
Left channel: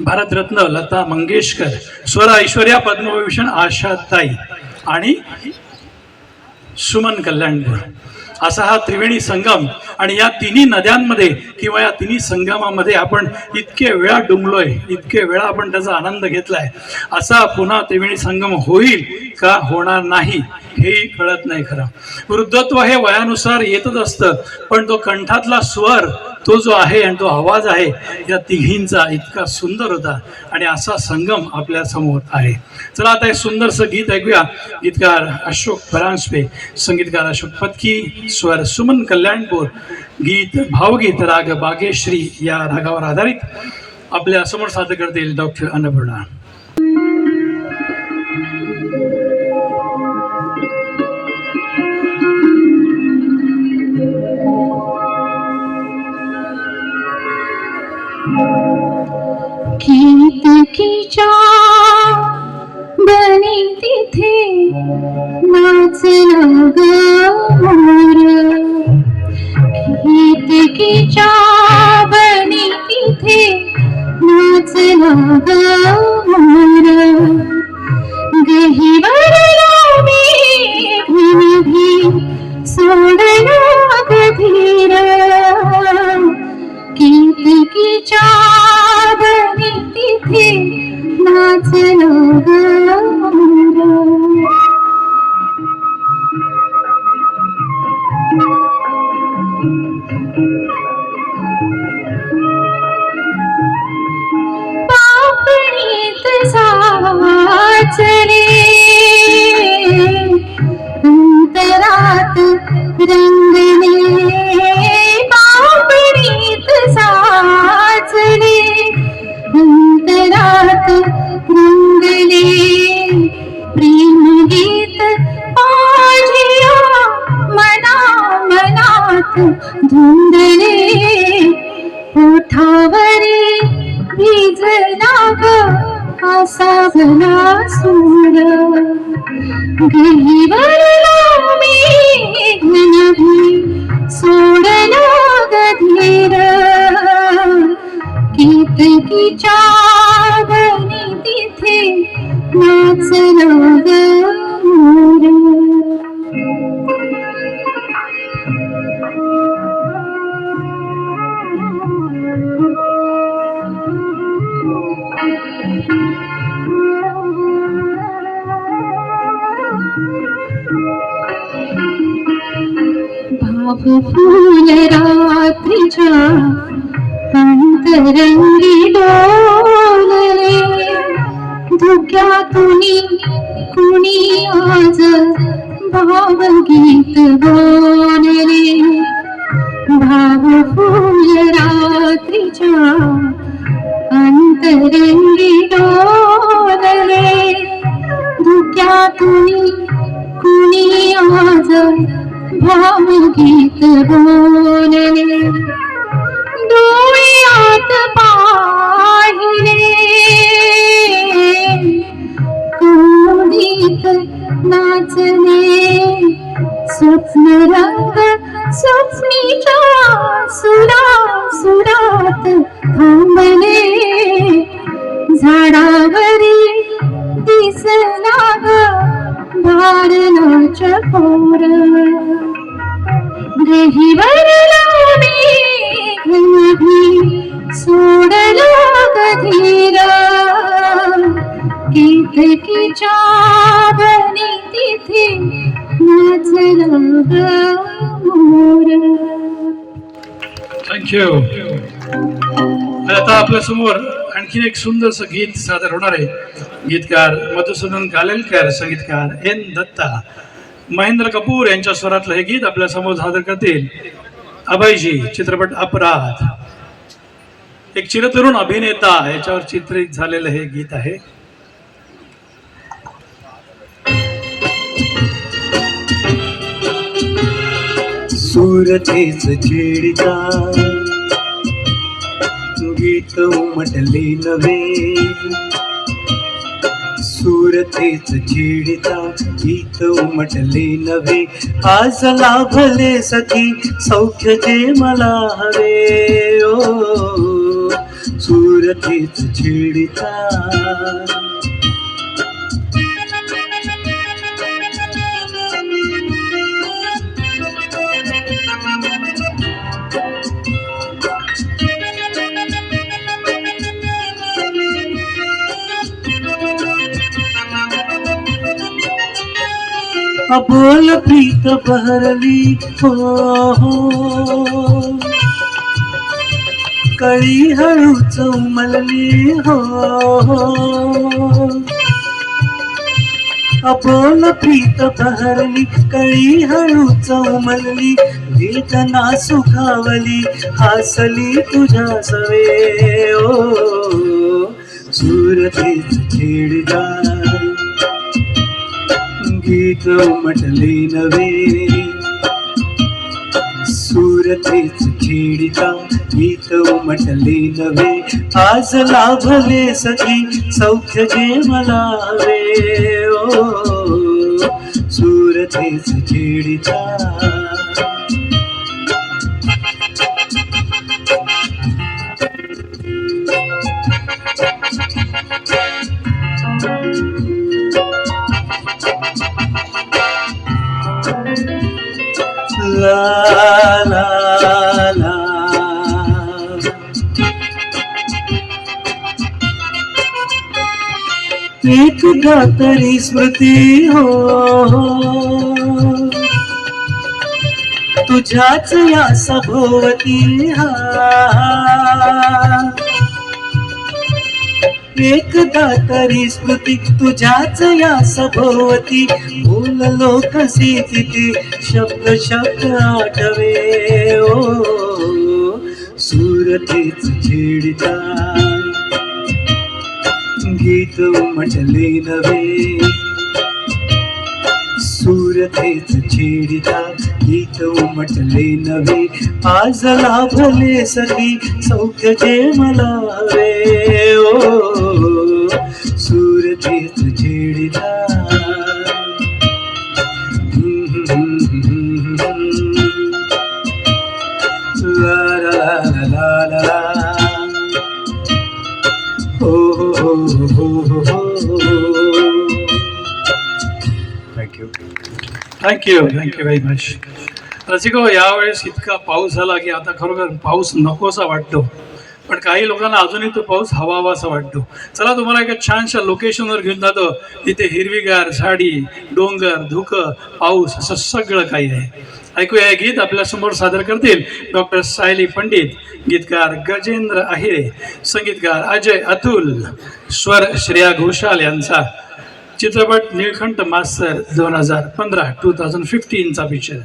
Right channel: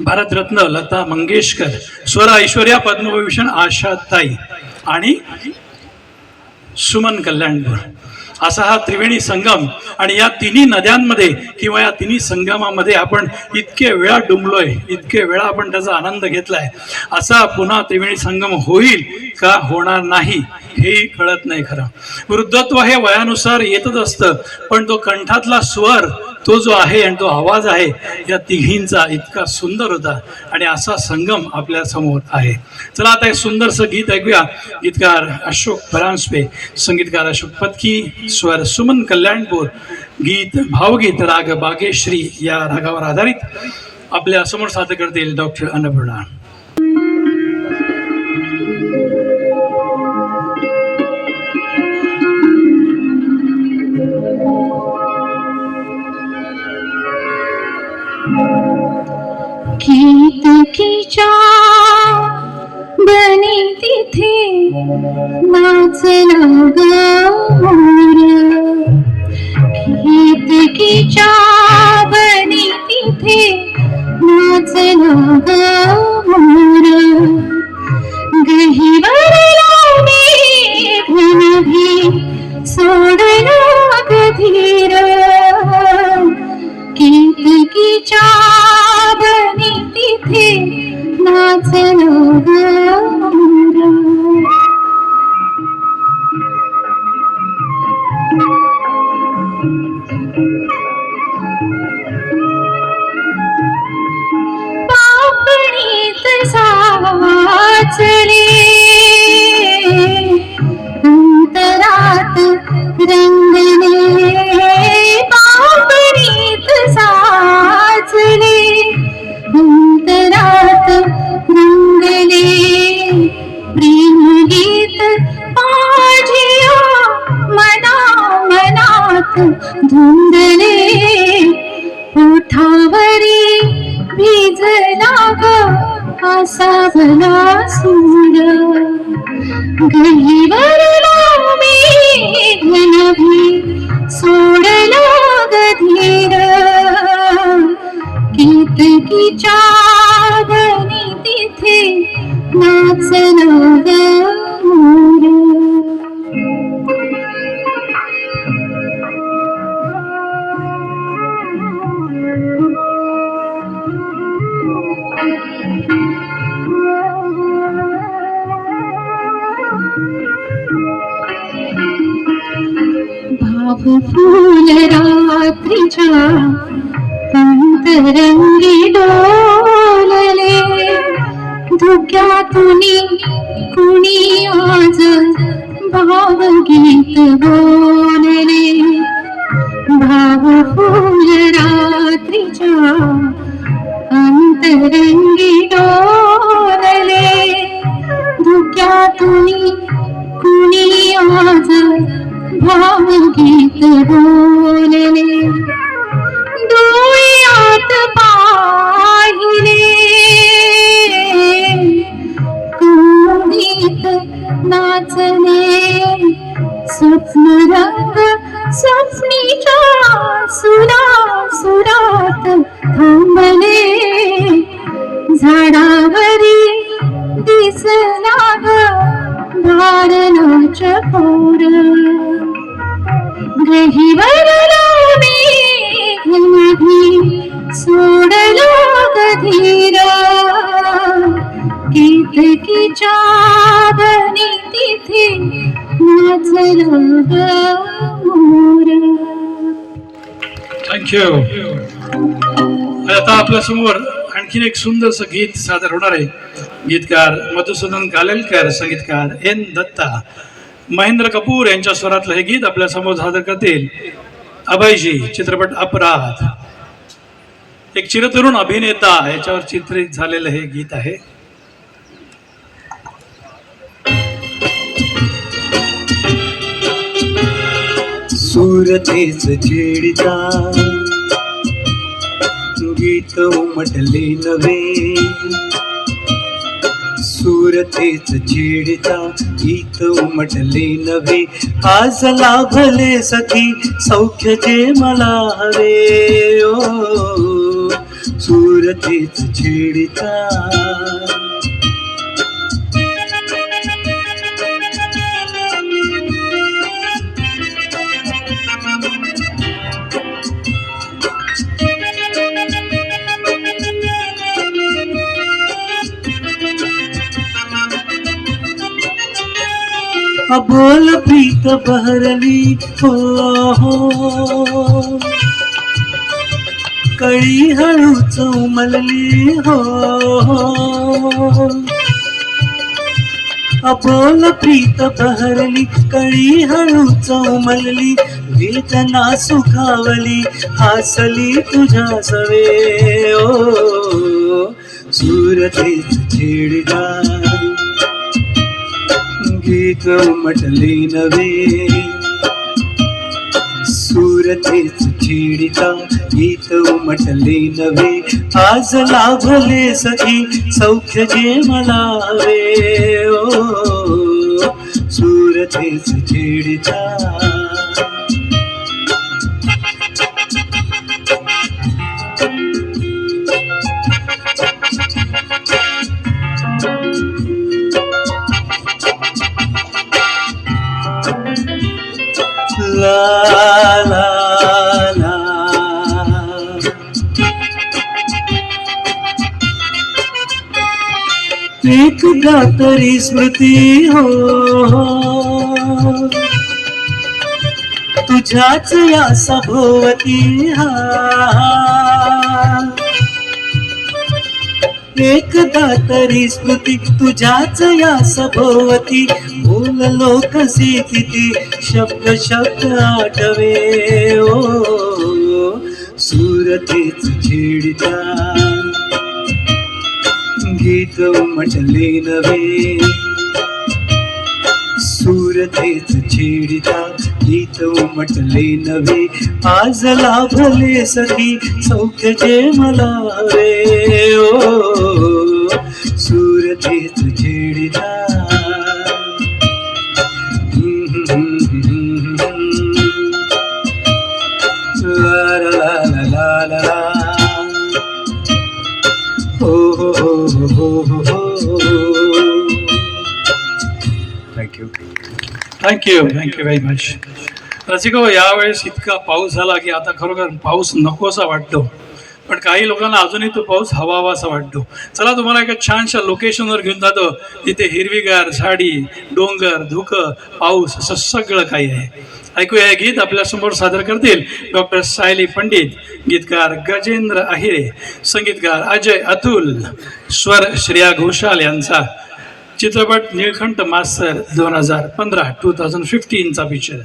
भारतरत्न लता मंगेशकर, स्वर ऐश्वर्या पद्मविभूषण आशाताई आणि सुमन कल्याणपूर, असा हा त्रिवेणी संगम. आणि या तिन्ही नद्यांमध्ये किंवा या तिन्ही संगमामध्ये आपण इतके वेळा डुंबलोय, इतके वेळा आपण त्याचा आनंद घेतलाय. असा पुन्हा त्रिवेणी संगम होईल का होणार नाही हेही कळत नाही. खरं वृद्धत्व हे वयानुसार येतच असतं, पण तो कंठातला स्वर तो जो आहे आणि तो आवाज आहे या तिघींचा इतका सुंदर होता आणि असा संगम आपल्या समोर आहे. चला आता एक सुंदरसं गीत ऐकूया. गीतकार अशोक परांजपे, संगीतकार अशोक पत्की, स्वर सुमन कल्याणपूर, गीत भावगीत राग बागेश्री या रागावर आधारित आपल्या समोर सादर करतील डॉक्टर अन्नपूर्णा. केतकीच्या बनी तिथे नाचला ग मोर, केतकीच्या बनी तिथे नाचला ग मोर. गहिवरला मेघनभी सोडला ग धीर, केतकीच्या बनी तिथे नाचला ग मोर. पापणीत साचले अंतरात रंगले, पापणीत साचले अंतरात रंगले. प्रेमगीत माझिया मनात धुंदले, ओठावरी भिजला ग असा भला सूर. गहिवरला मेघनभी सोडला ग धीर, केतकीच्या नाचला ग मोर. भाव फूल रात्रीच्या अंतरंगी डोलले, धुक्यातुनी कुणी आज भावगीत बोलले. भाव फूल रात्रीच्या अंतरंगी डोलले, धुक्यातुनी कुणी आज भावगीत बोलले. डोळ्यात पाहिले कुणीत नाचले, स्वप्न रंग स्वप्नीच्या सुरात थांबले. झाडावरी दिसला ग भारणाच्या पोर, गहिवरला मेघनभी सोडला गधीरा, केतकीच्या बनी तिथे नाचला ग मोर. थँक्यू. आता आपल्या समोर आणखीन एक सुंदरसं गीत सादर होणार आहे. गीतकार मधुसूदन कालेलकर, संगीतकार एन दत्ता, महेंद्र कपूर यांच्या स्वरातलं हे गीत आपल्या समोर सादर करतील अभयजी. चित्रपट अपराध. एक चिरतरुण अभिनेता याच्यावर चित्रित झालेलं हे गीत आहे. सूरतेच छेडिता गीत उमटले नवे, सूरतेच छेडिता गीत उमटले नवे. आज लाभले सखी सौख्य जे मला हवे, ओ सूरतेच छेडिता. अबोल प्रीत बहरली हो हो, कळी हळूच उमलली हो हो. अबोल प्रीत बहरली कळी हळूच उमलली, वेदना सुखावली हासली तुझ्या सवे, ओ सूरतेच छेडगा गीत उमटले नवे. सूरतेच छेडिता गीत उमटले नवे. आज लाभले सखी सौख्य जे मला हवे, ओ सूरतेच छेडिता. ला ला ला. एकदा तरी स्मृती हो तुझ्याच या सभोवती, हा एकदा तरी स्मृती तुझ्याच या सभोवती. बोललो कशी तिथे शब्द शब्द आठवे, ओ सूरतेच छेडिता गीत उमटले नवे. सूरतेच छेडिता गीत उमटले नवे. आज लाभले सखी सौख्य जे मला हवे, ओ सूरतेच छेडिता. ला ला ला ला ला ला. हो हो हो हो हो. यू. Thank you very much. रसिको, यावेळेस इतका पाऊस झाला की आता खरोखर पाऊस नकोसा वाटतो, पण काही लोकांना अजूनही तो पाऊस हवासा वाटतो. चला तुम्हाला एका छानशा लोकेशनवर घेऊन जातो, तिथे हिरवीगार झाडी, डोंगर, धुकं, पाऊस असं सगळं काही आहे. ऐकूया हे गीत. आपल्यासमोर सादर करतील डॉक्टर सायली पंडित, गीतकार गजेंद्र अहिरे, संगीतकार अजय अतुल, स्वर श्रेया घोषाल यांचा. चित्रपट निळकंठ मास्तर 2015 चा पिक्चर.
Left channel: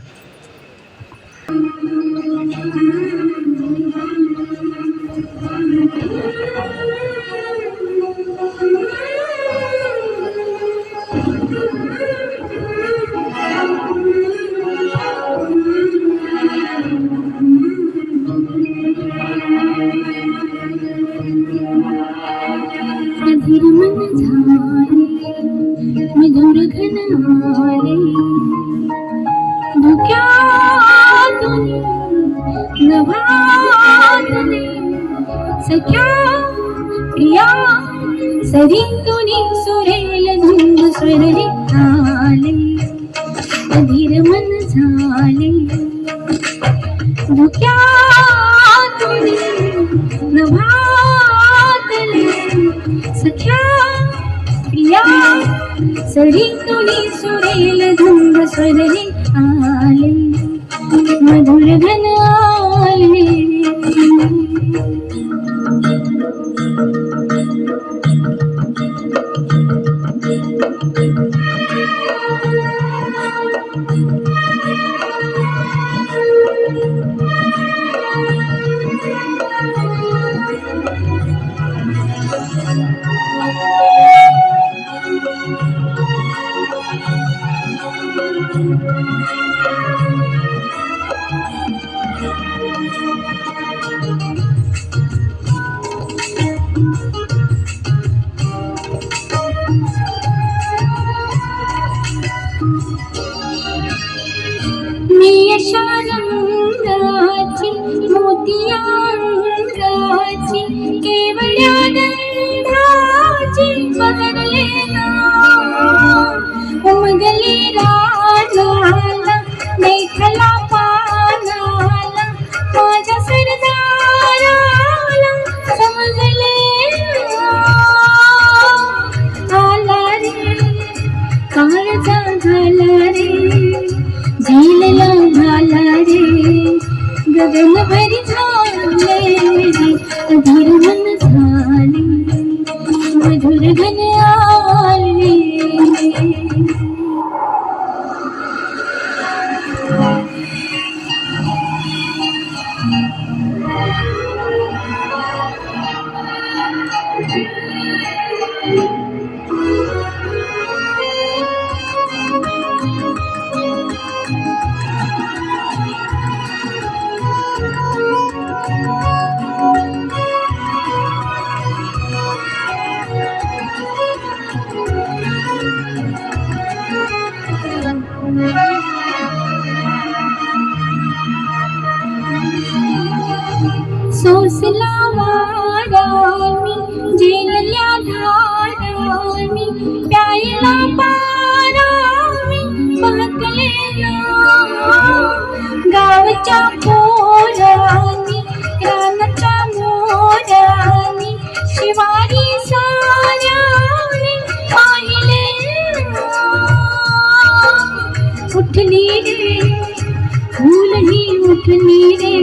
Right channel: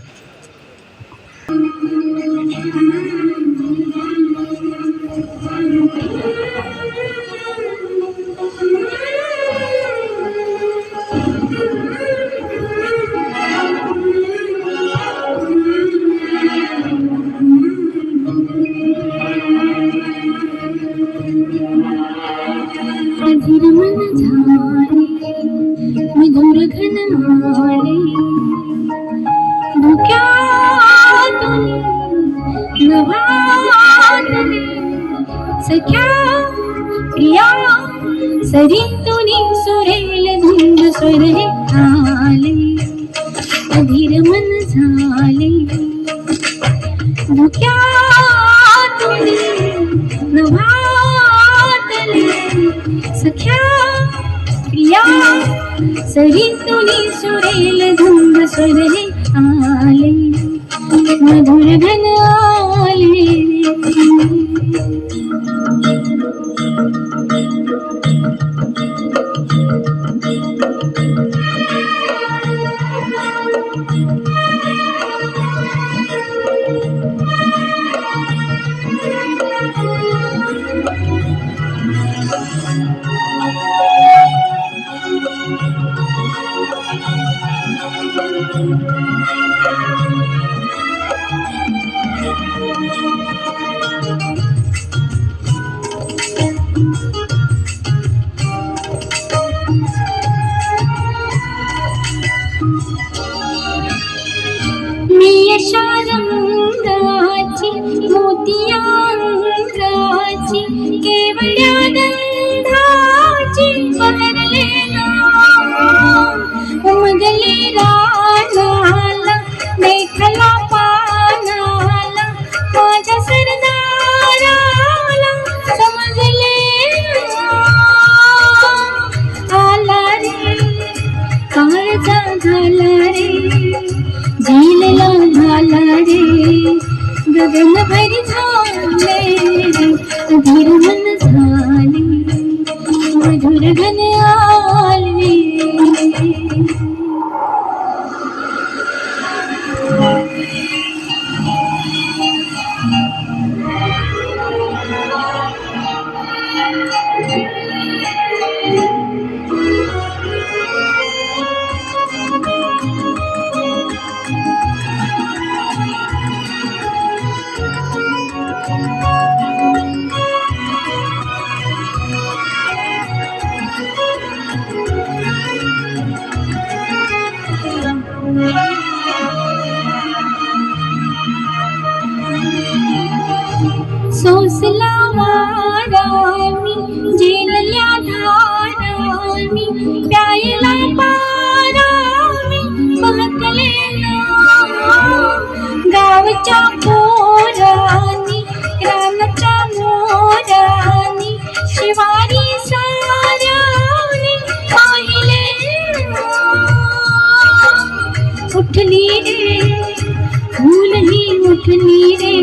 अधीर मन झाले मधुर घन आले धुक्यातुनी नभातले सख्या प्रिया सरितुनी सुरेल धुंद स्वरे आले अधीर मन झाले धुक्यातुनी नभातले सख्या प्रिया सरितुनी सुरेल धुंद स्वरे आले मधुर घन आले. मी अशा रंगाची मोतियांगाची केवळ्या गंधाची बहरले ना उमगले राजाला देखला पानाला माझ्या सरदाराला समजले आला रे काळजा झाला रे झेलला झाला रे गगन भरी झाले रे अधीर मन झाले मधुर घन आले. सोसला वारामी जेलल्या धारामी प्यायला पारामी बहकले ना गावच्या पोरानी रानाच्या मोरानी शिवारी साऱ्याने पाहिले उठली रे फुलही उठली रे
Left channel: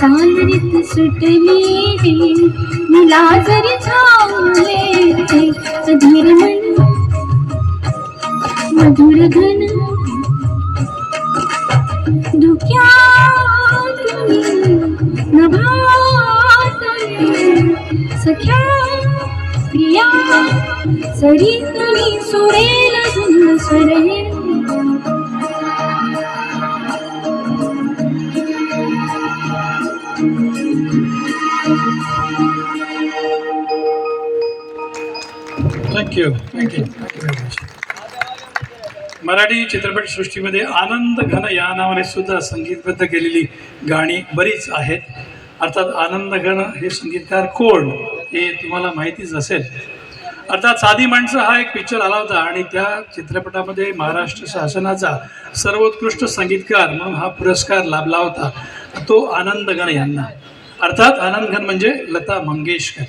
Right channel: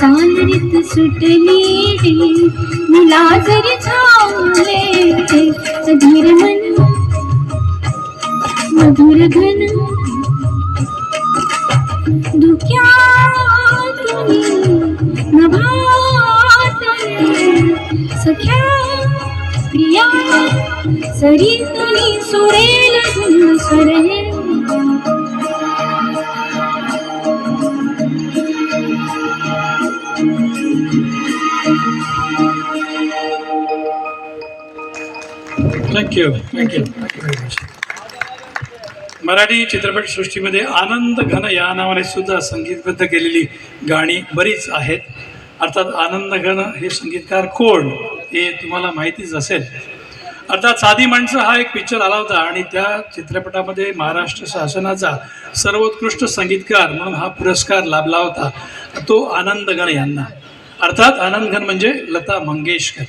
चांदरीत सुटली रे मुला जरी झाले रे अधीर मन मधुर घन धुक्यातुनी नभातले सख्या प्रिया सरितुनी सुरेल धुंद स्वरे. Thank you very much. मराठी चित्रपटसृष्टीमध्ये आनंद घन या नावाने सुद्धा संगीतबद्ध केलेली गाणी बरीच आहेत. अर्थात आनंद घन हे संगीतकार कोण हे तुम्हाला माहितीच असेल. अर्थात साधी माणसं हा एक पिक्चर आला होता आणि त्या चित्रपटामध्ये महाराष्ट्र शासनाचा सर्वोत्कृष्ट संगीतकार म्हणून हा पुरस्कार लाभला होता, तो आनंद गण यांना. अर्थात आनंद गण म्हणजे लता मंगेशकर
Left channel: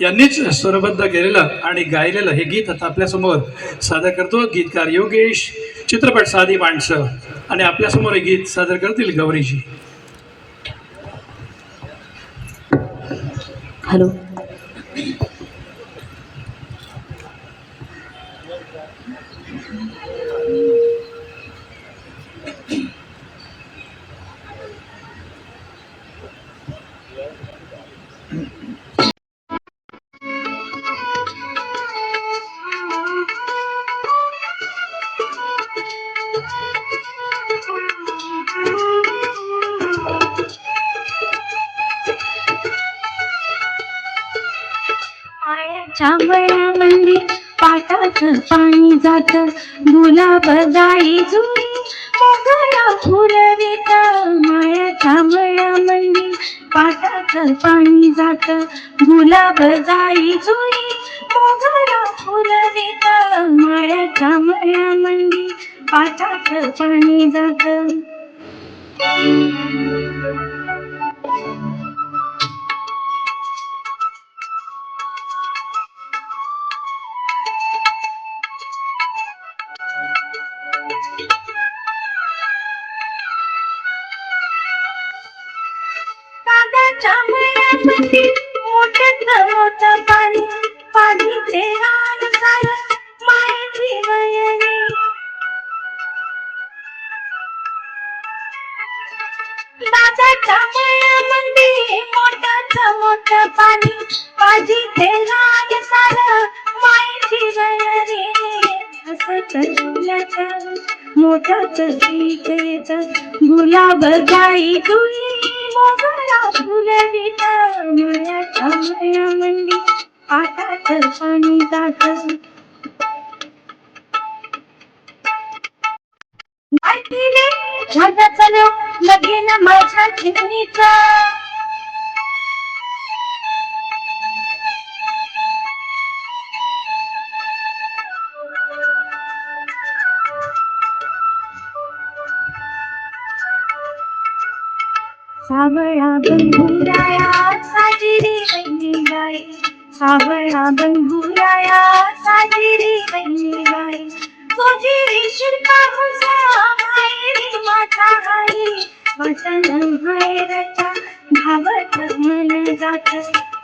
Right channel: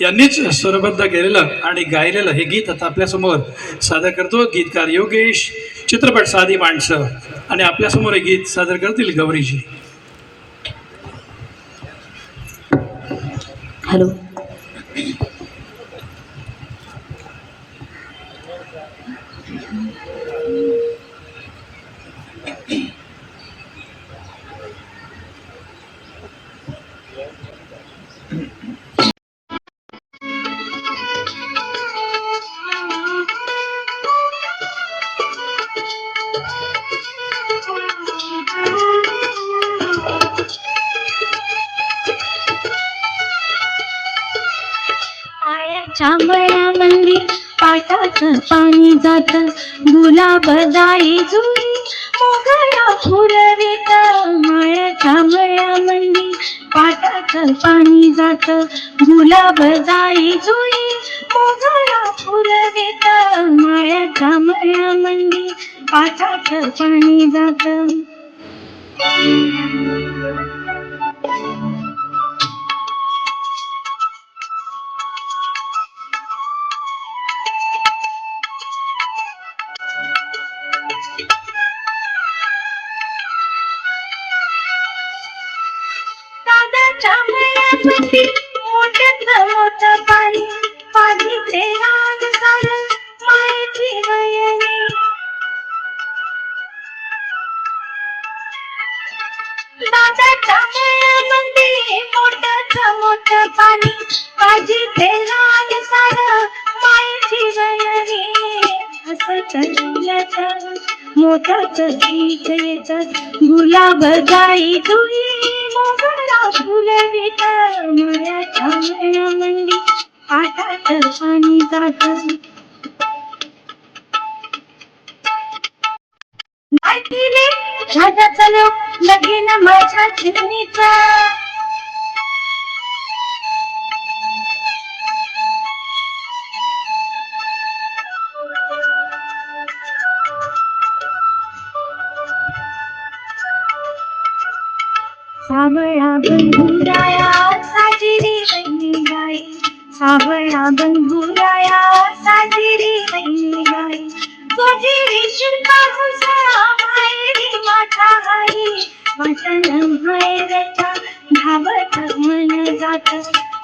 यांनीच स्वरबद्ध केलेलं आणि गायलेलं हे गीत आता आपल्यासमोर सादर करतो गीतकार योगेश, चित्रपट साधी माणसं. आणि आपल्यासमोर हे गीत सादर करतील गौरीजी. हॅलो. आळ्याच्या मळ्यामध्ये पाटाचं पाणी जात, गुलाब जाई जुई मोगरा फुलवित. माळ्याच्या मळ्यामध्ये पाटाचं पाणी जात, गुलाब जाई जुई मोगरा फुलवित. माळ्याच्या मळ्यामध्ये पाटाचं पाणी जात. कांद्याच्या मळ्यामध्ये मोठ्यातलं मोठं पाणी, पाणीचे रान सारं मायेची वयरी. दादाच्या मळ्यामध्ये मोठ्याचं मोठं पाणी, पाजीचे रान सारं मायेची वयरी. हसत डोल्याचं मोठाचं गीत येतं, गुलाब जाई जुई मोगरा फुलवित. माळ्याच्या मळ्यामध्ये पाटाचं पाणी जातं. गाठीले राजाचं लोक लगीन माझ्या चिमणीचं. सावळा गंधुराया साजिरी वैनी गाई, सावळा गंधुराया साजिरी वैनी गाई. गोजिरी शिरका हुसा मायरी माझा आई, वचन मायरचा धावत मन जात.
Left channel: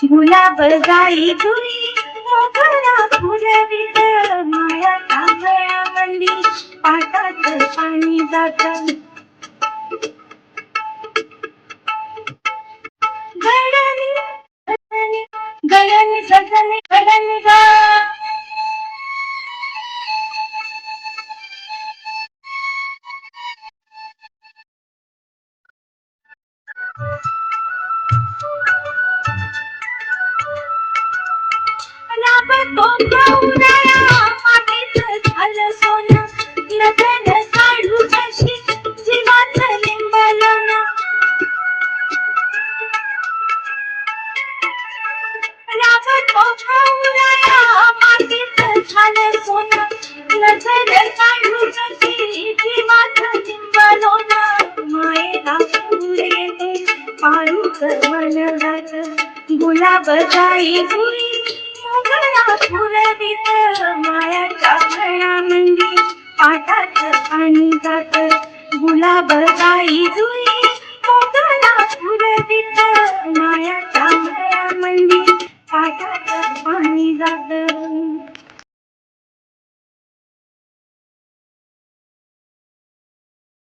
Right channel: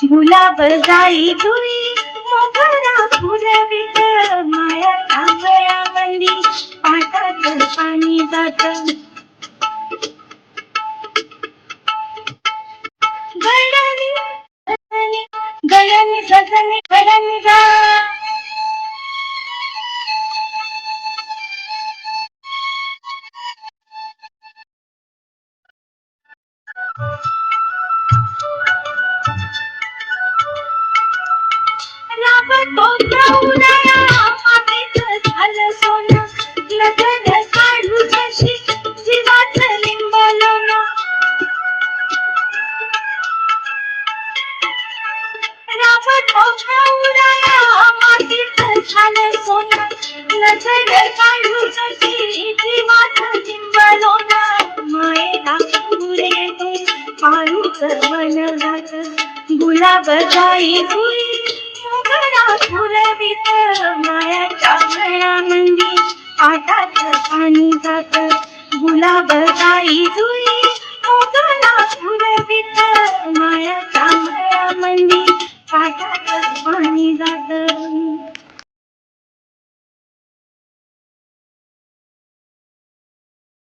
गुलाब जाई जुई मोगरा फुलवित. माळ्याच्या मळ्यामध्ये पाटाचं पाणी जात. गळ्यानी सजनी गळ्यानी सजनी गळ्यानी गा. राबतो गौराया मातीचं झालं सोनं, लगन काढू जशी जीवाचं लिंबलन. राबतो गौराया मातीचं झालं सोनं, लगन काढू जशी जीवाचं लिंबलन. मायेला फुले पाळूच मन जात, गुलाब जाई जुई मोगरा फुलवित. माळ्याच्या मळ्यामध्ये पाटाचं पाणी जात, गुलाब जाई जुई